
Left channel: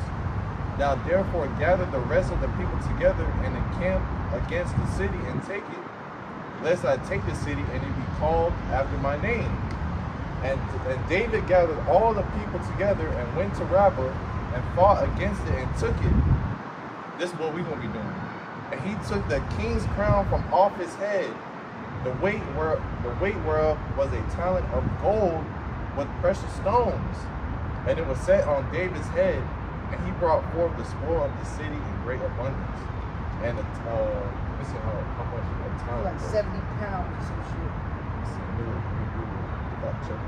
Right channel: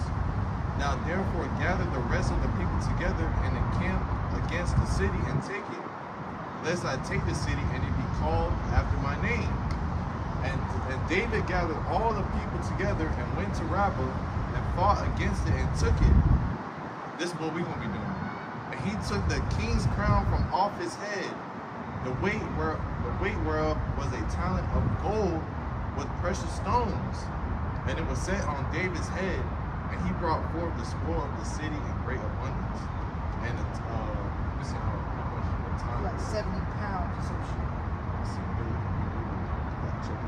Now therefore gather the rest of the people together and encamp against the city and take it, lest I take the city and it be called after my name. And David gathered all the people together and went to Rabbah and fought against it and took it. This is what we're going to be doing. And he took the king's crown from off his head, the weight whereof was a talent of gold with precious stones. And it was set on David's head, and he brought forth the spoil of the city in great abundance. And let me see how much a talent Like was. 70 pounds or some shit. Let's see, let me Google it. Fact check it.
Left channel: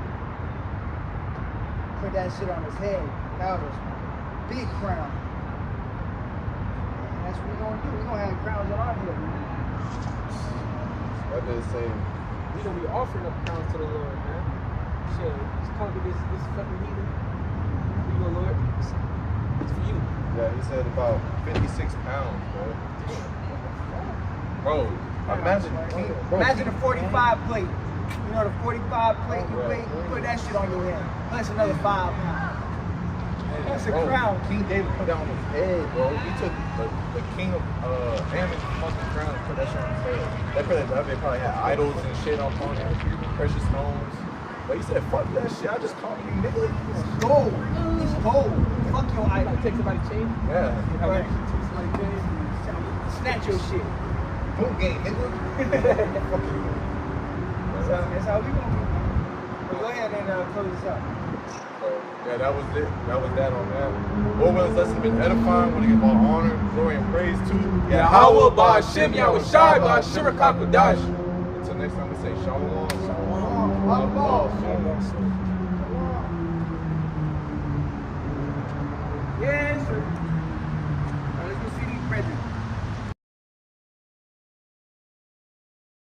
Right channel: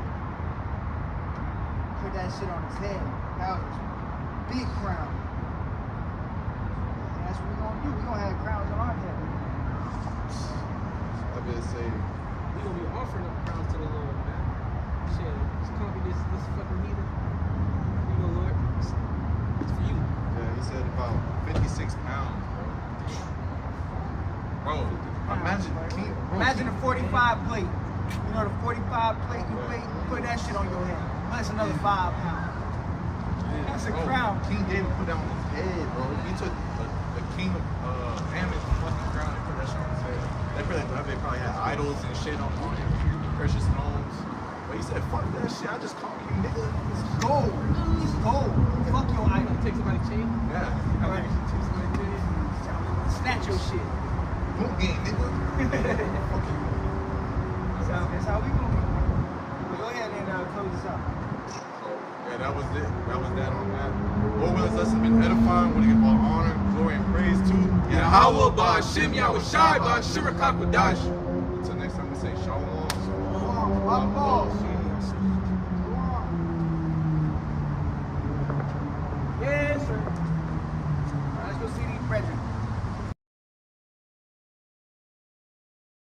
Put that shit on his head. That was big crown. And that's what we're gonna do. We're gonna have crowns on our head, man. That bitch say, We gonna be offering up crowns to the Lord, man. Shit, just conquer this fucking heathen. Here you go, Lord. It's for you. yeah, he said about 56 pounds, bro. Imagine, Imagine a 45 plate. You know the 45 plate you Yeah. weigh, you put that shit on your head. Plus another 5 pounds. That's a crown. King David put that on his head, bro. He took the king of Ammon's fucking crown and put that shit on his head. They probably had idols and shit up on it, precious stones. But he said, fuck that shit, I just call you nigga. It's gold. It's gold. Fuck your You idol. gotta take somebody's chain. Yeah. Have Right. you take somebody's chain? Snatch your shit. Boom game, nigga. Fuck you. That's how we gonna be, man. But go ahead and close this out. So, yeah, that was it. That was that on that. Lord, whether this lesson been edifying, want to give all honor, glory, and praise to Yahweh, Ba'Shem, Yahushai, Ba'Asher HaKadosh. Until next time, we say Shalom. Yes, sir. All right, let's go see these brethren.